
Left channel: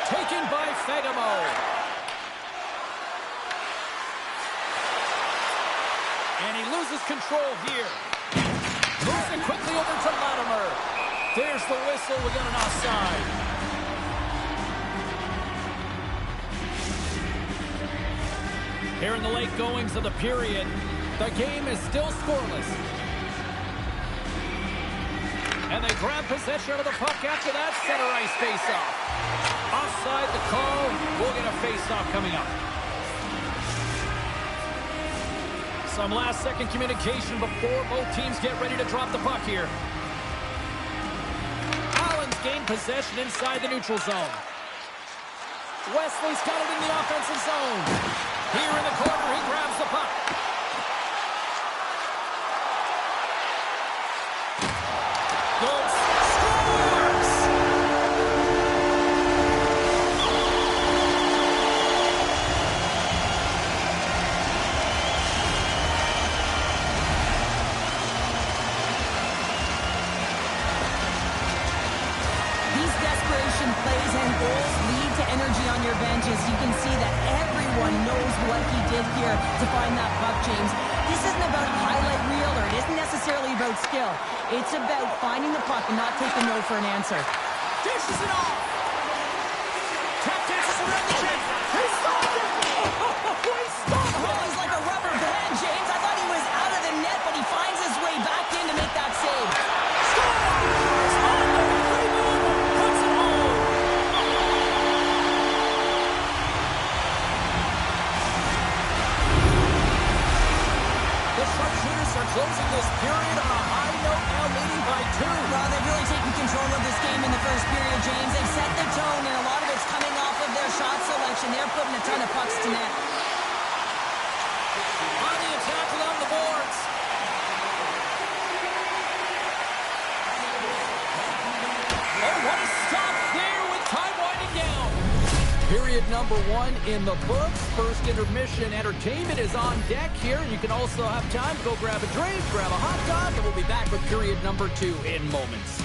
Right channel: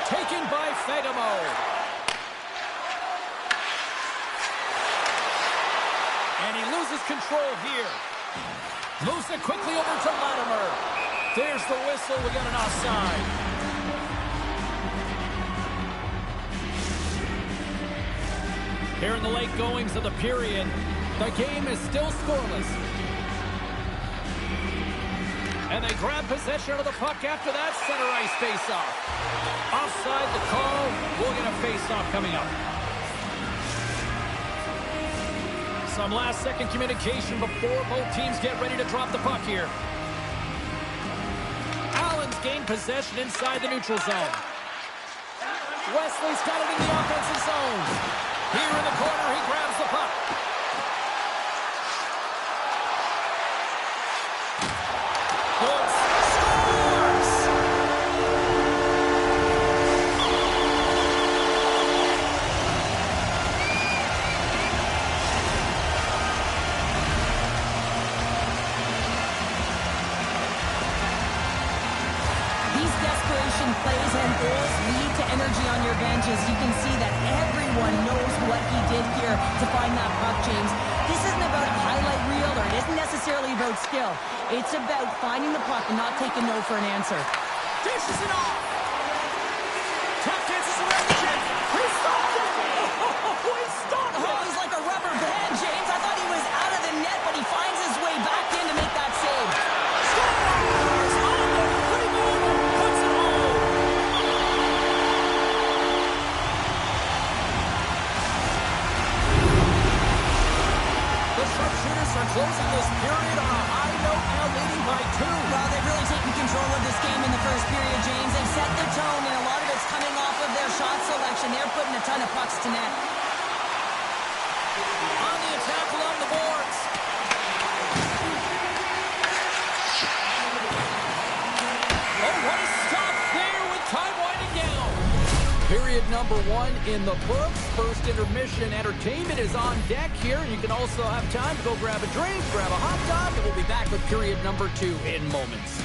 Taken by Fegamo. And he loses control here. Moves it quickly over to Latimer. There's the whistle. We got an offside. Here in the late goings of the period, the game is still scoreless. And they grab possession of the puck after that center ice face-off. Offside the call. We'll get a face-off coming up. Some last-second communication before both teams get ready to drop the puck here. Allen's gained possession inside the neutral zone. Wesley's got it in the offensive zone. Here in the corner, he grabs the puck. Goods scores! These desperation plays and goals lead to energy on your benches. You can see that everyone knows what he did here to find that puck, James. This isn't about a highlight reel, or it isn't necessarily about skill. It's about finding the puck and not taking no for an answer. Dishes it off. Tap dances around the net. He stopped it. Oh, he stopped it. Oh, he's like a rubber band, James. I thought he was out of the net, but he finds his way back in to make that save. Scores on the rebound and puts it home. The sharpshooters are closing this period on a high note, now leading by 2. Well, they've really taken control of this game in the first period, James. They've set the tone, and a lot of it's coming off of their shot selection. They're putting a ton of pucks to net. On the attack along the boards. Oh, what a stop there with time winding down. Period number 1 in the books. First intermission entertainment is on deck here. You can also have time to go grab a drink, grab a hot dog, and we'll be back with period number 2 in moments.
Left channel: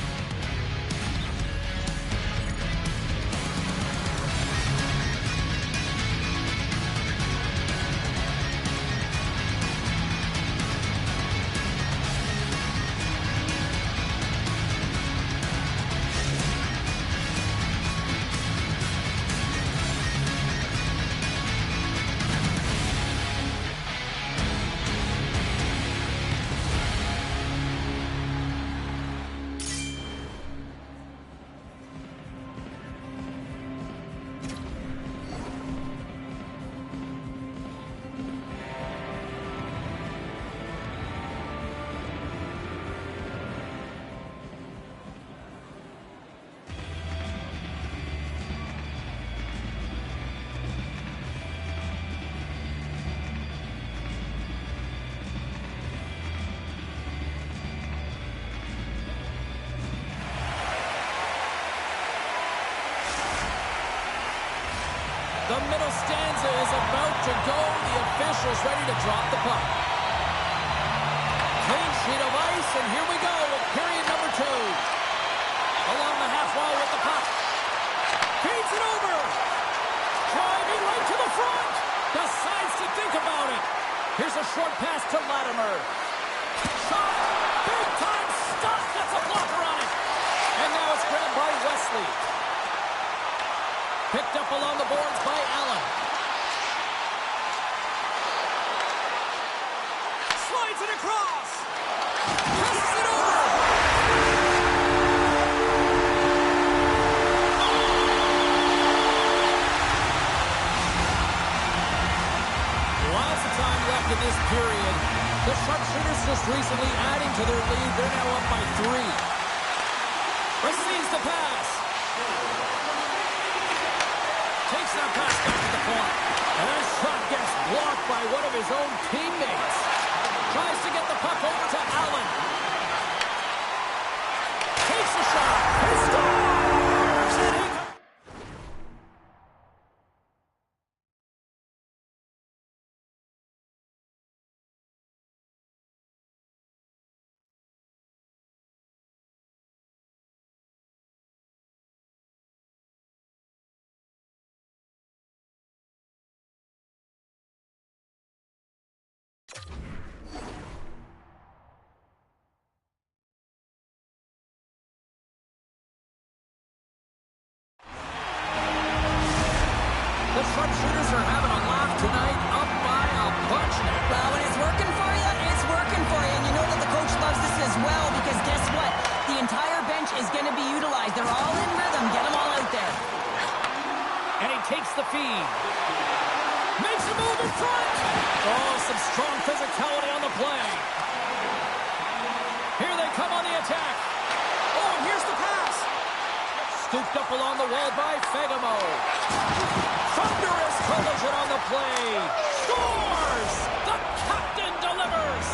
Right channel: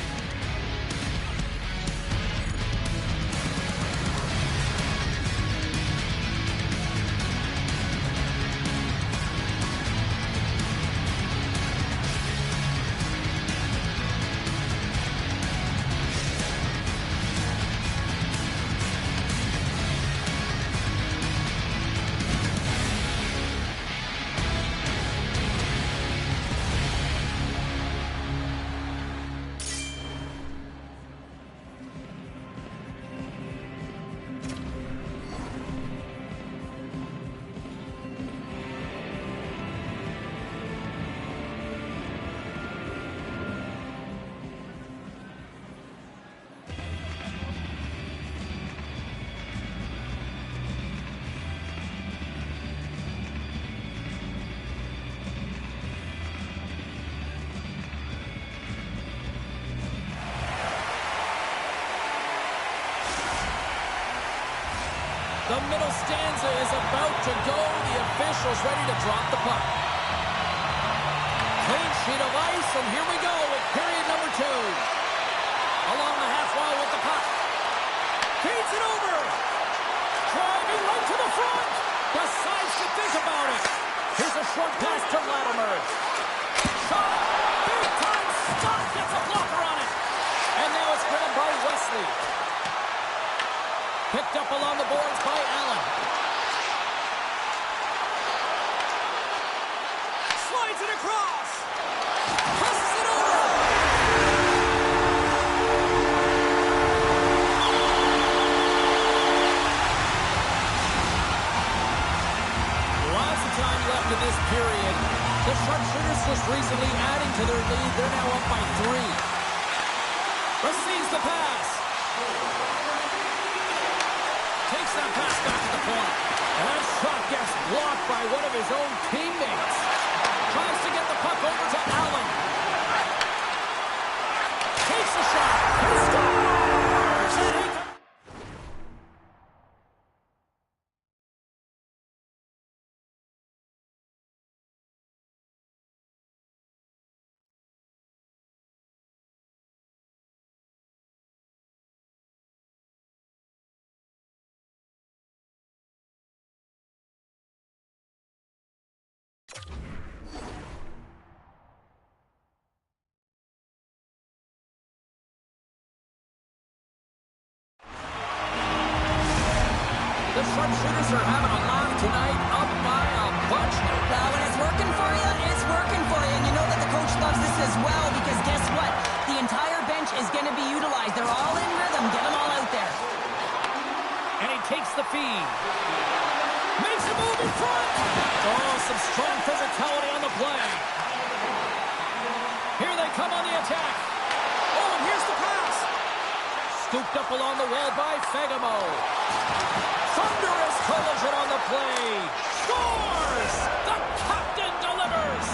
The middle stanza is about to go. The official's ready to drop the puck. Clean sheet of ice, and here we go with period number 2. Along the half wall with the puck. Feeds it over. Driving right to the front. Decides to think about it. Here's a short pass to Latimer. Shot. Big time stop. Gets a blocker on it. And now it's grabbed by Wesley. Picked up along the boards by Allen. Slides it across. Presses it over. Lots of time left in this period. The Sharpshooters just recently adding to their lead. They're now up by 3. Receives the pass. Takes that pass back to the point. And that shot gets blocked by one of his own teammates. Tries to get the puck over to Allen. Takes the shot. He scores! And he The Sharpshooters are having a laugh tonight, up by a bunch now. Well, when it's working for you, it's working for you. And you know that the coach loves this as well because guess what? The entire bench is going to be utilized. They're all in rhythm. Get them all out there. And he takes the feed. Makes a move in front. Oh, some strong physicality on the play. Here they come on the attack. Oh, and here's the pass. Scooped up along the wall by Fagemo. Thunderous collision on the play. Scores! The captain delivers!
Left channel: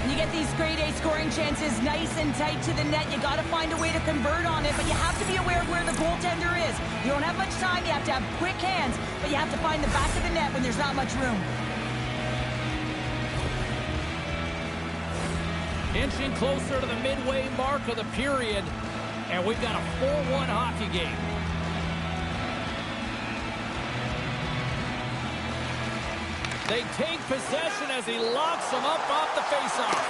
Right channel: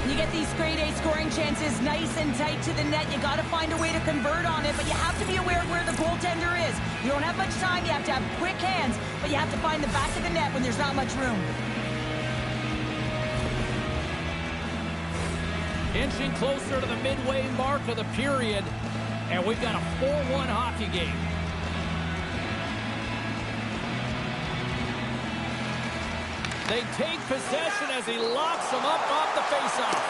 When you get these grade A scoring chances nice and tight to the net, you got to find a way to convert on it, but you have to be aware of where the goaltender is. You don't have much time. You have to have quick hands, but you have to find the back of the net when there's not much room. Inching closer to the midway mark of the period, and we've got a 4-1 hockey game. They take possession as he locks them up off the faceoff.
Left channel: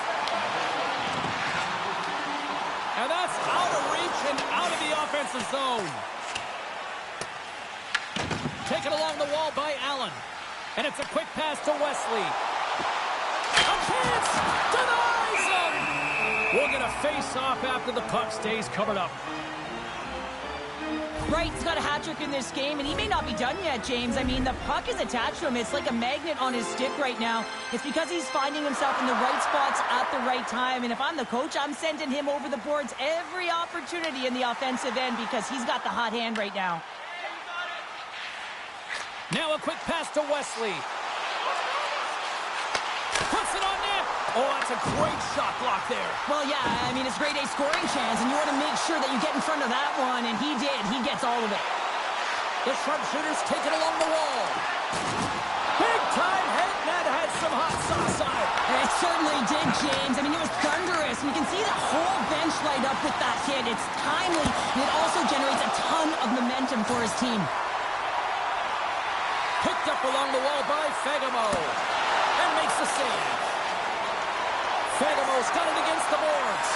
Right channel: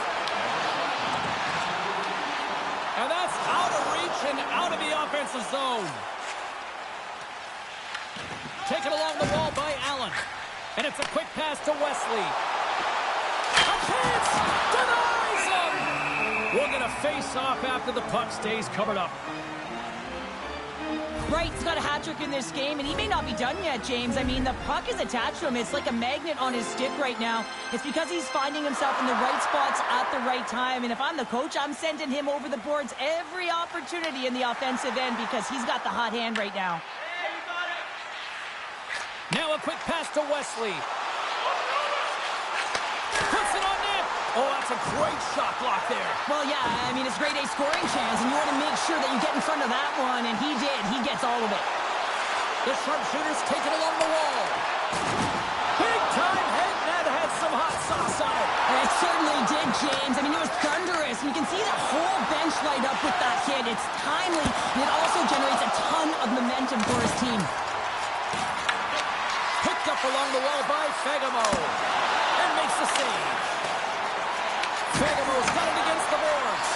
And that's out of reach and out of the offensive zone. Taken along the wall by Allen. And it's a quick pass to Wesley. A chance! Denies him! We'll get a face-off after the puck stays covered up. Wright's got a hat trick in this game, and he may not be done yet, James. I mean, the puck is attached to him. It's like a magnet on his stick right now. It's because he's finding himself in the right spots at the right time. And if I'm the coach, I'm sending him over the boards every opportunity in the offensive end because he's got the hot hand right now. Now a quick pass to Wesley. Puts it on net. Oh, that's a great shot block there. Well, yeah, I mean, it's grade A scoring chance, and you want to make sure that you get in front of that one, and he did. He gets all of it. The Sharpshooters take it along the wall. Big time hit, and that had some hot sauce on it. It certainly did, James. I mean, it was thunderous, and you can see the whole bench light up with that hit. It's timely, and it also generates a ton of momentum for his team. Picked up along the wall by Fagemo, and makes the save. Fagemo's got it against the boards.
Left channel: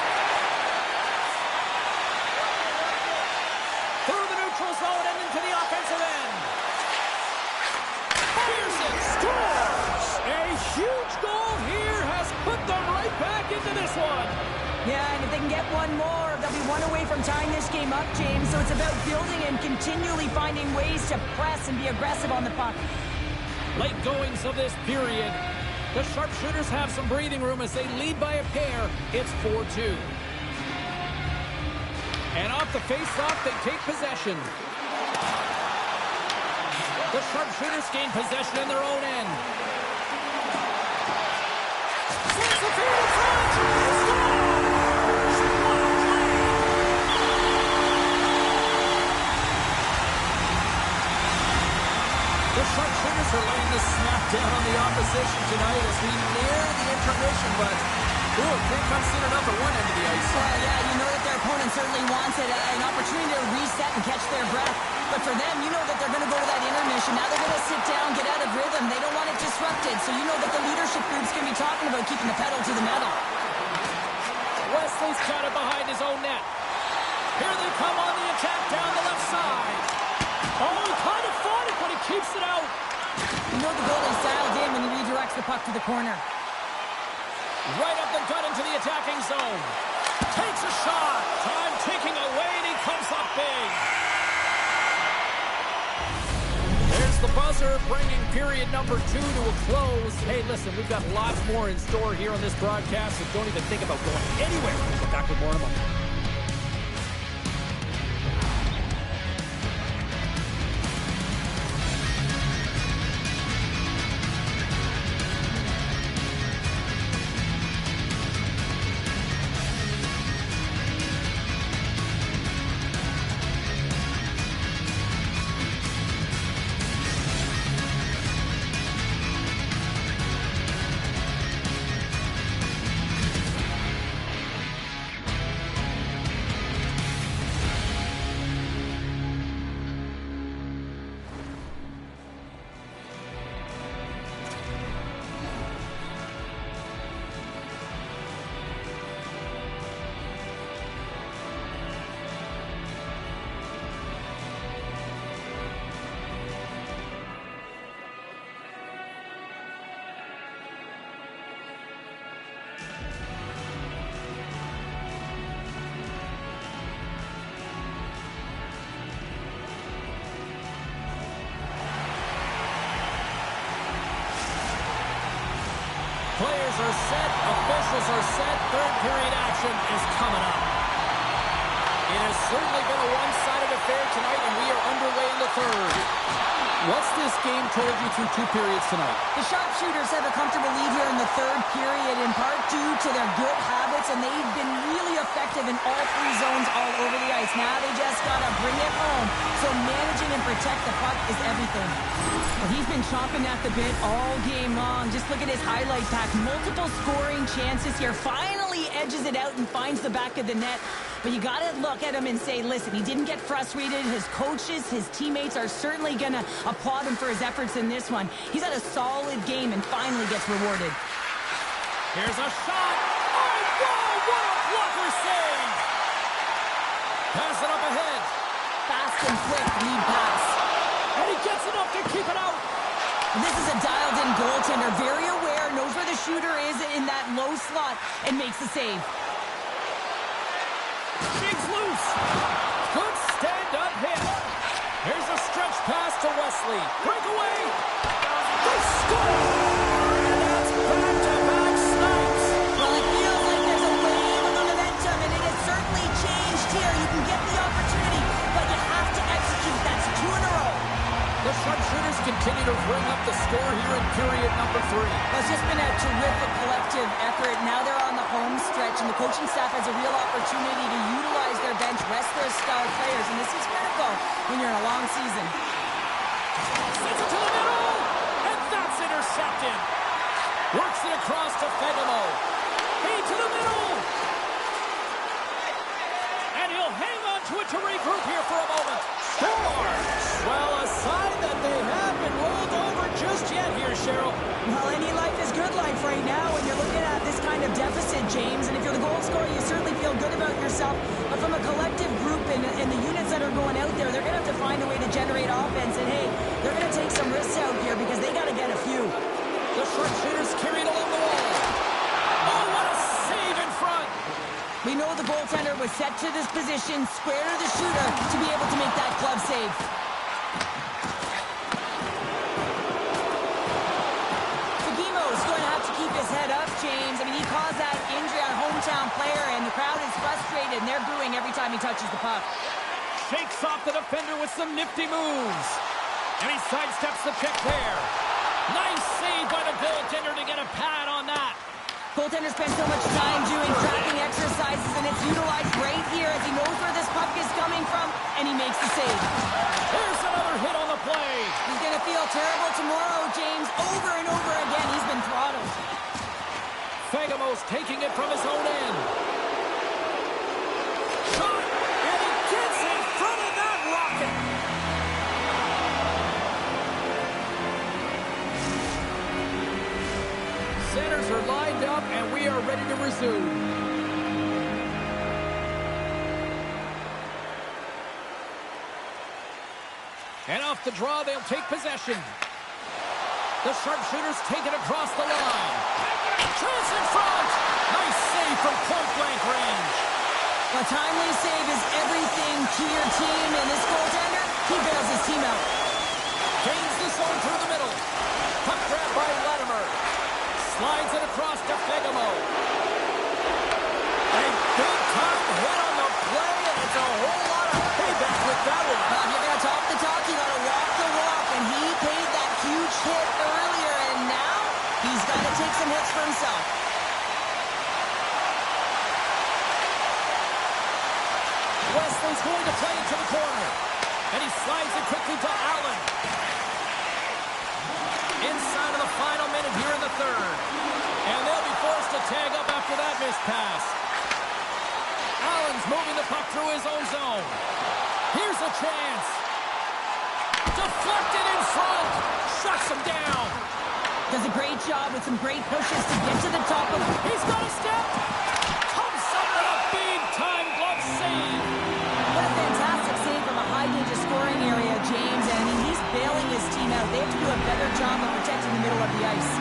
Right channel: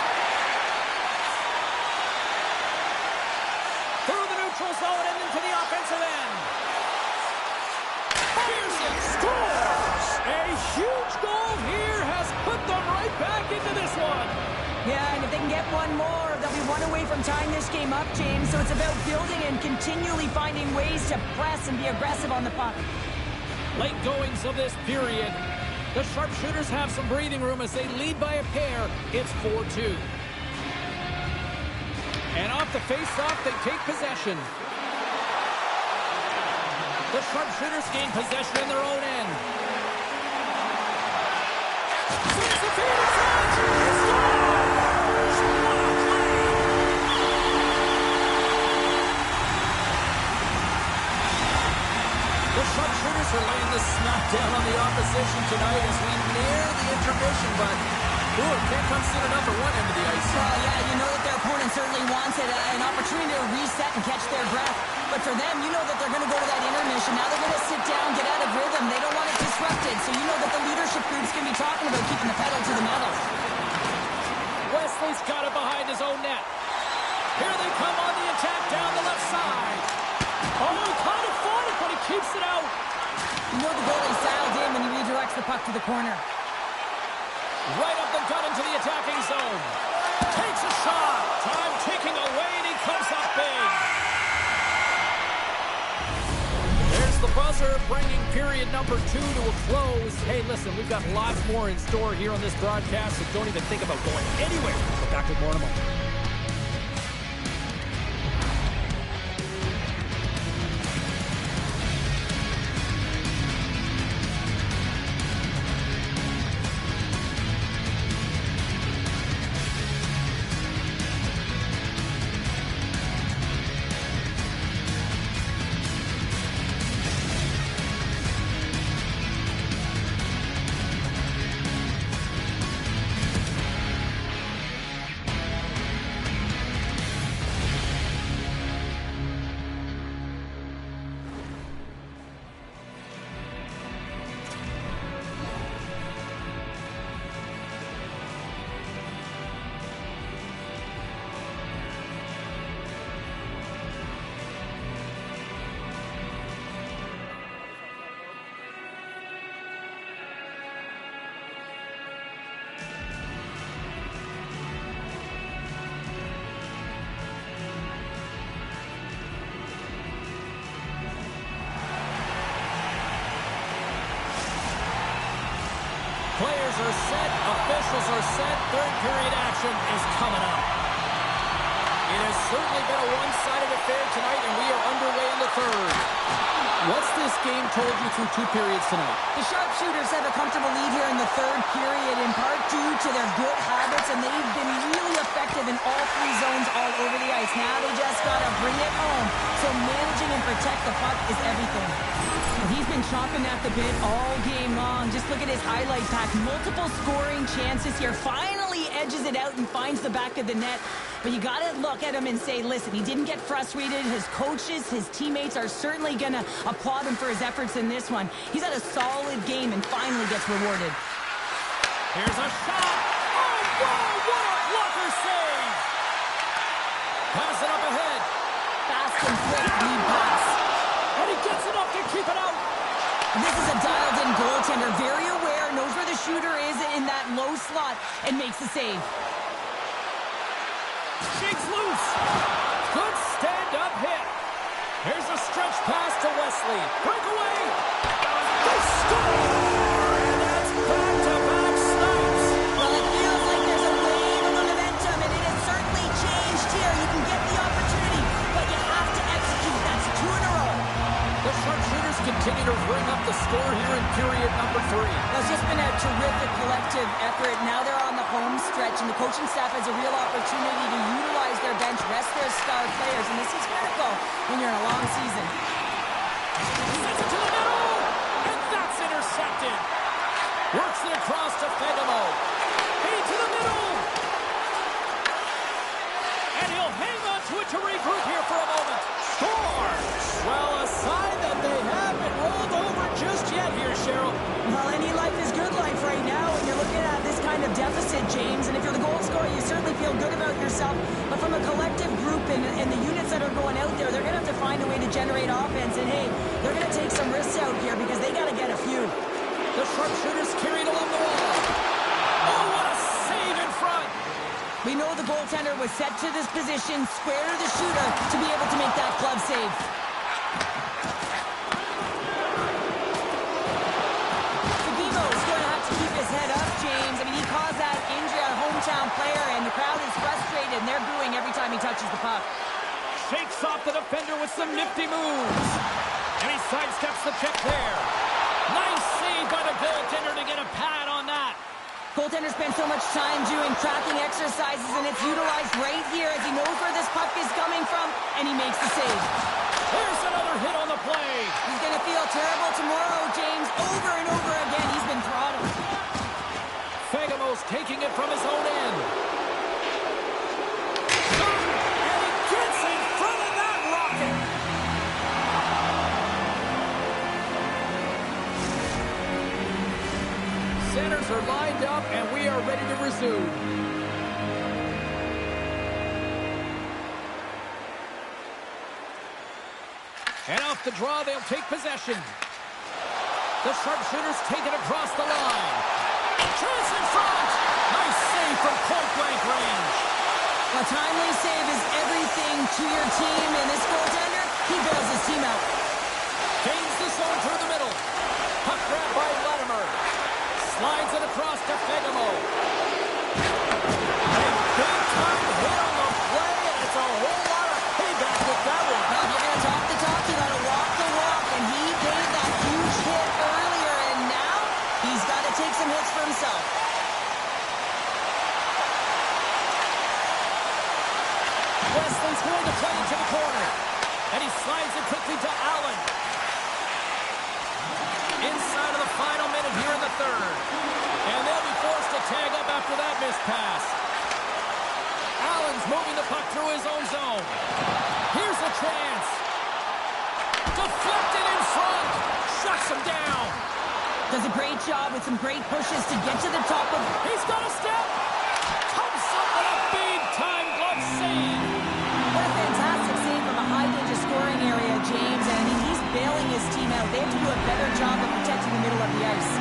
Through the neutral zone and into the offensive end. Pearson scores! A huge goal here has put them right back into this one. Yeah, and if they can get one more, they'll be one away from tying this game up, James. So it's about building and continually finding ways to press and be aggressive on the puck. Late goings of this period. The Sharpshooters have some breathing room as they lead by a pair. It's 4-2. And off the face-off, they take possession. The Sharpshooters gain possession in their own end. the feed in front. Scores! What a play! The sharpshooters are laying the smack down on the opposition tonight as we near the intermission, but it can't come soon enough at one end of the ice. Well, yeah, you know that their opponent certainly wants it, an opportunity to reset and catch their breath. But for them, you know that they're going to go to that intermission. Now they're going to sit down, get out of rhythm. They don't want it disrupted. So you know that the leadership group's going to be talking about keeping the pedal to the metal. Wesley's got it behind his own net. Here they come on the attack down the left side. Oh, he kind of fought it, but he keeps it out. You know the goalie's dialed in when he redirects the puck to the corner. Right up the gut into the attacking zone. Takes a shot. Time ticking away, and he comes up big. There's the buzzer, bringing period number 2 to a close. Hey, listen, we've got lots more in store here on this broadcast, so don't even think about going anywhere. We'll be back with more in a moment. Players are set, officials are set, third period action is coming up. It has certainly been a one-sided affair tonight, and we are underway in the third. What's this game told you through 2 periods tonight? The sharpshooters have a comfortable lead here in the third period, in part due to their good habits, and they've been really effective in all 3 zones all over the ice. Now they just got to bring it home, so managing and protect the puck is everything. Well, he's been chomping at the bit all game long. Just look at his highlight pack. Multiple scoring chances here. Finally edges it out and finds the back of the net. But you got to look at him and say, listen, he didn't get frustrated. His coaches, his teammates are certainly going to applaud him for his efforts in this one. He's had a solid game and finally gets rewarded. Here's a shot. Oh, whoa, what a blocker save. Pass it up ahead. Fast and quick lead pass. And he gets enough to keep it out. This is a dialed-in goaltender. Very aware, knows where the shooter is in that low slot, and makes the save. Shakes loose. Good stand-up hit. Here's a stretch pass to Wesley. Breakaway. They score! And that's back-to-back snipes. Well, it feels like there's a wave of momentum, and it has certainly changed here. You can get the opportunity, but you have to execute. That's 2 in a row. The sharpshooters continue to ring up the score here in period number 3. Well, it's just been a terrific collective effort. Now they're on the home stretch, and the coaching staff has a real opportunity to utilize their bench, rest their star players, and this is critical when you're in a long season. Sends it to the middle, and that's intercepted. Works it across to Fedemo. Feed to the middle. And he'll hang on to it to regroup here for a moment. Scores! Well, a sign that they haven't rolled over just yet here, Cheryl. Well, any life is good life right now when you're looking at this kind of deficit, James. And if you're the goal scorer, you certainly feel good about yourself. But from a collective group and the units that are going out there, they're going to have to find a way to generate offense. And, hey, they're going to take some risks out here because they got to get a few. The sharpshooters carried along the wall. Oh, what a save in front. We know the goaltender was set to this position, square to the shooter, to be able to make that glove save. Fagimo's going to have to keep his head up, James. I mean, he caused that injury on a hometown player, and the crowd is frustrated, and they're booing every time he touches the puck. Shakes off the defender with some nifty moves. And he sidesteps the check there. Nice save by the goaltender to get a pad on that. Goaltender spends so much time doing cracking exercises, and it's utilized right here as he knows where this puck is coming from, and he makes the save. Here's another hit on the play. He's going to feel terrible tomorrow, James. Over and over again, he's been throttled. Fagemo's taking it from his own end. Shot, and he gets in front of that rocket. Centers are lined up, and we are ready to resume. And off the draw, they'll take possession. The sharpshooters take it across the line. Chance in front! Nice save from point-blank range. A timely save is everything to your team, and this goaltender, he bails his team out. Gains the zone through the middle. Puck grab by Latimer. Slides it across to Fagemo. A big-time hit on the play, and it's a whole lot of payback with that one. Now, if you're going to talk the talk, you got to walk the walk, and he paid that huge hit earlier, and now he's got to take some hits for himself. Wesley's going to play into the corner, and he slides it quickly to Allen. Inside of the final minute here in the third. And they'll be forced to tag up after that missed pass. Allen's moving the puck through his own zone. Here's a chance. Deflected in front. Shuts him down. Does a great job with some great pushes to get to the top of... He's got a step. Comes up with a big-time glove save. What a fantastic save from a high-danger scoring area, James. And I mean, he's bailing his team out. They have to do a better job of protecting the middle of the ice.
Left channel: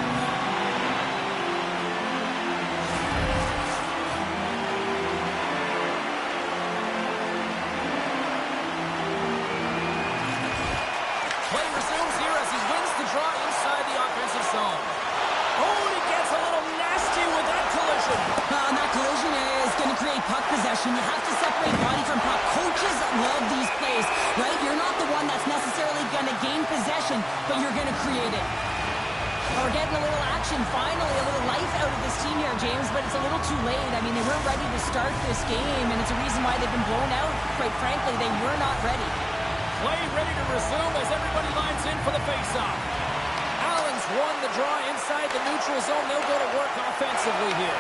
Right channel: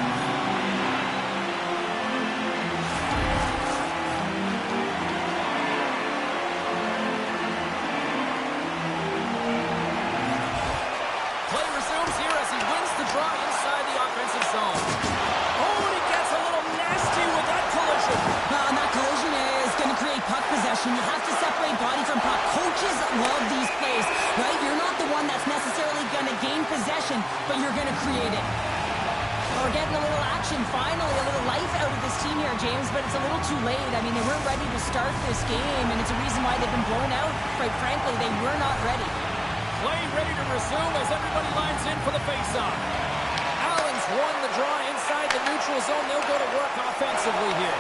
Play resumes here as he wins the draw inside the offensive zone. Oh, and he gets a little nasty with that collision. And that collision is going to create puck possession. You have to separate body from puck. Coaches love these plays, right? You're not the one that's necessarily going to gain possession, but you're going to create it. We're getting a little action, finally, a little life out of this team here, James, but it's a little too late. I mean, they weren't ready to start this game, and it's a reason why they've been blown out. Quite frankly, they were not ready. Play ready to resume as everybody lines in for the faceoff. Allen's won the draw inside the neutral zone. They'll go to work offensively here.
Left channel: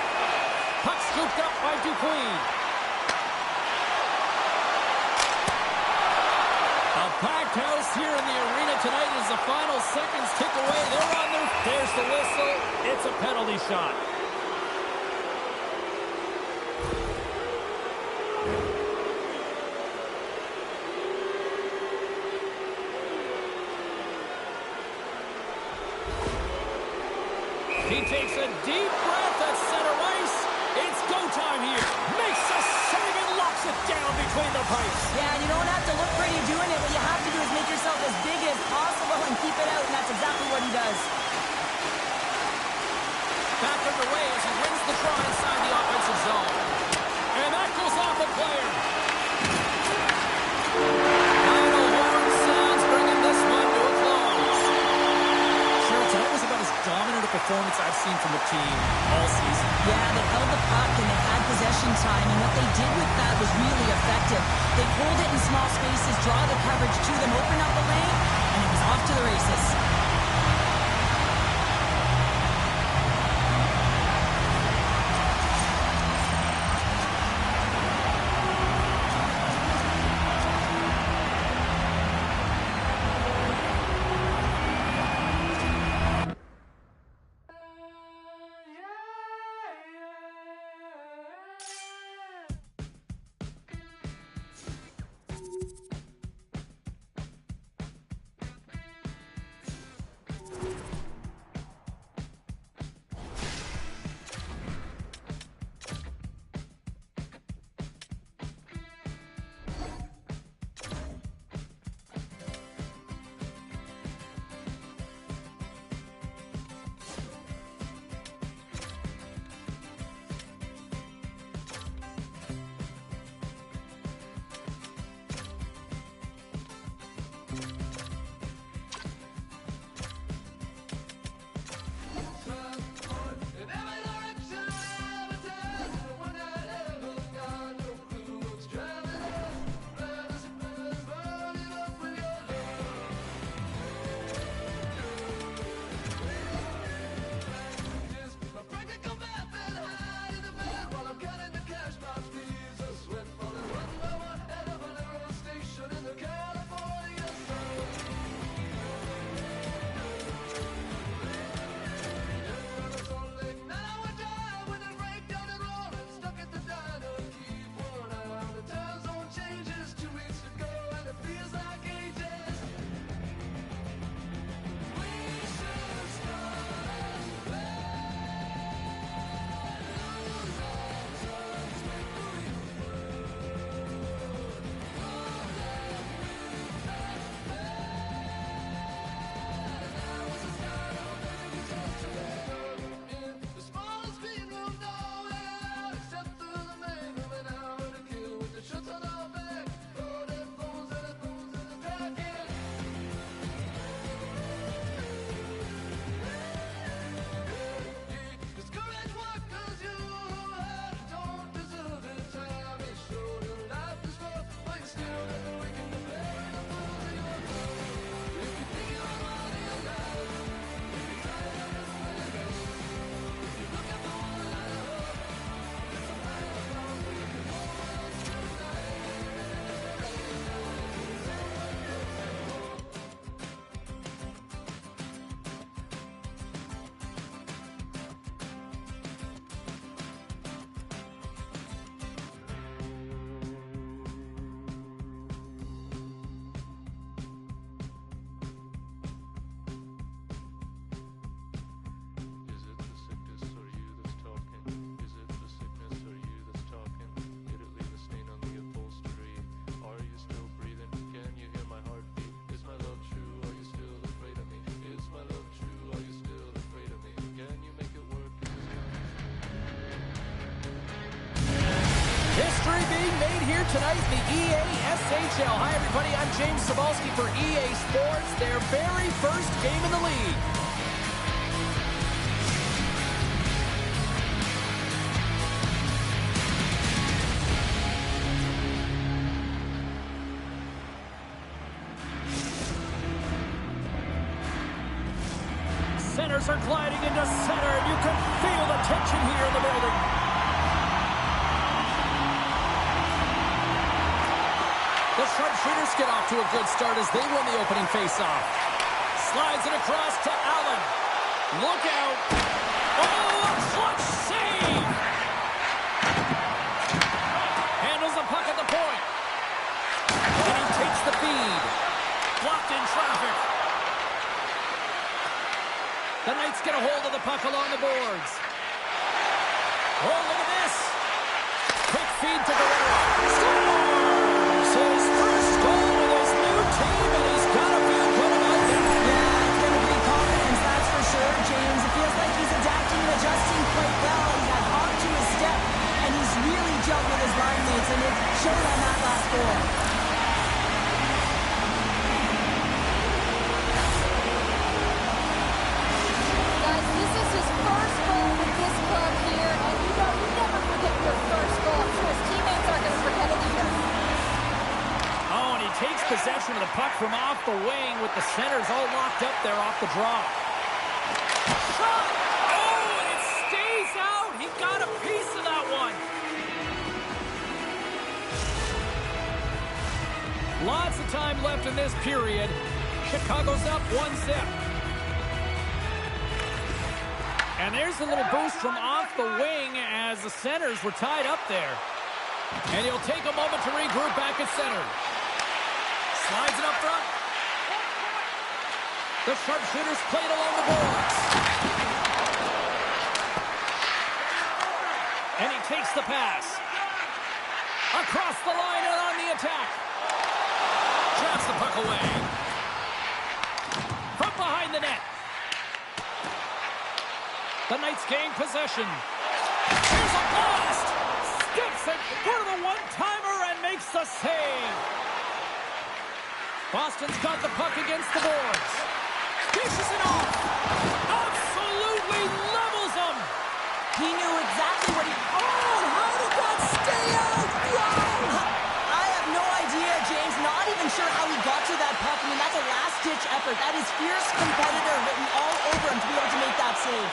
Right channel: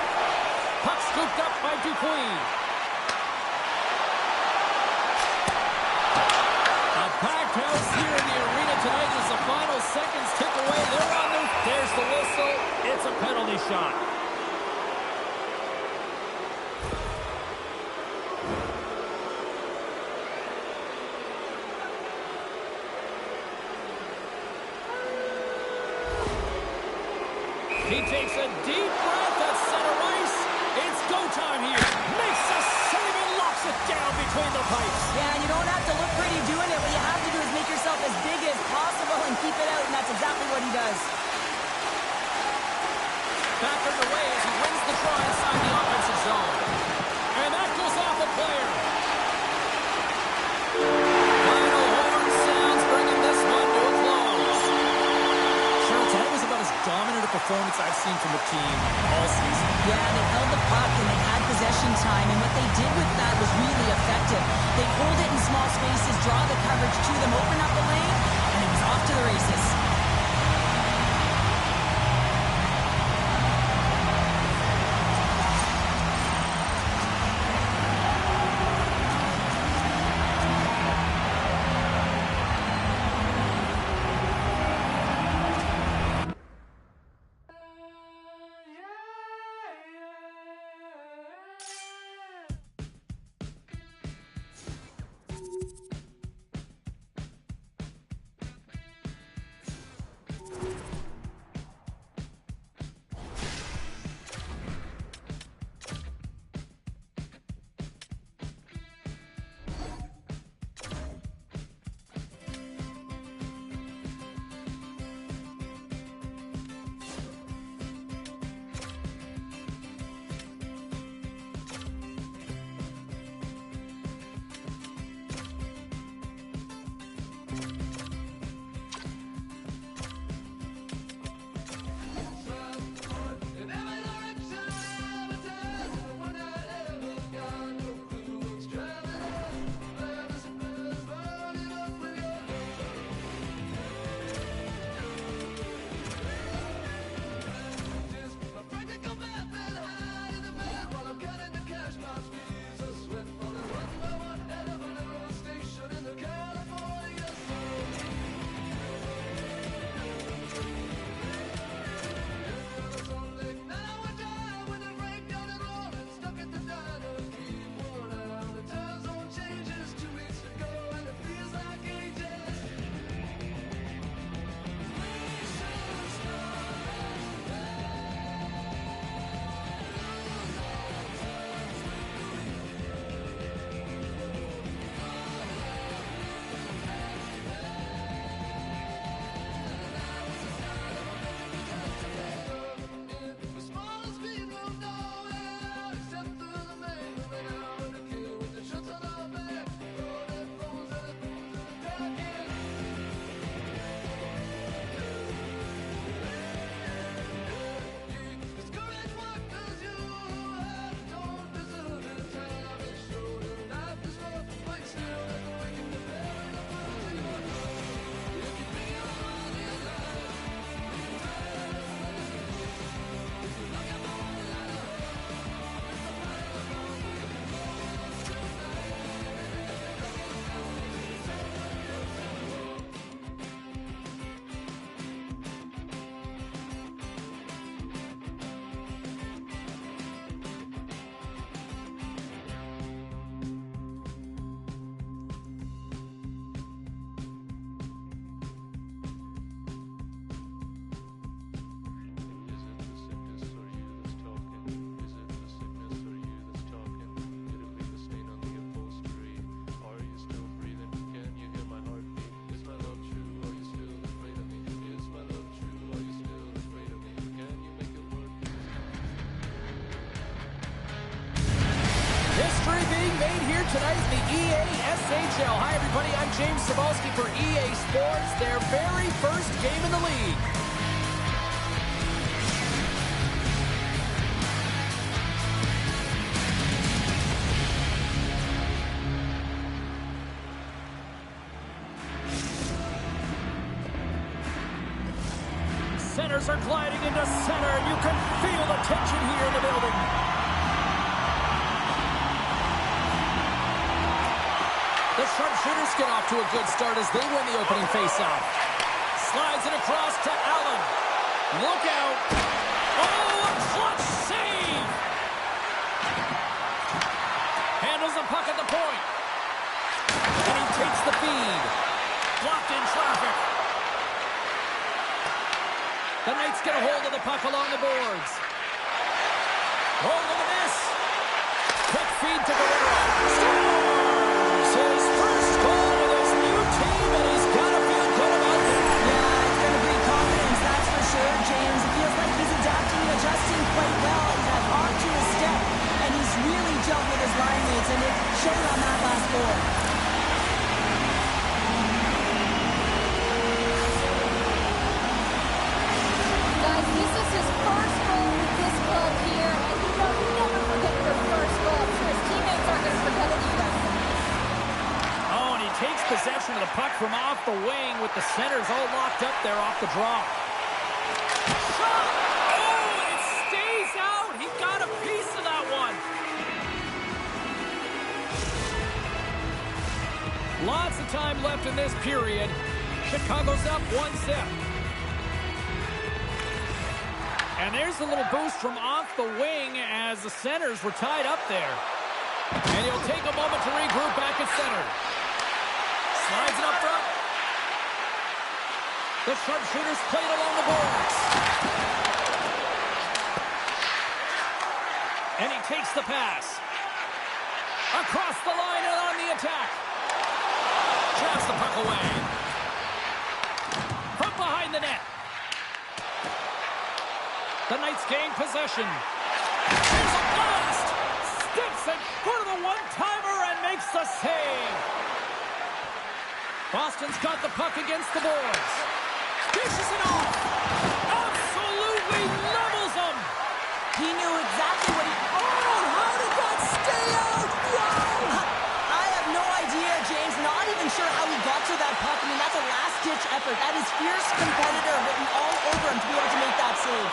Puck scooped up by Dupuis. A packed house here in the arena tonight as the final seconds tick away. They're on their... There's the whistle. It's a penalty shot. He takes a deep breath at center ice. It's go time here. Makes a save and locks it down between the pipes. Yeah, and you don't have to look pretty doing it. What you have to do is make yourself as big as possible and keep it out, and that's exactly what he does. Back underway as he wins the draw inside the offensive zone. And that goes off a player. Final horn sounds bringing this one to a close. Cheryl, tonight was about as dominant a performance I've seen from the team all season. Yeah, they held the puck and they had possession time, and what they did with that was really effective. They hold it in small spaces, draw the coverage to them, open up the lane, and it was off to the races. History being made here tonight in the EASHL. Hi, everybody. I'm James Cebulski for EA Sports, their very first game in the league. Centers are gliding into center, and you can feel the tension here in the building. The sharpshooters get off to a good start as they win the opening faceoff. Slides it across to Allen. Look out. Oh, a clutch save! Handles the puck at the point. And he takes the feed. Blocked in traffic. The Knights get a hold of the puck along the boards. Oh, look at this. Quick feed to Guerrero. Scores! His first goal with his new team, and he's got to feel good about that. Yeah, it's going to bring confidence, that's for sure, James. It feels like he's adapting and adjusting quite well. He's had hard to his step, and he's really gelled with his line mates, and it showed on that last goal. Guys, this is his first goal with this club here, and you know you never forget your first goal. I'm sure his teammates aren't going to forget it either. Oh, and he takes possession of the puck from off the wing with the centers all locked up there off the draw. Shot! Oh, and it stays out. He got a piece of that one. Lots of time left in this period. Chicago's up 1-0. And there's a little boost from off the wing as the centers were tied up there. And he'll take a moment to regroup back at center. Slides it up front. The sharpshooters play it along the boards. And he takes the pass. Across the line and on the attack. Jabs the puck away. From behind the net. The Knights gain possession. Here's a blast! Steps in for the one-timer and makes the save. Boston's got the puck against the boards. Dishes it off. Absolutely levels them. He knew exactly what he... Oh, how did that stay out? Wow! I have no idea, James. Not even sure how he got to that puck. I mean, that's a last-ditch effort. That is fierce competitor written all over him to be able to make that save.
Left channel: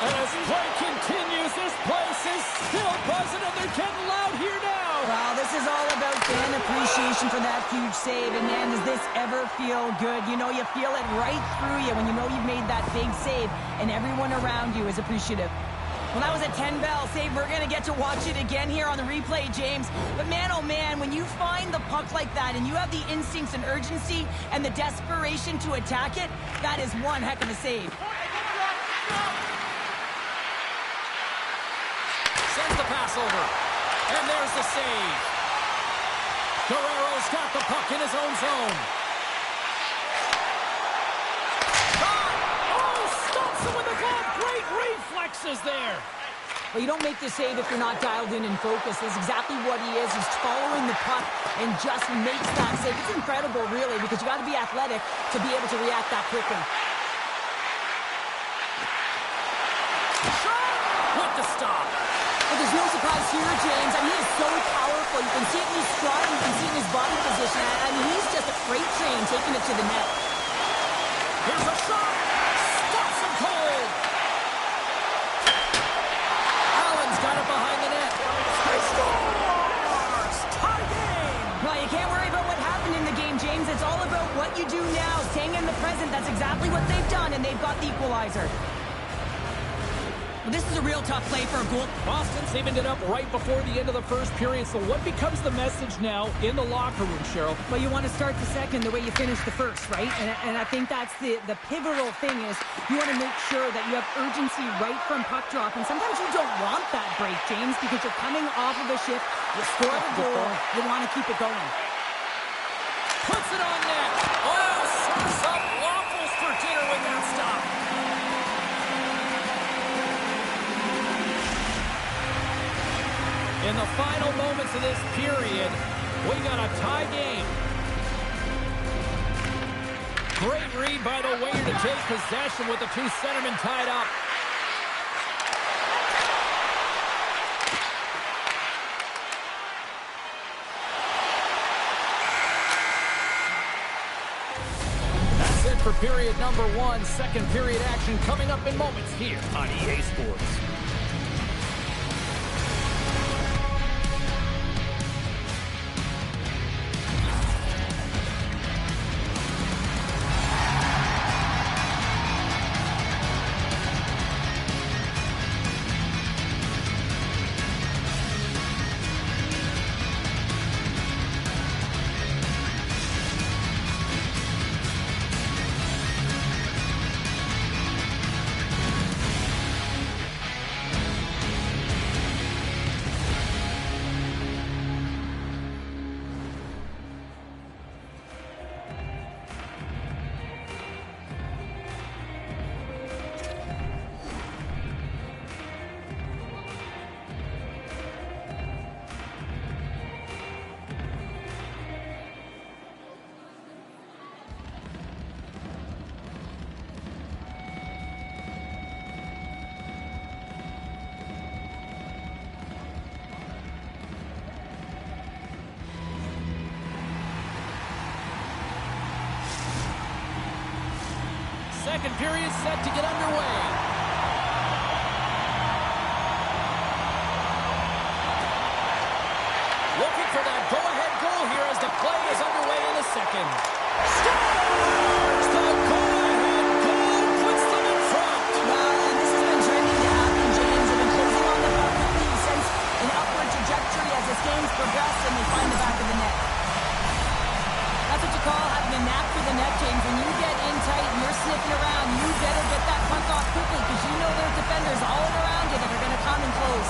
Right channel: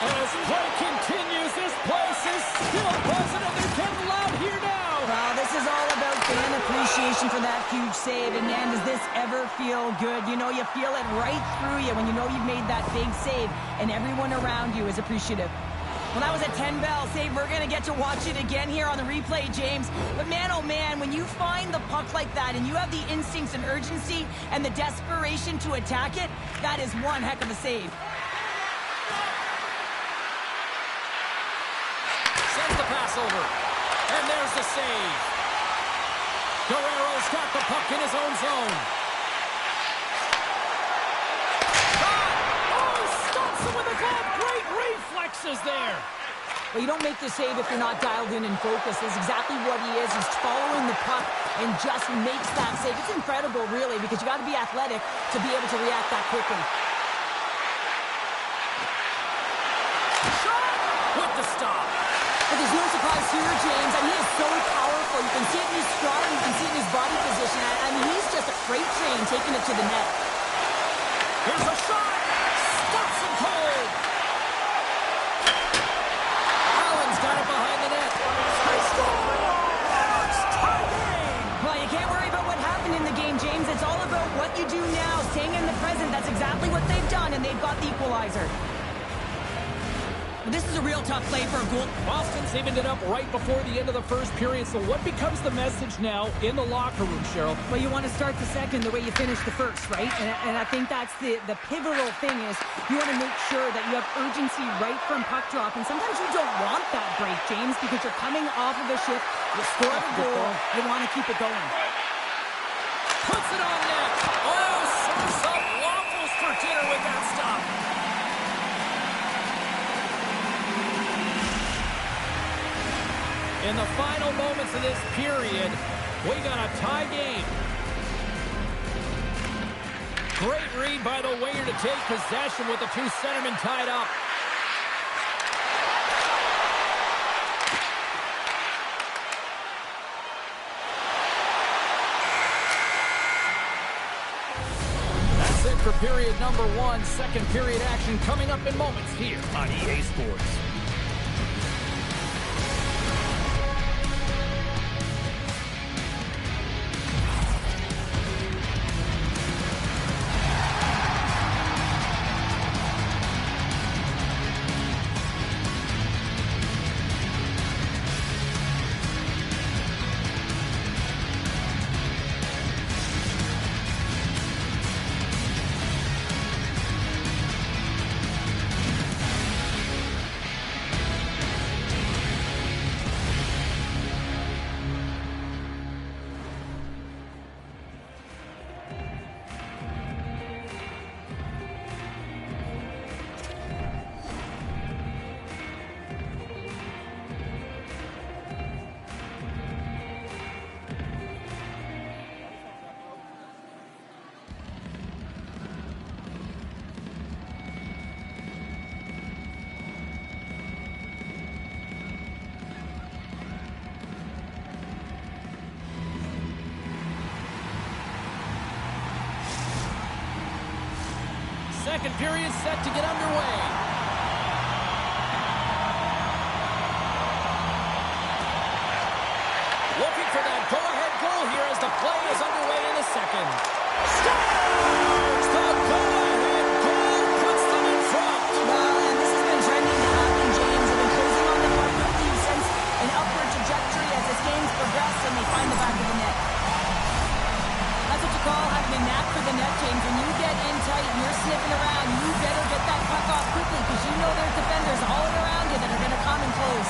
As play continues, this place is still buzzing, and they're getting loud here now. Well, this is all about fan appreciation for that huge save. And, man, does this ever feel good? You know, you feel it right through you when you know you've made that big save, and everyone around you is appreciative. Well, that was a 10-bell save. We're going to get to watch it again here on the replay, James. But, man, oh, man, when you find the puck like that and you have the instincts and urgency and the desperation to attack it, that is one heck of a save. Sends the pass over. And there's the save. Guerrero's got the puck in his own zone. Shot! Oh, stops him with a glove. Great reflexes there. Well, you don't make the save if you're not dialed in and focused. That's exactly what he is. He's following the puck and just makes that save. It's incredible, really, because you got to be athletic to be able to react that quickly. Shot! With the stop. But there's no surprise here, James. I mean, he is so powerful. You can see it in his stride. You can see it in his body position. I mean, he's just a freight train taking it to the net. Here's a shot. Stops him cold. Allen's got it behind the net. He scores! Tie game! Well, you can't worry about what happened in the game, James. It's all about what you do now, staying in the present. That's exactly what they've done, and they've got the equalizer. Well, this is a real tough play for a goal. Boston's evened it up right before the end of the first period. So what becomes the message now in the locker room, Cheryl? Well, you want to start the second the way you finished the first, right? And I think that's the pivotal thing is you want to make sure that you have urgency right from puck drop. And sometimes you don't want that break, James, because you're coming off of a shift. You scored a goal. You want to keep it going. Puts it on net. Oh, serves up waffles for dinner with that stop. In the final moments of this period, we got a tie game. Great read by the winger to take possession with the two centermen tied up. That's it for period number 1. Second period action coming up in moments here on EA Sports. Second period set to get underway. Looking for that go-ahead goal here as the play is underway in the second. Scores! The go-ahead goal puts them in front. Well, and this has been trending to happen, James. They've been closing on the puck quickly. You sense an upward trajectory as this game's progressed, and they find the back of the net. That's what you call having a knack for the net, James. When you get in tight and you're sniffing around, you better get that puck off quickly because you know there's defenders all around you that are going to come and close.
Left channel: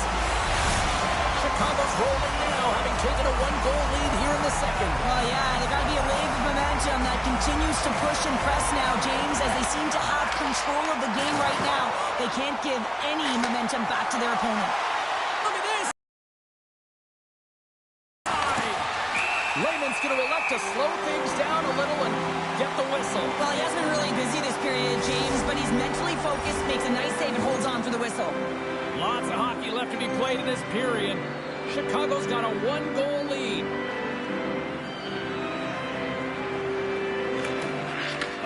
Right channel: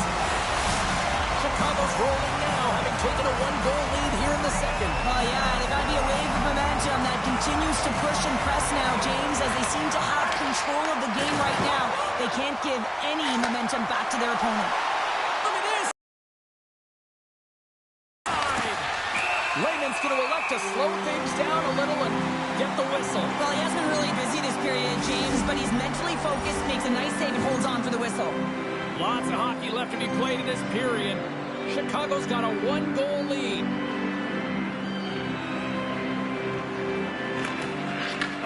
Chicago's rolling now, having taken a one-goal lead here in the second. Oh, yeah, there's got to be a wave of momentum that continues to push and press now, James, as they seem to have control of the game right now. They can't give any momentum back to their opponent. Look at this! Layman's going to elect to slow things down a little and get the whistle. Well, he has been really busy this period, James, but he's mentally focused, makes a nice save, and holds on for the whistle. Lots of hockey left to be played in this period. Chicago's got a one-goal lead.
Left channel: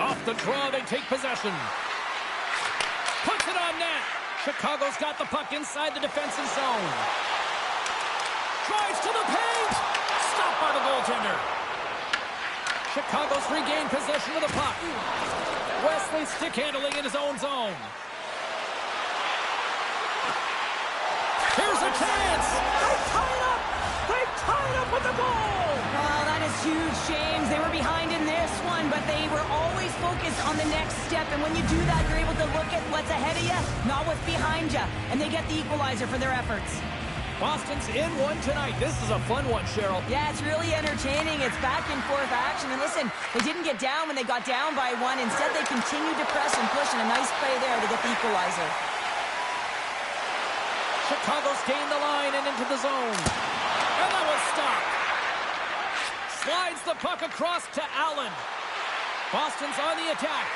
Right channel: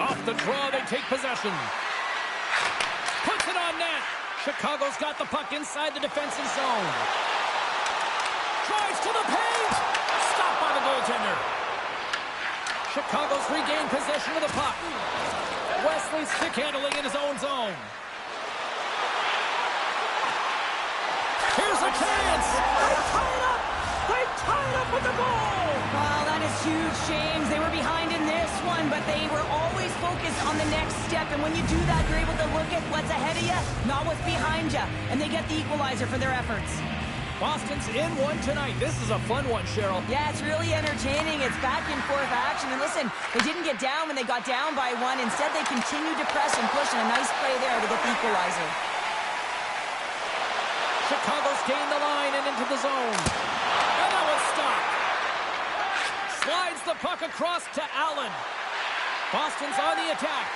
Off the draw, they take possession. Puts it on net. Chicago's got the puck inside the defensive zone. Drives to the paint. Stopped by the goaltender. Chicago's regained possession of the puck. Wesley stick handling in his own zone. Here's a chance. They tie it up. They tie it up with the goal. Well, that is huge, James. They were behind in this one, but they were always focused on the next step. And when you do that, you're able to look at what's ahead of you, not what's behind you. And they get the equalizer for their efforts. Boston's in one tonight. This is a fun one, Cheryl. Yeah, it's really entertaining. It's back and forth action. And listen, they didn't get down when they got down by one. Instead, they continued to press and push, and a nice play there to get the equalizer. Chicago's gained the line and into the zone. And that was stopped. Slides the puck across to Allen. Boston's on the attack.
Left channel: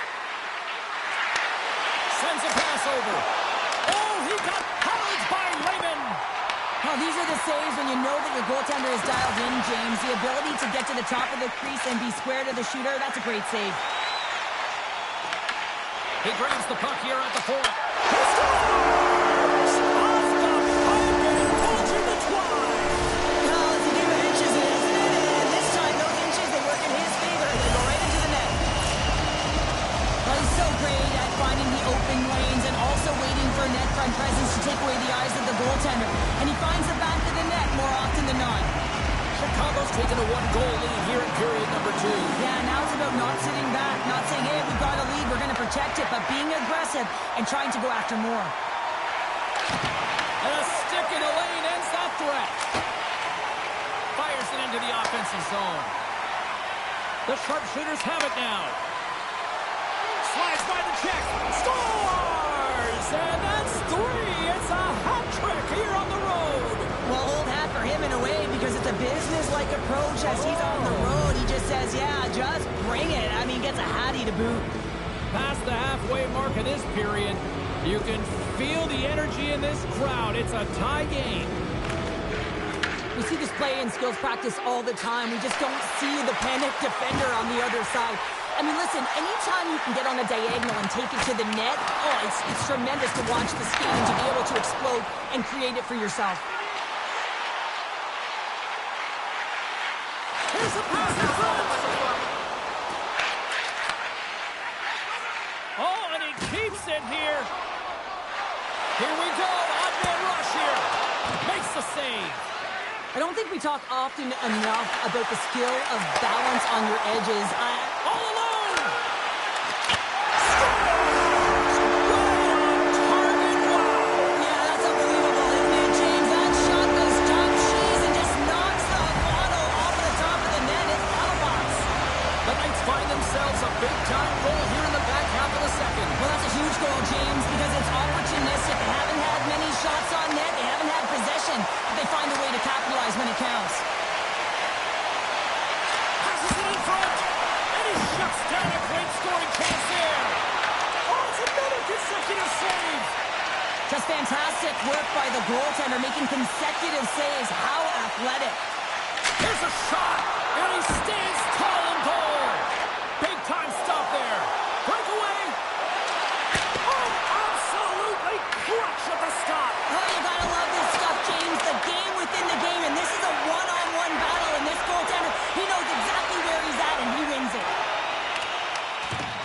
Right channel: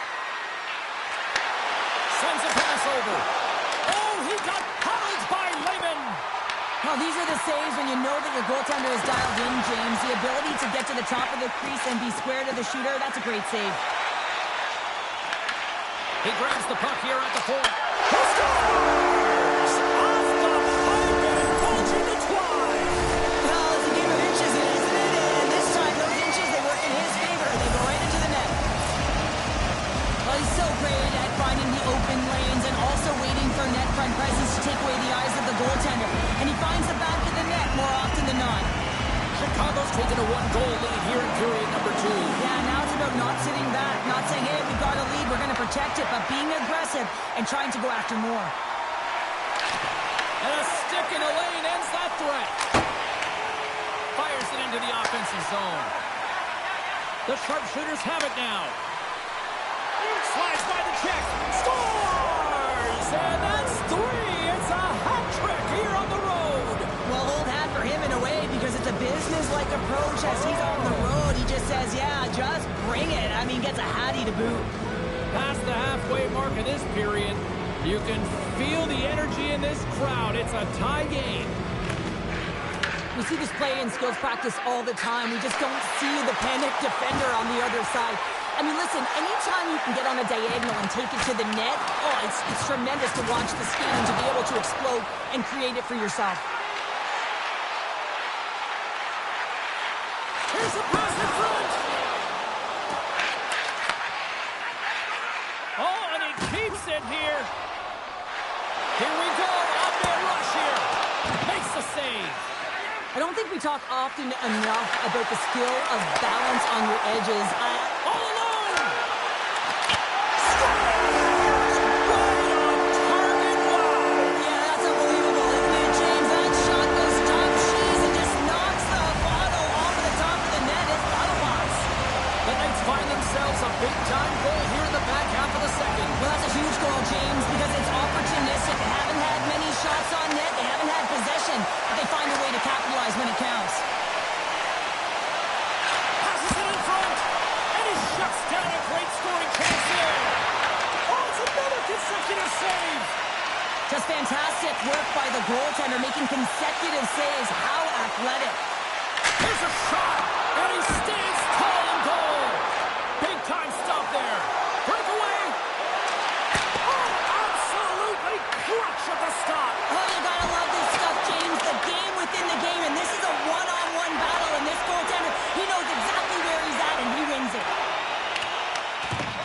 Sends a pass over. Oh, he got pounded by Layman. Well, these are the saves when you know that your goaltender is dialed in, James. The ability to get to the top of the crease and be square to the shooter, that's a great save. He grabs the puck here at the point. He scores! Off the pipe and indulging the twine. Well, it's a game of inches, isn't it? And this time, those inches, they work in his favor. They go right into the net. Well, he's so great at finding the open lanes and also waiting for net front presence to take away the eyes of the goaltender. And he finds the back of the net more often than not. Chicago's taken a one-goal lead here in period number 2. Yeah, now it's about not sitting back, not saying, hey, we've got a lead, we're going to protect it, but being aggressive and trying to go after more. And a stick in the lane ends that threat. Fires it into the offensive zone. The sharpshooters have it now. Slides by the check. Scores! And that's 3. It's a hat trick here on the road. Well, old hat business-like approach as he's on the road. He just says, yeah, just bring it. I mean, gets a hattie to boot. Past the halfway mark of this period, you can feel the energy in this crowd. It's a tie game. We see this play in skills practice all the time. We just don't see the panic defender on the other side. I mean, listen, anytime you can get on a diagonal and take it to the net, oh, it's tremendous to watch the skating to be able to explode and create it for yourself. Here's a pass in front. Oh, and he keeps it here. Here we go. Odd-man rush here. Makes the save. I don't think we talk often enough about the skill of balance on your edges. All alone! Scores! Right on target! Wow! Yeah, that's unbelievable, isn't it, James? That shot goes top cheese and just knocks the bottle off of the top of the net. It's bottle box. The Knights find themselves a big-time goal here in the back half of the second. Well, that's a huge goal, James, because it's opportunistic. They haven't had many shots on net. They haven't had possession, but they find a way to capitalize when it counts. Passes it in front, and he shuts down a great scoring chance there. Oh, it's another consecutive save. Just fantastic work by the goaltender, making consecutive saves. How athletic. Here's a shot, and he stands tall in goal. Big-time stop there. Breakaway. Oh, absolutely clutch at the stop. Oh, you gotta love this stuff, James. The game within the game, and this is a one-on-one battle, and this goaltender, he knows exactly where he's at, and he wins it.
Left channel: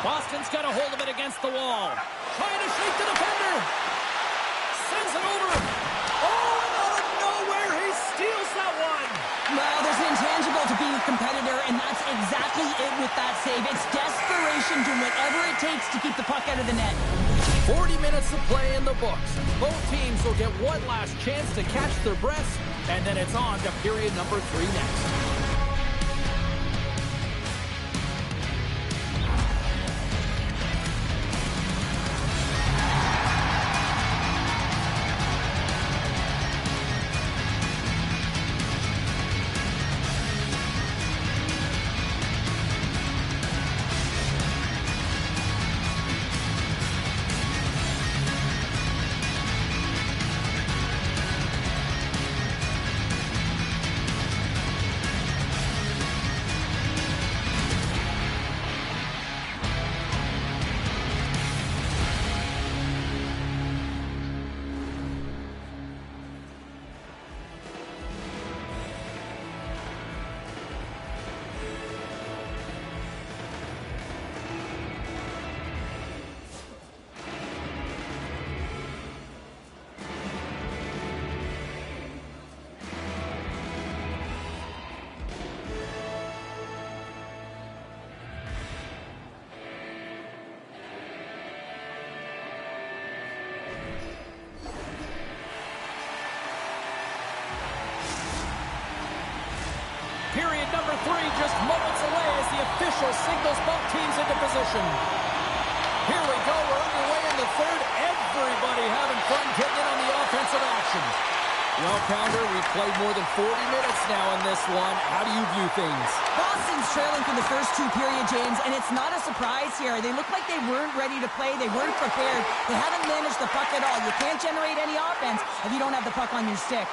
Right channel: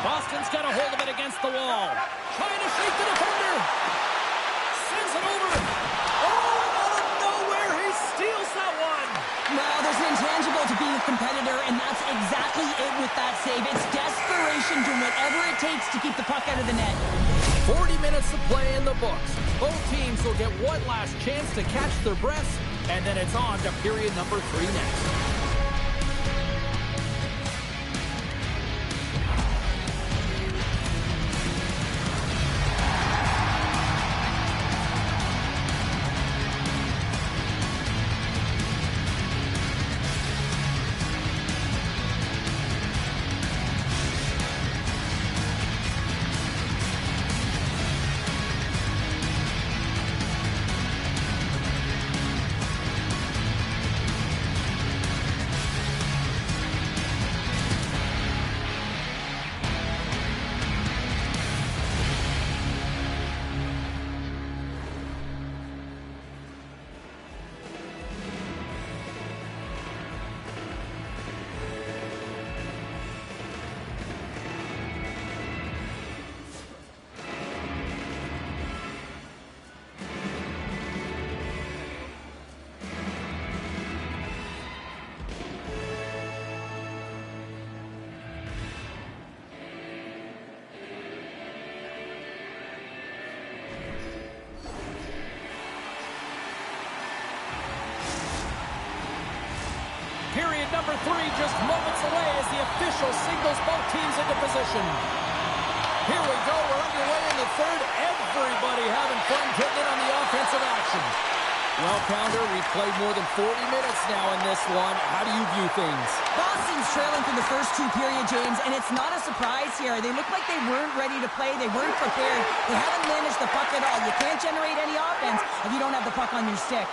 Boston's got a hold of it against the wall. Trying to shake the defender. Sends it over. Oh, and out of nowhere, he steals that one. Well, there's an intangible to being a competitor, and that's exactly it with that save. It's desperation, doing whatever it takes to keep the puck out of the net. 40 minutes of play in the books. Both teams will get one last chance to catch their breaths, and then it's on to period number 3 next. Period number 3 just moments away as the official signals both teams into position. Here we go. We're underway in the third. Everybody having fun getting in on the offensive action. Well, Pounder, we've played more than 40 minutes now in this one. How do you view things? Boston's trailing for the first 2 periods, James, and it's not a surprise here. They look like they weren't ready to play. They weren't prepared. They haven't managed the puck at all. You can't generate any offense if you don't have the puck on your stick.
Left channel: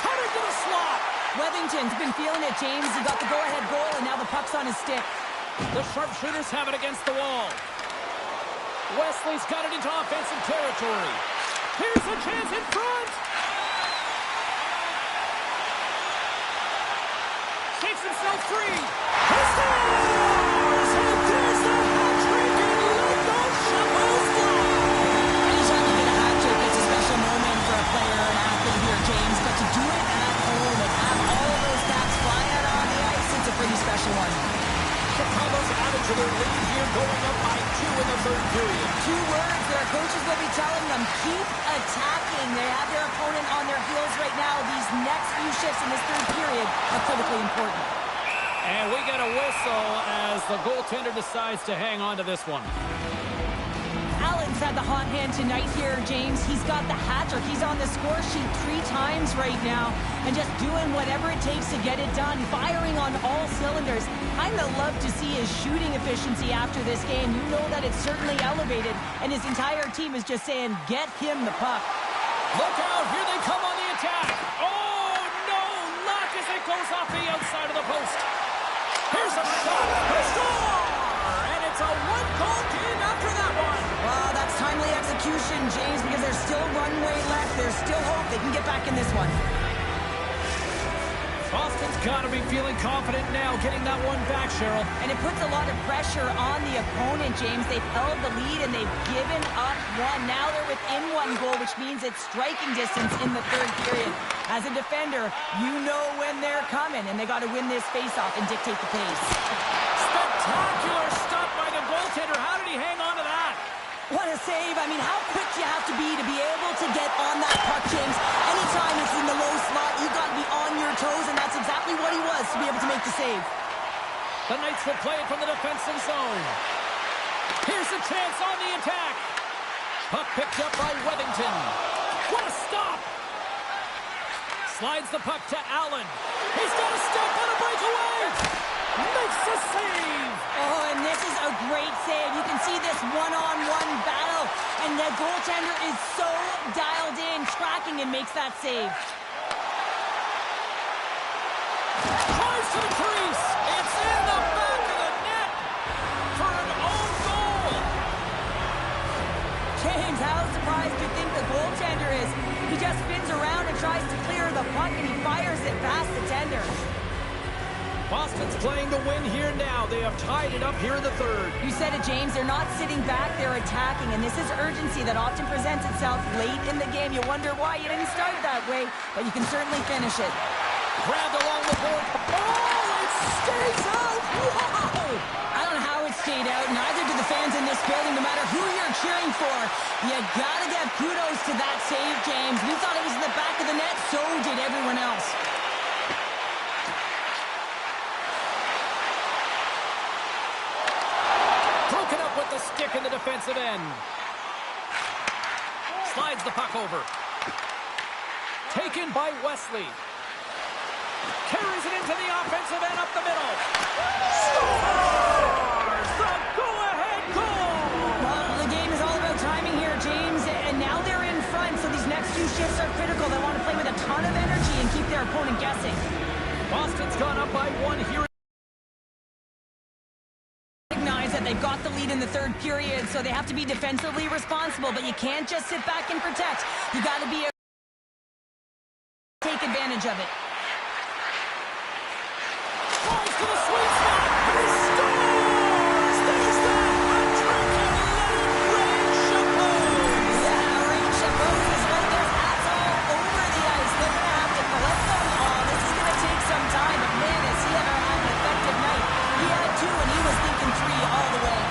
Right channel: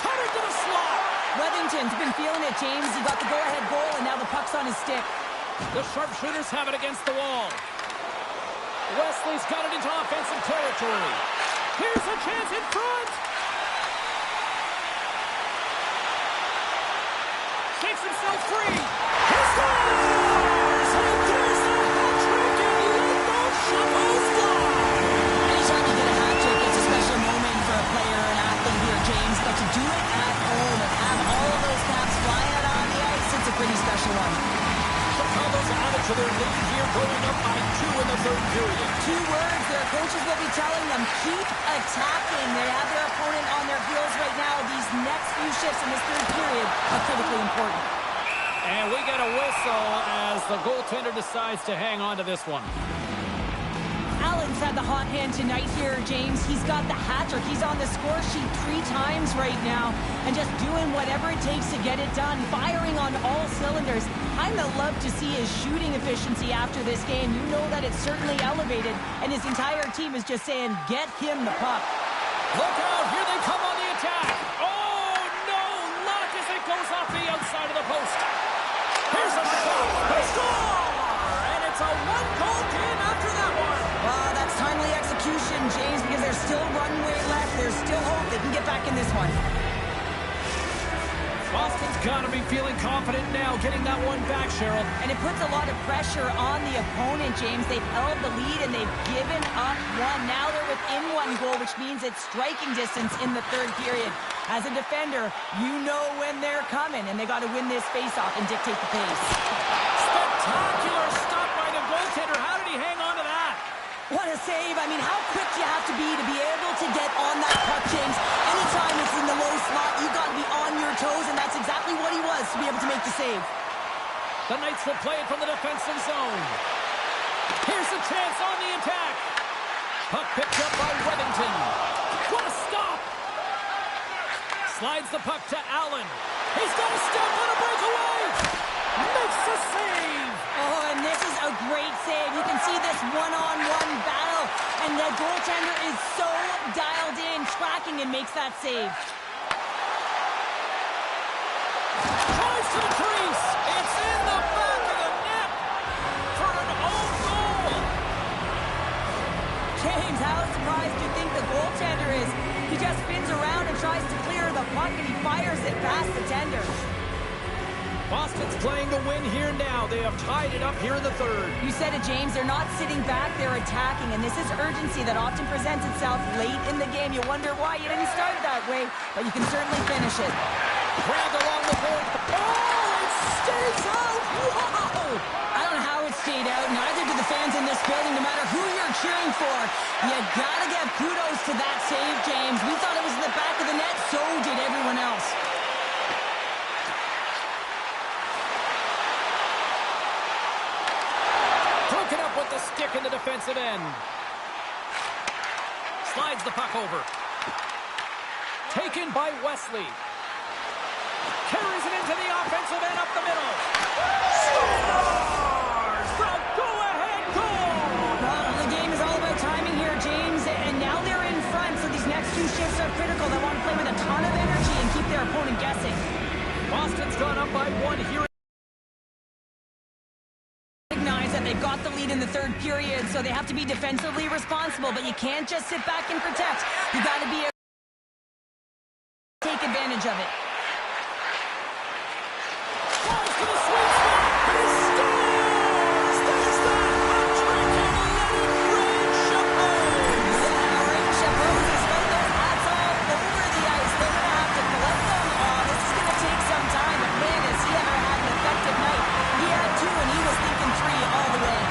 Cutting to the slot. Weathington's been feeling it, James. He got the go-ahead goal, and now the puck's on his stick. The sharpshooters have it against the wall. Wesley's got it into offensive territory. Here's a chance in front. Takes himself free. He scores! And there's the hat trick, and let those shovels fly. Anytime you get a hat trick, it's a special moment for a player or an athlete here, James. But to do it at home and have all of those caps flying out on the ice, it's a pretty special one. Chicago's added to their lead here, going up by 2 in the third period. 2 words their coaches will be telling them: keep attacking. They have their opponent on their heels right now. These next few shifts in this third period are critically important. And we get a whistle as the goaltender decides to hang on to this one. Allen's Chicago's had the hot hand tonight here, James. He's got the hat trick. He's on the score sheet 3 times right now and just doing whatever it takes to get it done, firing on all cylinders. I'd love to see his shooting efficiency after this game. You know that it's certainly elevated, and his entire team is just saying, get him the puck. Look out, here they come on the attack. Oh, no, luck as it goes off the outside of the post. Here's a shot. They score! And it's a one-goal game after that one. Well, that's timely execution, James, because there's still runway left. There's still hope they can get back in this one. Boston's got to be feeling confident now, getting that one back, Cheryl. And it puts a lot of pressure on the opponent, James. They've held the lead and they've given up one. Now they're within 1 goal, which means it's striking distance in the third period. As a defender, you know when they're coming, and they got to win this face-off and dictate the pace. Spectacular stop by the goaltender. How did he hang on to that? What a save. I mean, how quick do you have to be able to get on that puck, James? Anytime it's in the low slot, you got to be on your toes, and that's exactly what he was to be able to make the save. The Knights will play it from the defensive zone. Here's a chance on the attack. Puck picked up by Wethington. What a stop! Slides the puck to Allen. He's got a step on a breakaway. Makes the save! Oh, and this is a great save. You can see this one-on-one battle, and the goaltender is so dialed in, tracking, and makes that save. Tries to the crease. It's in the back of the net for an own goal. James, how surprised do you think the goaltender is? He just spins around and tries to clear the puck, and he fires it past the tender. Boston's playing to win here now. They have tied it up here in the third. You said it, James. They're not sitting back. They're attacking, and this is urgency that often presents itself late in the game. You wonder why you didn't start it that way, but you can certainly finish it. Grabbed along the board. Oh, it stays out. Wow! I don't know how it stayed out. Neither do the fans in this building, no matter who you're cheering for. You gotta give kudos to that save, James. We thought it was in the back of the net. So did everyone else. Broken up with the stick in the defensive end. Slides the puck over. Taken by Wesley. Carries it into the offensive end up the middle. Scores! The go-ahead goal! Well, the game is all about timing here, James, and now they're in front, so these next 2 shifts are critical. They want to play with a ton of energy and keep their opponent guessing. Boston's gone up by 1 here. That they've got the lead in the third period, so they have to be defensively responsible, but you can't just sit back and protect. You got to be able to take advantage of it. Falls to the sweet spot. He scores! There's that hat trick, and let it rain chapeaus. Yeah, rain chapeaus is right there. Hats all over the ice. They're going to have to collect them. Oh, this is going to take some time, but man, has he ever had an effective night. He had 2, and he was thinking 3 all the way.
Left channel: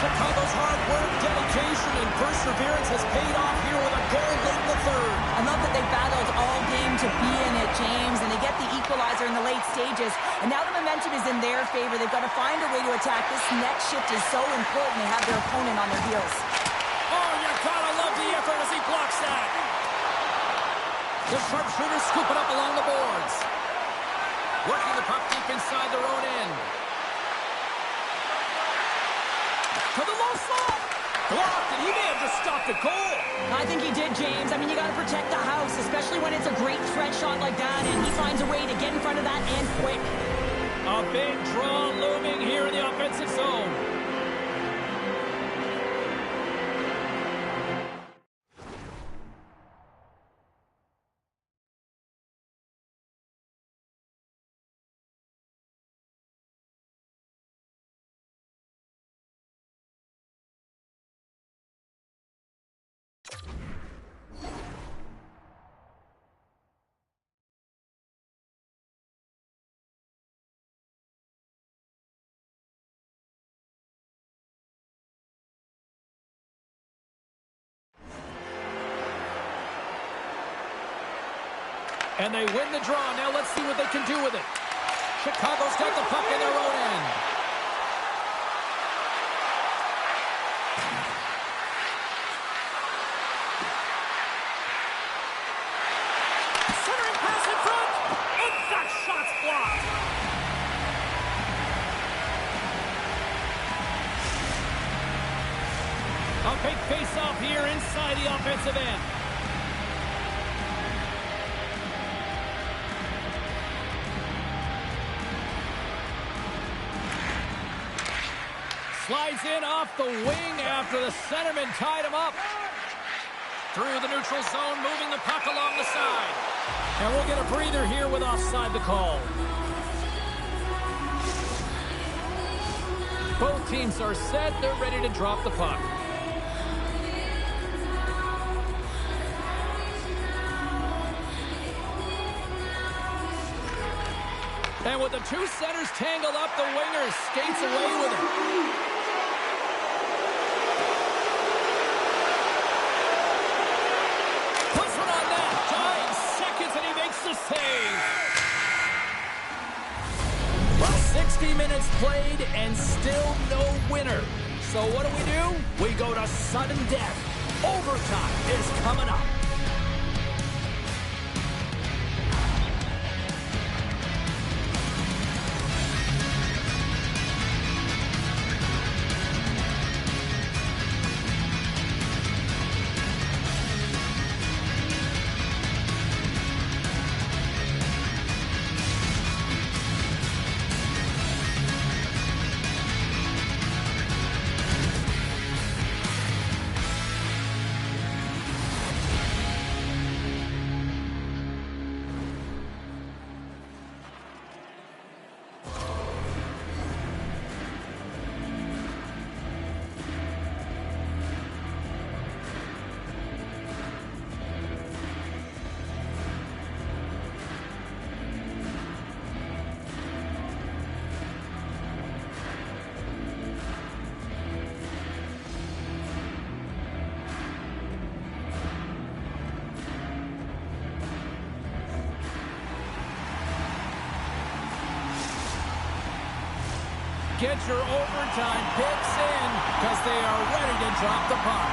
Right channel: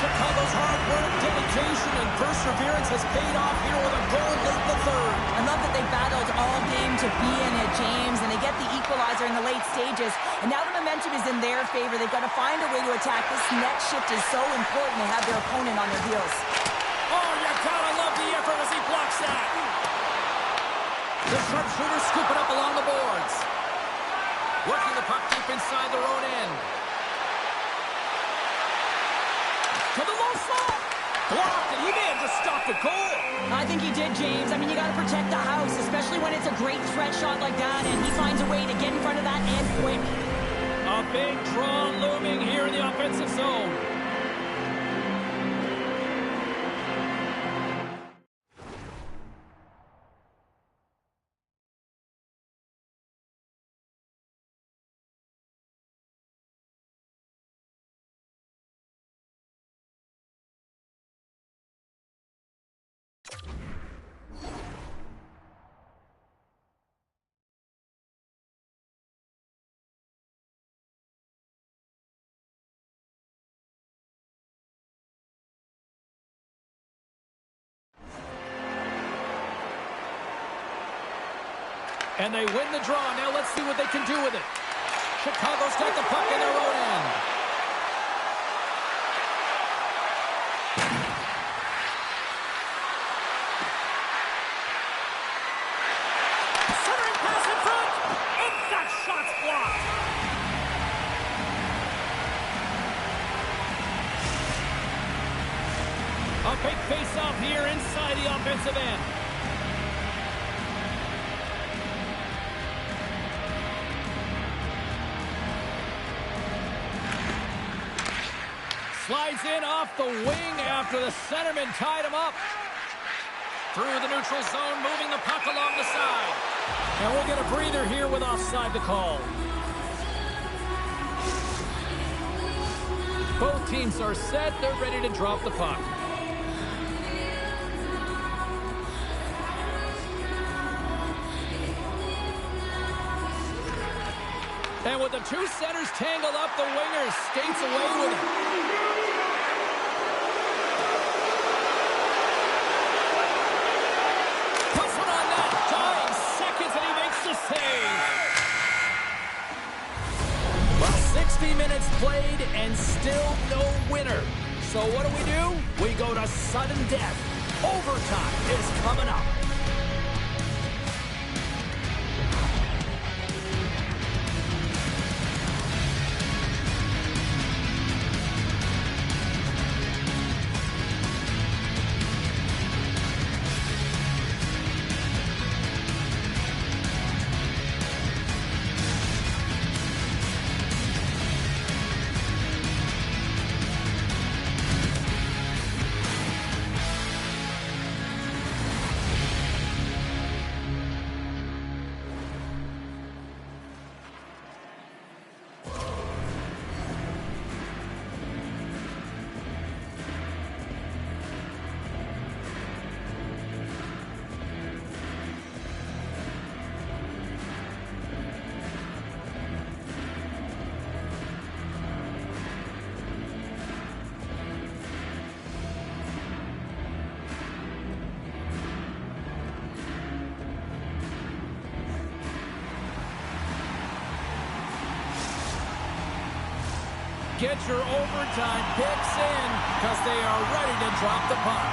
Chicago's hard work, dedication, and perseverance has paid off here with a goal late in the third. I love that they battled all game to be in it, James, and they get the equalizer in the late stages, and now the momentum is in their favor. They've got to find a way to attack. This next shift is so important. They have their opponent on their heels. Oh, you gotta love the effort as he blocks that. The sharpshooter scooping up along the boards. Working the puck deep inside their own end. To the low slot. Blocked, and he may have just stopped a goal. I think he did, James. I mean, you got to protect the house, especially when it's a great threat shot like that, and he finds a way to get in front of that and quick. A big draw looming here in the offensive zone. And they win the draw. Now let's see what they can do with it. Chicago's got the puck in their own end. Shots blocked. A big face-off here inside the offensive end. Slides in off the wing after the centerman tied him up. Through the neutral zone, moving the puck along the side. And we'll get a breather here with offside the call. Both teams are set. They're ready to drop the puck. And with the two centers tangled up, the winger skates away with it. Puts one on net. Dying seconds, and he makes the save. Well, 60 minutes played and still no winner. So what do? We go to sudden death. Overtime is coming up. Get your overtime picks in because they are ready to drop the puck.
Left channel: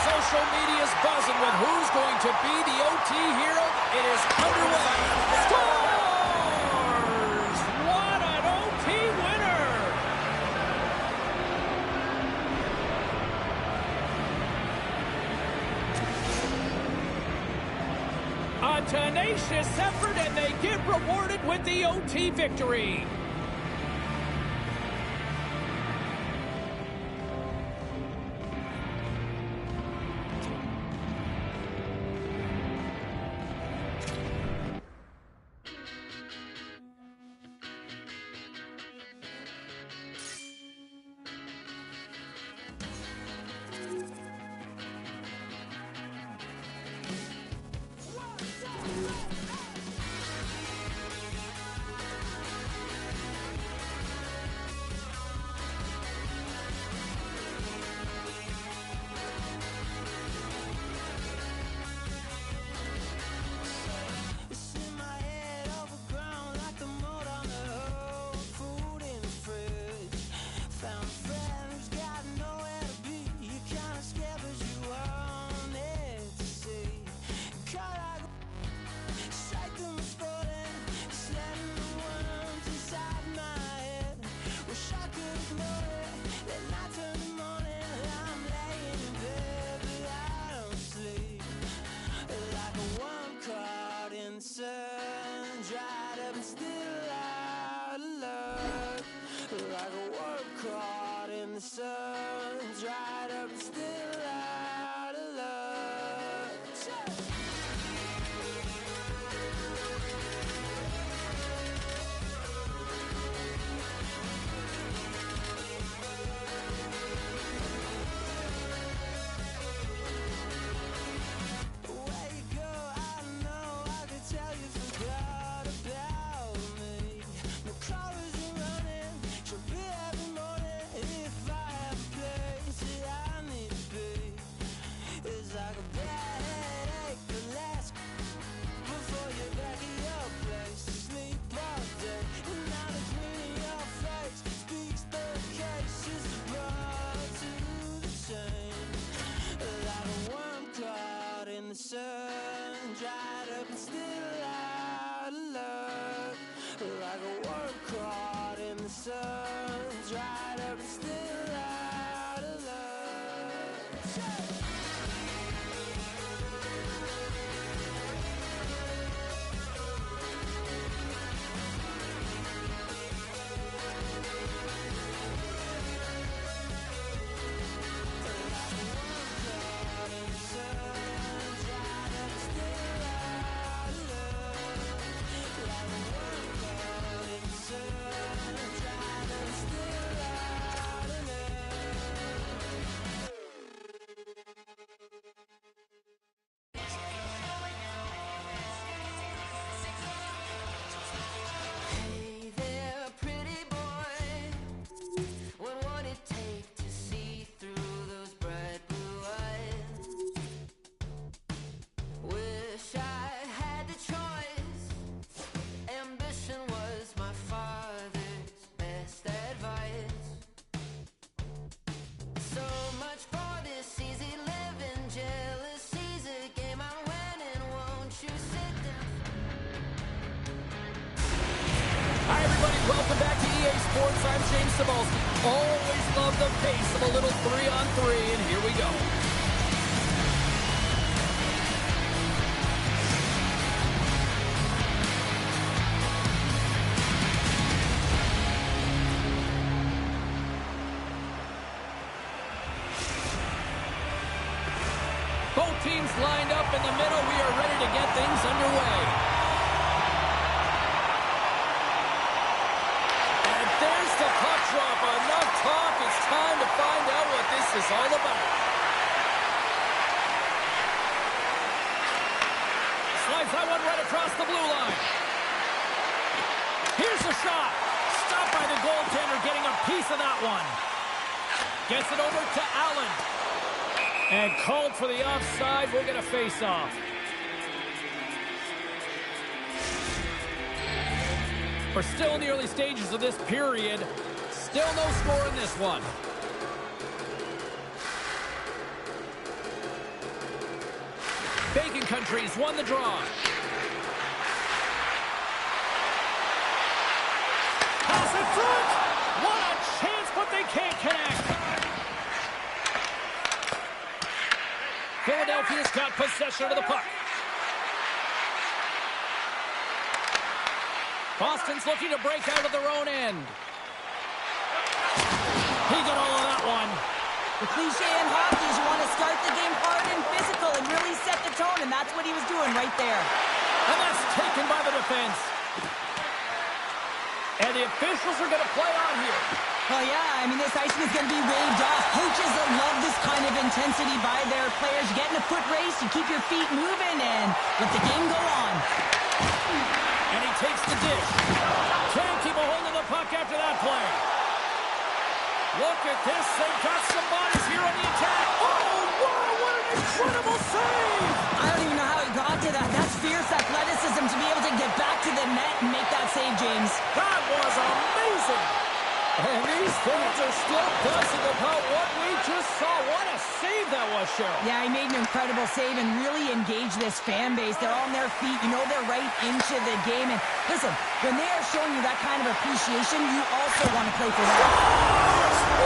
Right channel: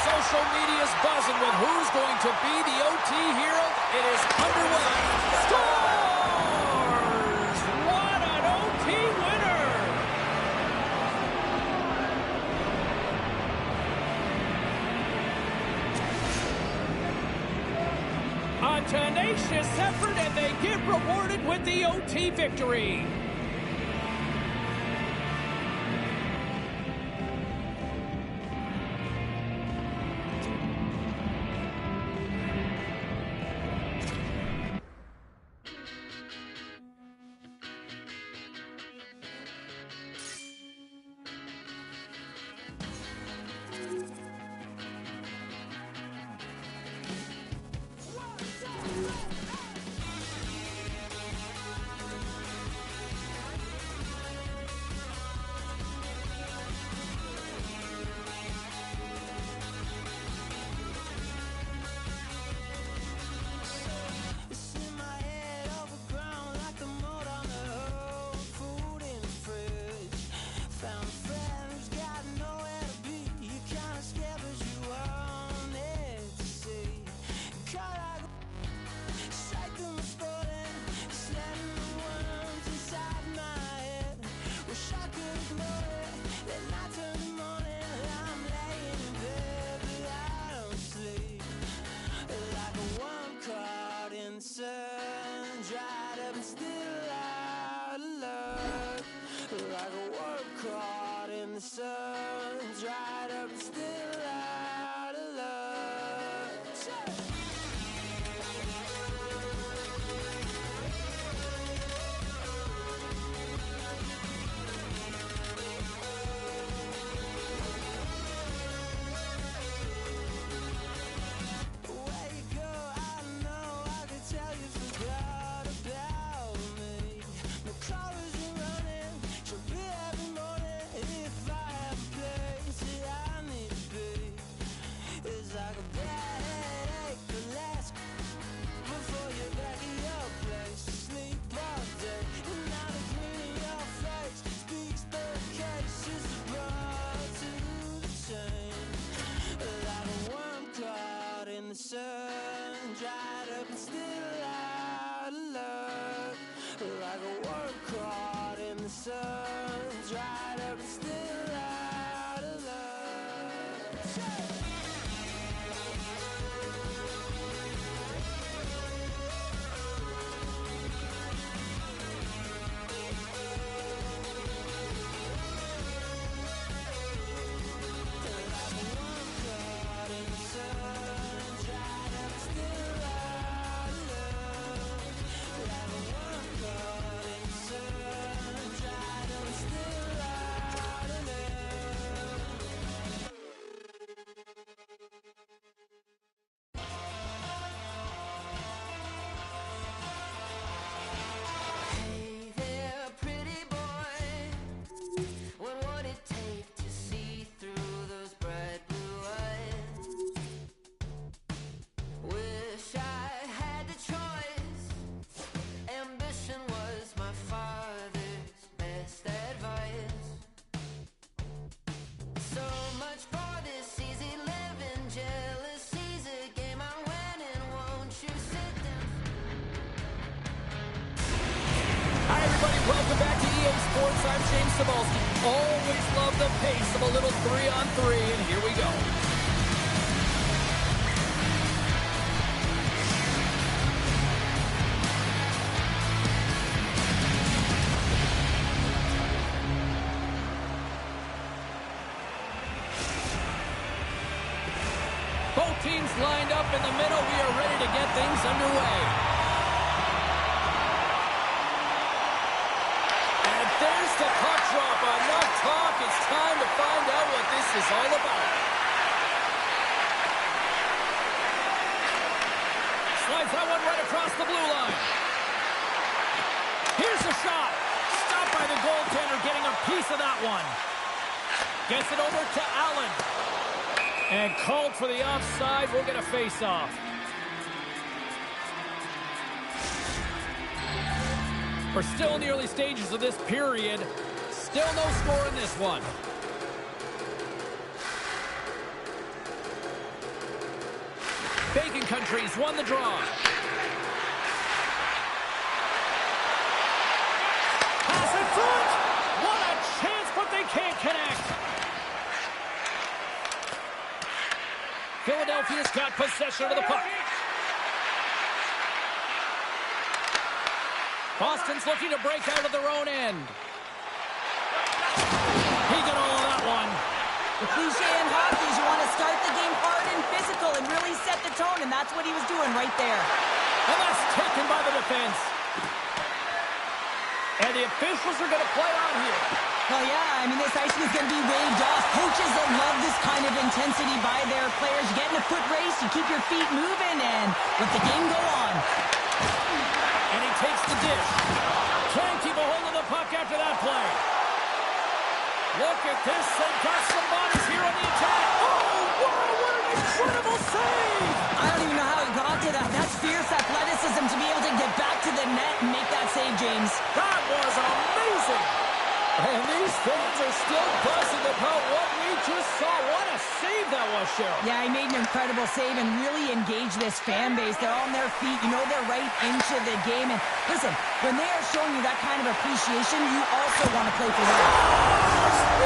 Social media's buzzing with who's going to be the OT hero. It is underway. Scores! What an OT winner! A tenacious effort, and they get rewarded with the OT victory. Cars are running, should be every morning if I have a place. Welcome back to EA Sports. I'm James Cebulski. Always love the pace of a little 3-on-3, and here we go. Both teams lined up in the middle. We are ready to get things underway. There's the puck drop. Enough talk. It's time to find out what this is all about. Slides that one right across the blue line. Here's the shot. Stopped by the goaltender, getting a piece of that one. Gets it over to Allen. And called for the offside. We'll get a face-off. We're still in the early stages of this period. Still no score in this one. Bacon Country's won the draw. Pass in front! What a chance, but they can't connect. Philadelphia's got possession of the puck. Boston's looking to break out of their own end. He got all of that one. The cliche in hockey is you want to start the game hard and physical and really set the tone, and that's what he was doing right there. And that's taken by the defense. And the officials are going to play on here. Well, yeah, I mean, this icing is going to be waved off. Coaches that love this kind of intensity by their players. You get in a foot race, you keep your feet moving, and let the game go on. And he takes the dish. Can't keep a hold of the puck after that play. Look at this. They've got some bodies here on the attack. Oh, wow, what an incredible save. I don't even know how he got to that. That's fierce athleticism to be able to get back to the net and make that save, James. That was amazing. And these fans are still buzzing about what we just saw. What a save that was, Cheryl. Yeah, he made an incredible save and really engaged this fan base. They're on their feet. You know they're right into the game. And listen, when they are showing you that kind of appreciation, you also want to play for them.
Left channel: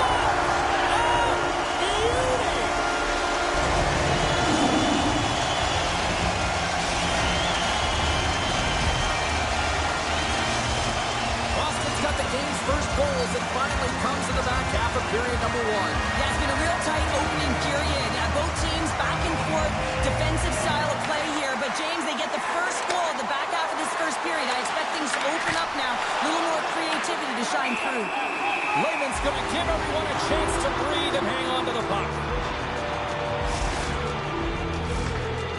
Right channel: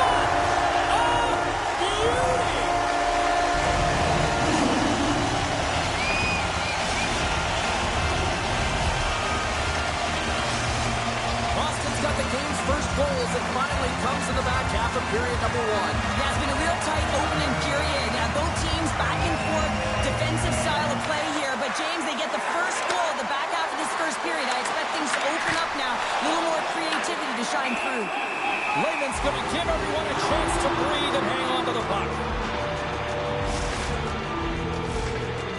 What a beauty! Boston's got the game's first goals and finally comes in the back half of period number 1. Yeah, it's been a real tight opening period. Both teams back and forth, defensive style of play here. But, James, they get the first goal in the back half of this first period. I expect things to open up now. A little more creativity to shine through. Lehman's going to give everyone a chance to breathe and hang on to the puck.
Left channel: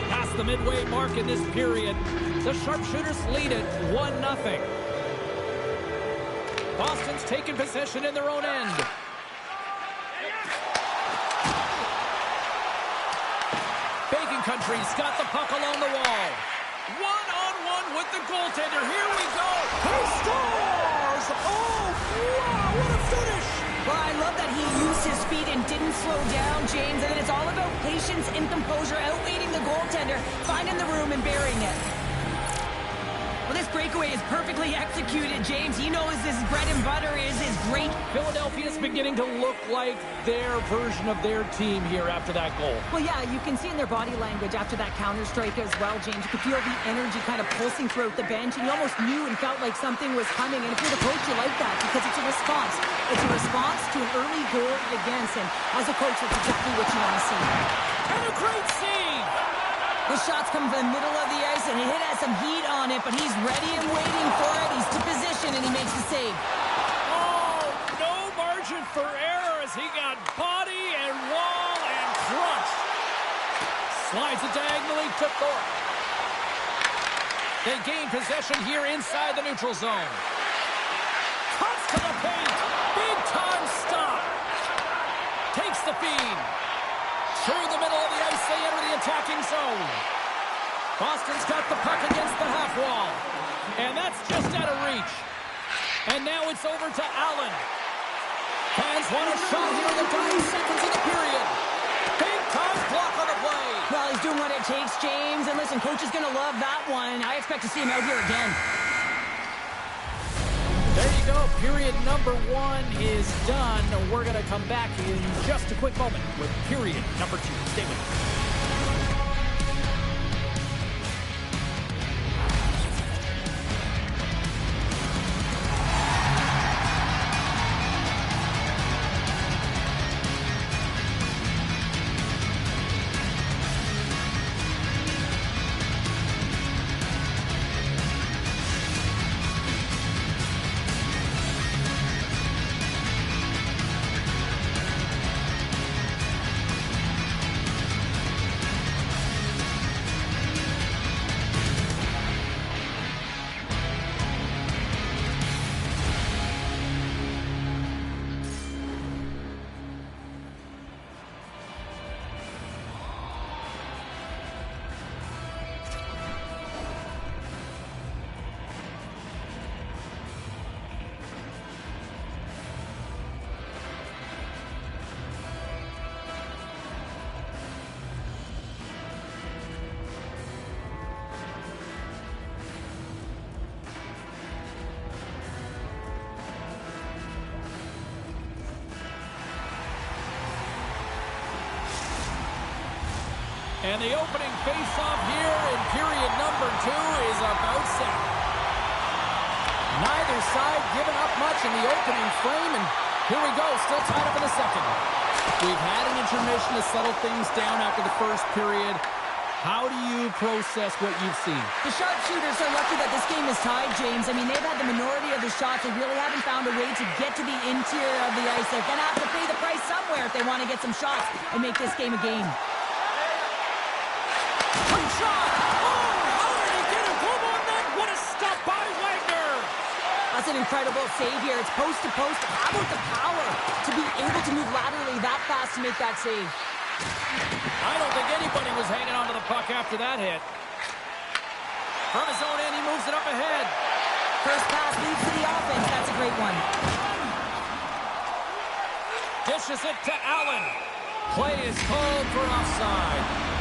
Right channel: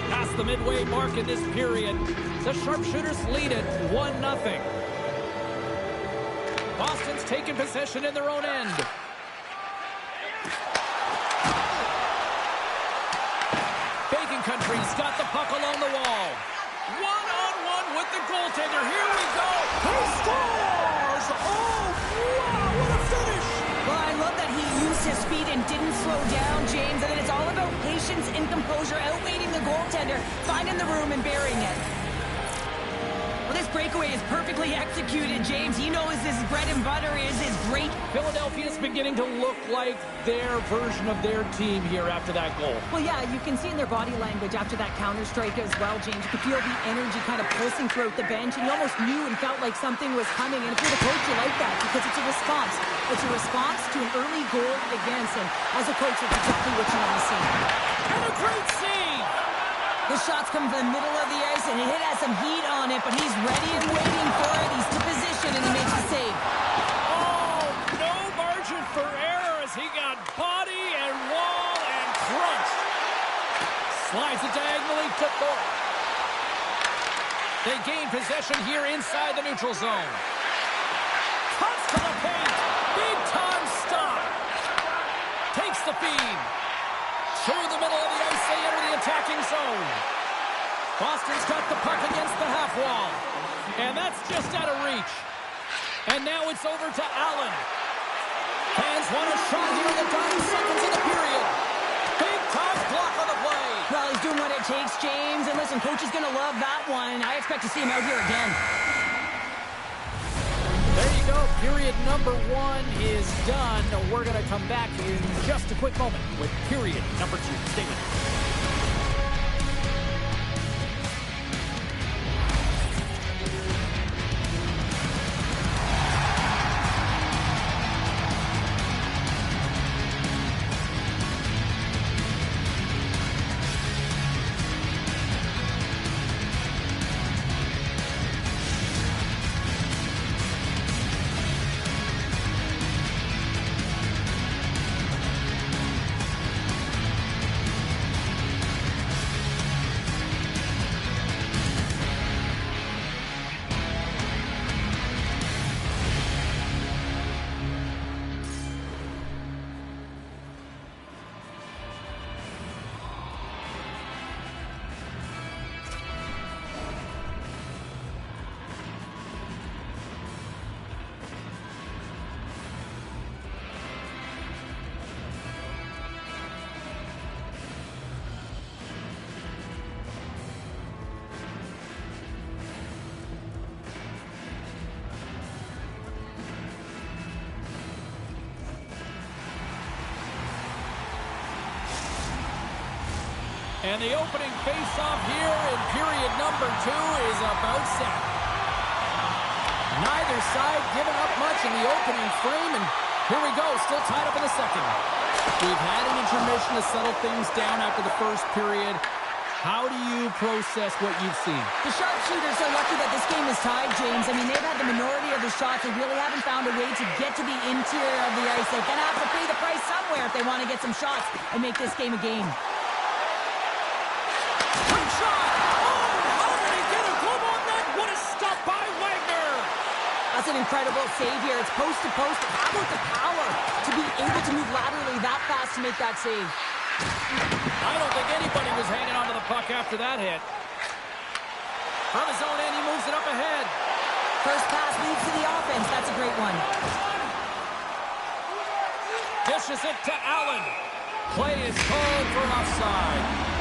Past the midway mark in this period, the Sharpshooters lead it 1-0. Boston's taken possession in their own end. Bacon Country's got the puck along the wall. One-on-one with the goaltender. Here we go. He scores! Oh, wow, what a finish! Well, I love that he used his feet and didn't slow down, James. And then it's all about patience and composure, outweighing the goaltender, finding the room and burying it. Well, this breakaway is perfectly executed, James. He knows his bread and butter is great. Philadelphia's beginning to look like their version of their team here after that goal. Well, yeah, you can see in their body language after that counter-strike as well, James. You could feel the energy kind of pulsing throughout the bench, and you almost knew and felt like something was coming. And if you're the coach, you like that because it's a response. It's a response to an early goal against, and as a coach, that's exactly what you want to see. And a great save! The shot's coming from the middle of the ice, and it has some heat on it, but he's ready and waiting for it. He's to position, and he makes the save. Oh, no margin for error as he got body and wall and crunched. Slides it diagonally to Thorpe. They gain possession here inside the neutral zone. Cuts to the paint. Big time stop. Takes the feed. Through the middle of the ice, they enter the attacking zone. Boston's got the puck against the half wall. And that's just out of reach. And now it's over to Allen. Fans want a shot here in the dying seconds of the period. Big time block on the play. Well, he's doing what it takes, James. And listen, coach is going to love that one. I expect to see him out here again. There you you go. Period number 1 is done. We're going to come back in just a quick moment with period number 2. Stay with us. And the opening face-off here in period number 2 is about set. Neither side giving up much in the opening frame, and here we go, still tied up in the second. We've had an intermission to settle things down after the first period. How do you process what you've seen? The sharpshooters are lucky that this game is tied, James. I mean, they've had the minority of the shots. They really haven't found a way to get to the interior of the ice. They're going to have to pay the price somewhere if they want to get some shots and make this game a game. Quick shot! Oh, how did he get a glove on that? What a stop by Wagner! That's an incredible save here. It's post to post. How about the power to be able to move laterally that fast to make that save? I don't think anybody was hanging on to the puck after that hit. From his own end, he moves it up ahead. First pass leads to the offense. That's a great one. Dishes it to Allen. Play is called for offside.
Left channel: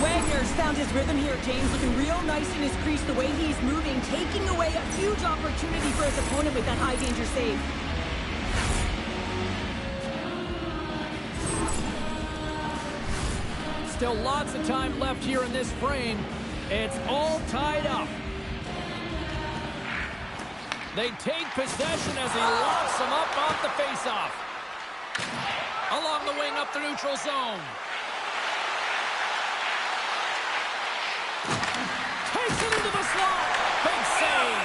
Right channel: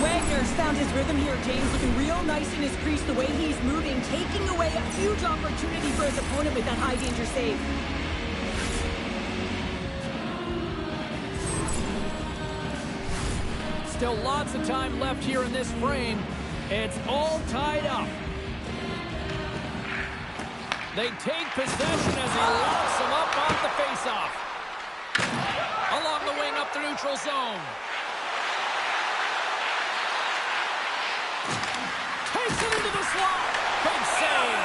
Wagner's found his rhythm here, James, looking real nice in his crease, the way he's moving, taking away a huge opportunity for his opponent with that high-danger save. Still lots of time left here in this frame. It's all tied up. They take possession as he locks him up off the faceoff. Along the wing up the neutral zone. Takes it into the slot. Big save.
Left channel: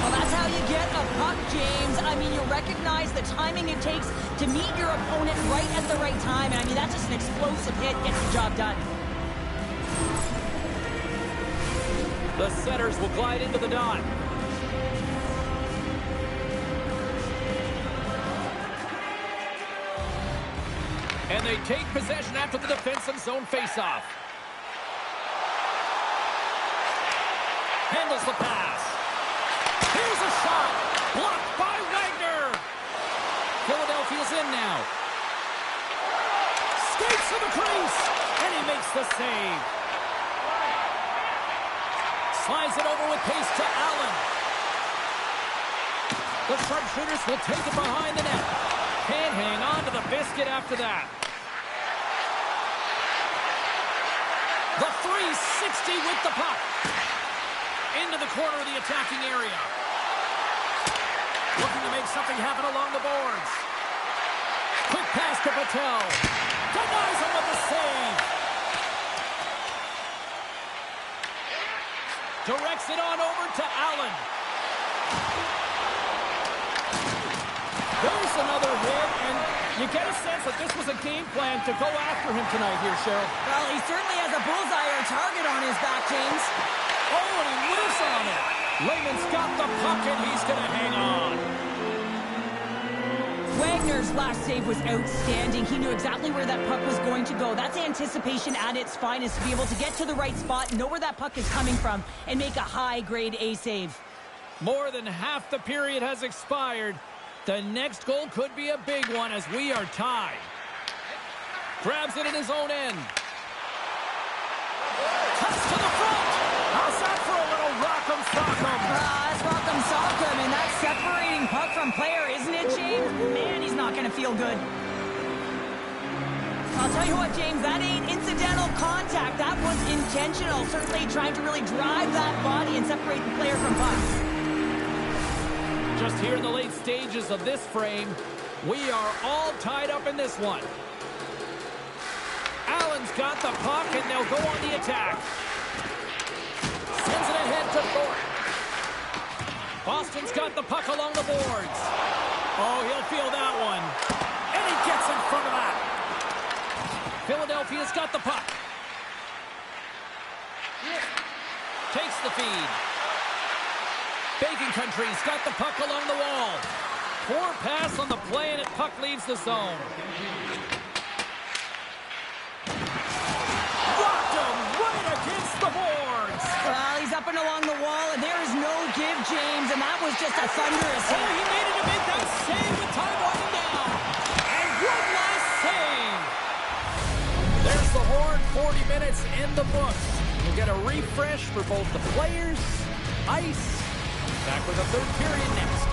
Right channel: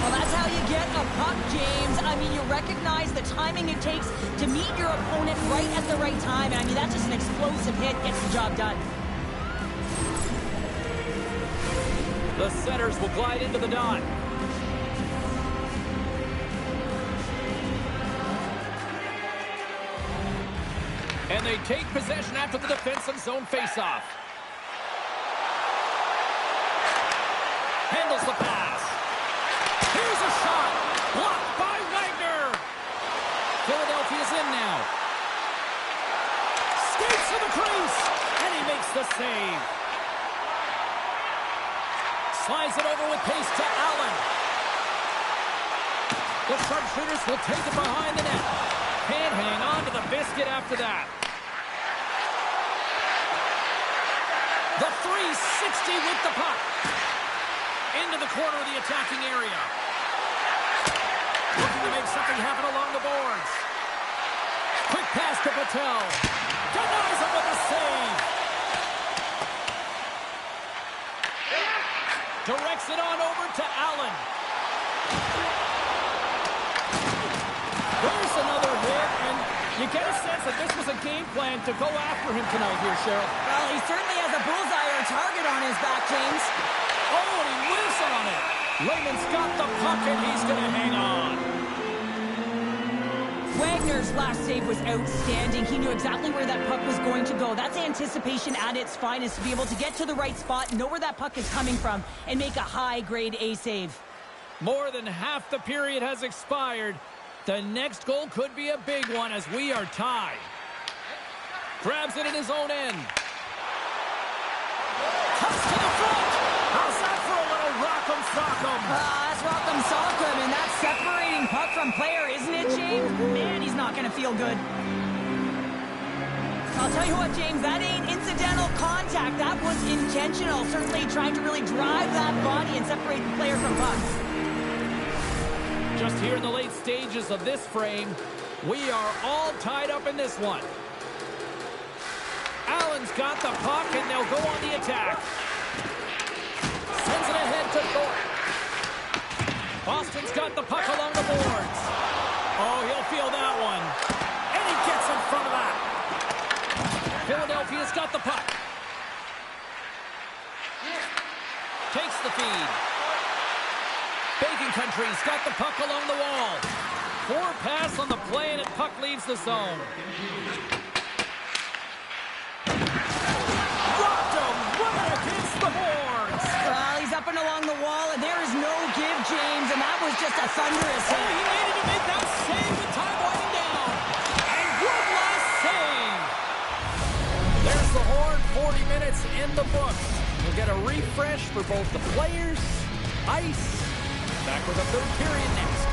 Well, that's how you get a puck, James. I mean, you recognize the timing it takes to meet your opponent right at the right time. I mean, that's just an explosive hit. Gets the job done. The setters will glide into the dot. And they take possession after the defensive zone faceoff. Handles the pass. Here's a shot. Blocked by Wagner. Philadelphia's in now. Skates to the crease. And he makes the save. Slides it over with pace to Allen. The sharpshooters will take it behind the net. Can't hang on to the biscuit after that. The 360 with the puck. Into the corner of the attacking area. Looking to make something happen along the boards. Quick pass to Patel. Denies him with the save. Directs it on over to Allen. There's another hit, and you get a sense that this was a game plan to go after him tonight here, Cheryl. Well, he certainly has a bullseye or a target on his back, James. Oh, and he whiffs on it. Lehman's got the puck, and he's going to hang on. Wagner's last save was outstanding. He knew exactly where that puck was going to go. That's anticipation at its finest, to be able to get to the right spot, know where that puck is coming from, and make a high-grade A save. More than half the period has expired. The next goal could be a big one as we are tied. Grabs it in his own end. Cuts to the front. How's that for a little rock'em sock'em? That's rock'em sock'em, and that's separating puck from player, isn't it, James? Man, he's not going to feel good. I'll tell you what, James, that ain't incidental contact. That was intentional. Certainly trying to really drive that body and separate the player from puck. Just here in the late stages of this frame, we are all tied up in this one. Allen's got the puck, and they'll go on the attack. Sends it ahead to Thorpe. Boston's got the puck along the boards. Oh, he'll feel that one. And he gets in front of that. Philadelphia's got the puck. Takes the feed. Bacon Country's got the puck along the wall. Forward pass on the play, and the puck leaves the zone. Rocked him right against the boards. Well, he's up and along the wall, and there is no give, James, and that was just a thunderous hit. Oh, he needed to make that save with time winding down. And one last save. There's the horn, 40 minutes in the books. We'll get a refresh for both the players, ice. Back with a third period next.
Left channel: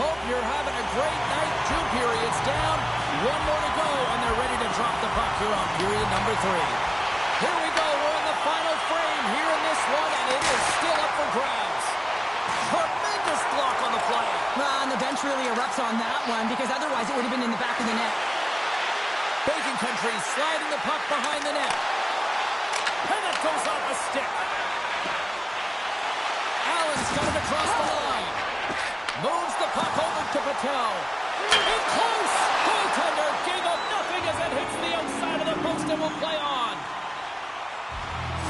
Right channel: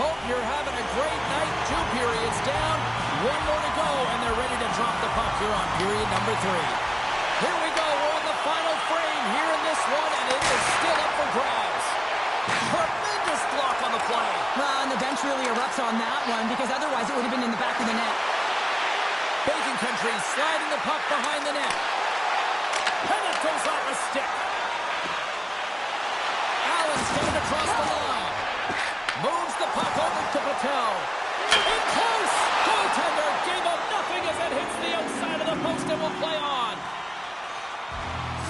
Hope you're having a great night. 2 periods down, 1 more to go, and they're ready to drop the puck here on period number 3. Here we go. We're in the final frame here in this one, and it is still up for grabs. Tremendous block on the play. Well, and the bench really erupts on that one, because otherwise it would have been in the back of the net. Bacon Country sliding the puck behind the net. And it goes off a stick. Allen's got it across the line. Moves the puck over to Patel. In close. Goaltender gave up nothing as it hits the outside of the post and will play on.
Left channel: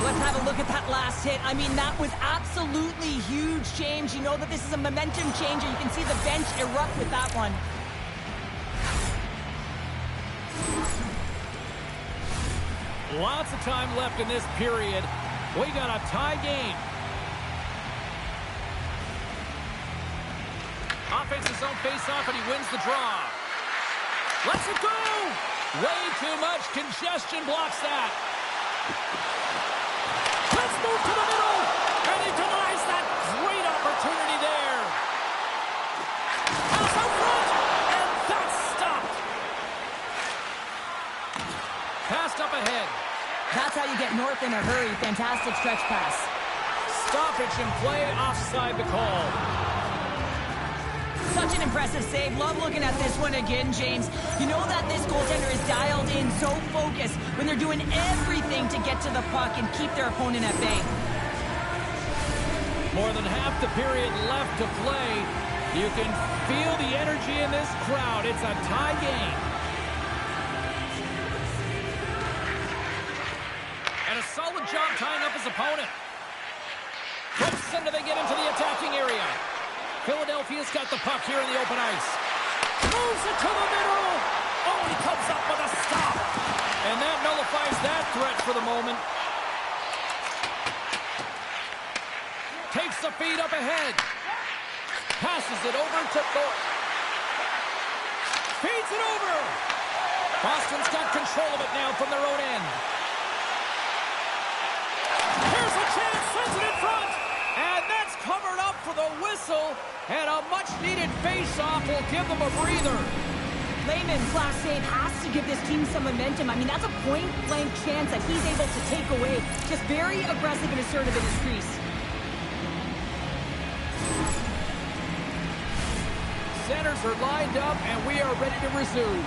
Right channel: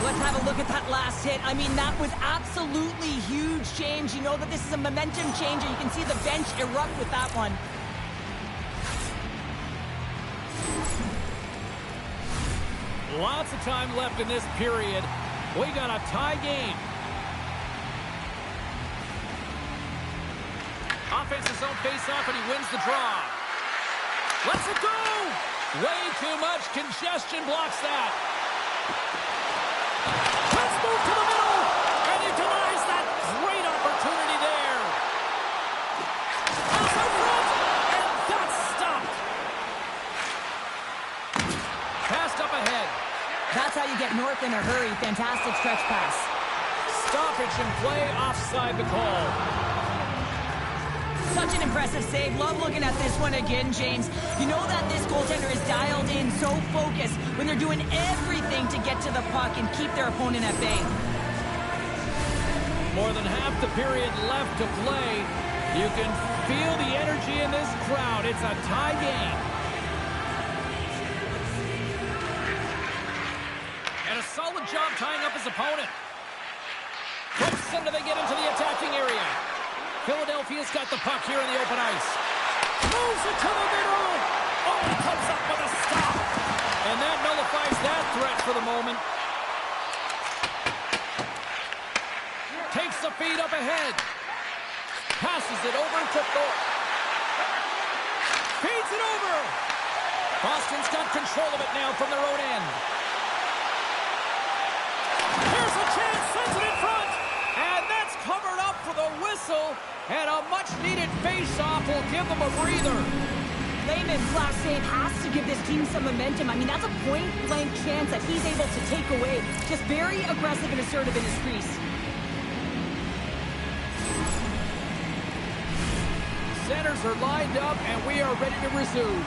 Let's have a look at that last hit. I mean, that was absolutely huge, James. You know that this is a momentum changer. You can see the bench erupt with that one. Lots of time left in this period. We got a tie game. Offensive zone face-off, and he wins the draw. Lets it go! Way too much congestion blocks that. Let's move to the middle, and he denies that great opportunity there. Pass out front, and that's stopped. Passed up ahead. That's how you get north in a hurry. Fantastic stretch pass. Stoppage in play, offside the call. Such an impressive save. Love looking at this one again, James. You know that this goaltender is dialed in, so focused when they're doing everything to get to the puck and keep their opponent at bay. More than half the period left to play. You can feel the energy in this crowd. It's a tie game. And a solid job tying up his opponent. Close until they get into the attacking area. Philadelphia's got the puck here in the open ice. Moves it to the middle. Oh, he comes up with a stop. And that nullifies that threat for the moment. Takes the feed up ahead. Passes it over to Thorpe. Feeds it over. Boston's got control of it now from their own end. Here's a chance. Sends it in front. And that's covered up for the whistle. And a much-needed face-off will give them a breather. Lehman's last save has to give this team some momentum. I mean, that's a point-blank chance that he's able to take away. Just very aggressive and assertive in his crease. Centers are lined up, and we are ready to resume.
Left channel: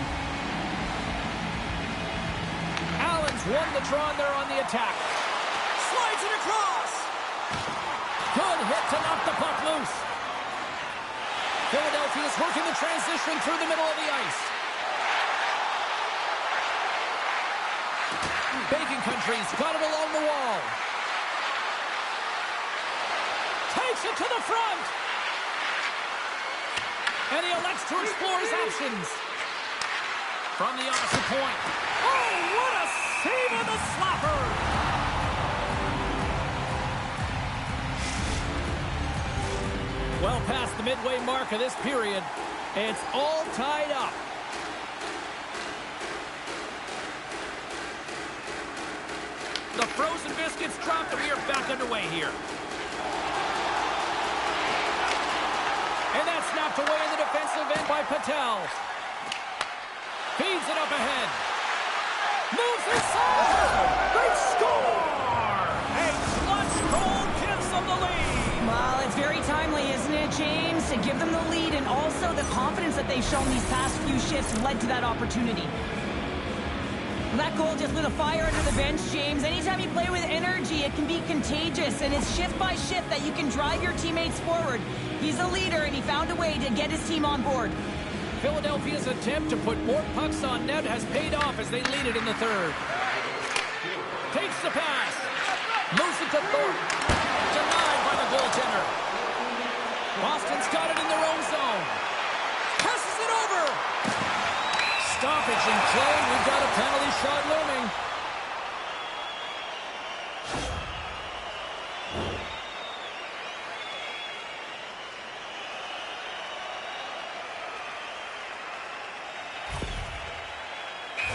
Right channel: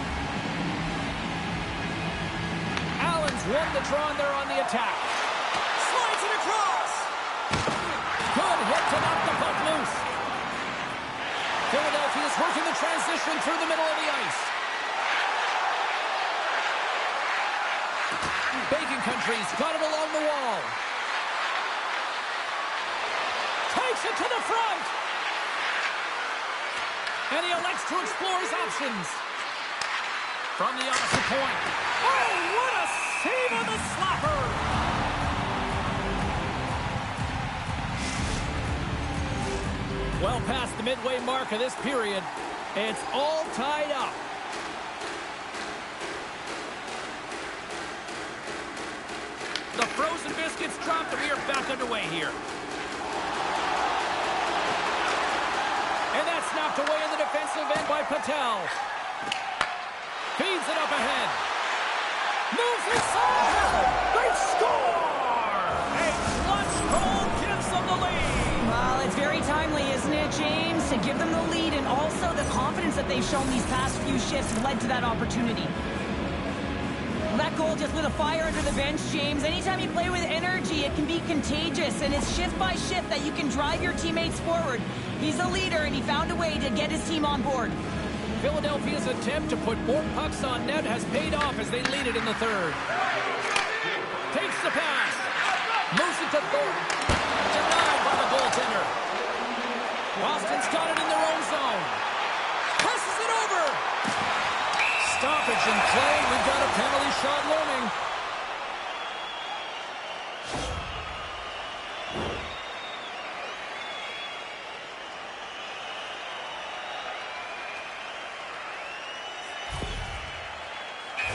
Allen's won the draw, and they're on the attack. Slides it across. Good hit to knock the puck loose. Philadelphia is working the transition through the middle of the ice. Bacon Country's got it along the wall. Takes it to the front. And he elects to explore his options. From the opposite point. Oh, what a save on the slapper! Well past the midway mark of this period, it's all tied up. The frozen biscuits dropped, and we are back underway here. And that's snapped away in the defensive end by Patel. Feeds it up ahead. Moves inside! They score! A clutch goal gives them the lead. Well, it's very timely, isn't it, James? To give them the lead, and also the confidence that they've shown these past few shifts have led to that opportunity. That goal just lit a fire under the bench, James. Anytime you play with energy, it can be contagious, and it's shift by shift that you can drive your teammates forward. He's a leader, and he found a way to get his team on board. Philadelphia's attempt to put more pucks on net has paid off as they lead it in the third. Takes the pass. Moves it to Thornton. Denied by the goaltender. Boston's got it in their own zone. Passes it over. Stoppage in play. We've got a penalty shot looming.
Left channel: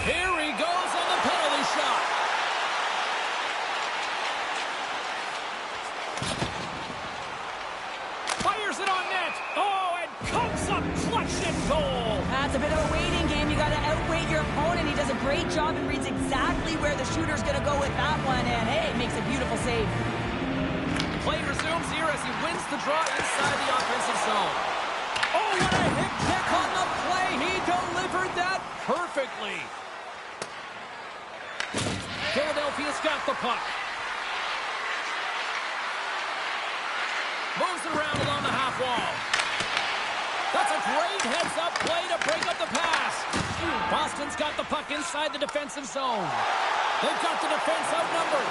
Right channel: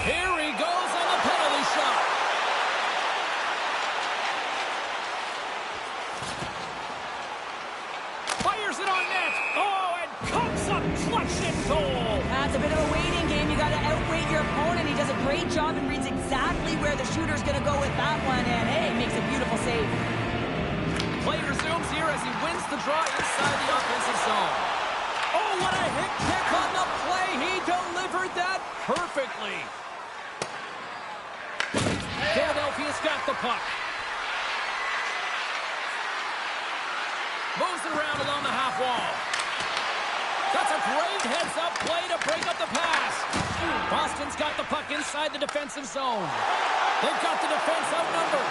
Here he goes on the penalty shot. Fires it on net. Oh, and comes up clutch in goal. That's a bit of a waiting game. You got to outweight your opponent. He does a great job and reads exactly where the shooter's going to go with that one. And, hey, makes a beautiful save. Play resumes here as he wins the draw inside the offensive zone. Oh, what a hit kick on the play. He delivered that perfectly. Philadelphia's got the puck. Moves it around along the half wall. That's a great heads-up play to break up the pass. Boston's got the puck inside the defensive zone. They've got the defense outnumbered.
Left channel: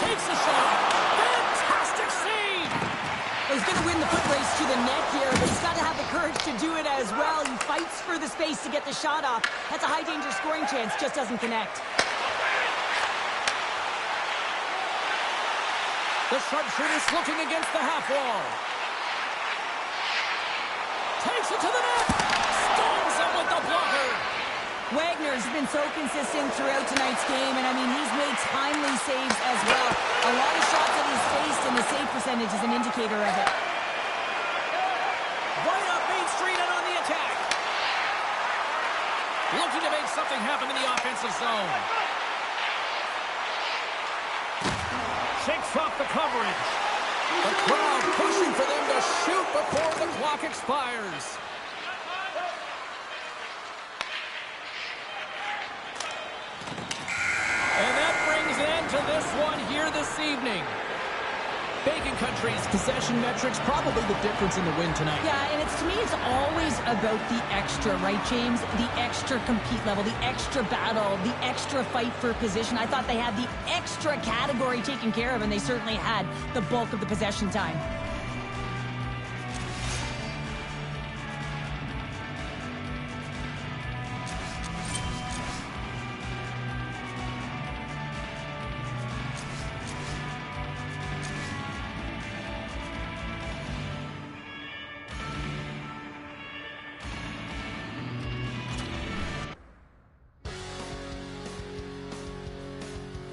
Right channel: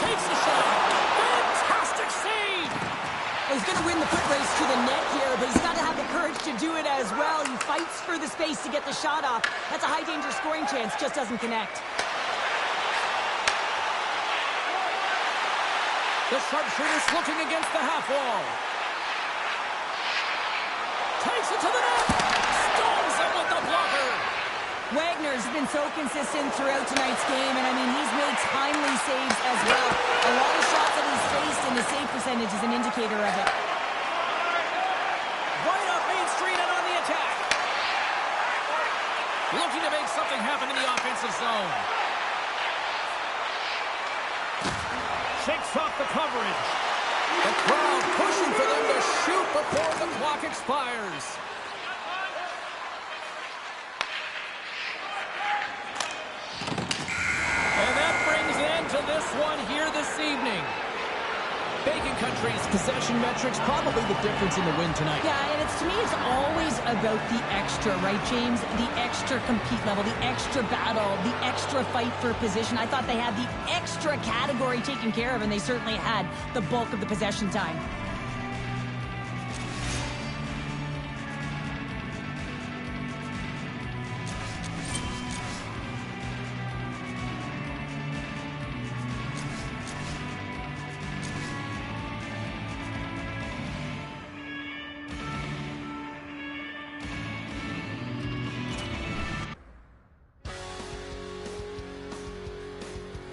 Takes a shot. Fantastic save. Well, he's going to win the foot race to the net here, but he's got to have the courage to do it as well. He fights for the space to get the shot off. That's a high-danger scoring chance. Just doesn't connect. The sharpshooter's looking against the half wall. Takes it to the net. Stones him with the blocker. Wagner's been so consistent throughout tonight's game, and I mean, he's made timely saves as well. A lot of shots that he's faced, and the save percentage is an indicator of it. Right up Main Street and on the attack. Looking to make something happen in the offensive zone. Shakes off the coverage. The crowd pushing for them to shoot before the clock expires. And that brings an end to this one here this evening. Bacon Country's possession metrics probably the difference in the win tonight. Yeah, and to me, it's always about the extra, right, James? The extra compete level, the extra battle, the extra fight for position. I thought they had the extra category taken care of, and they certainly had the bulk of the possession time.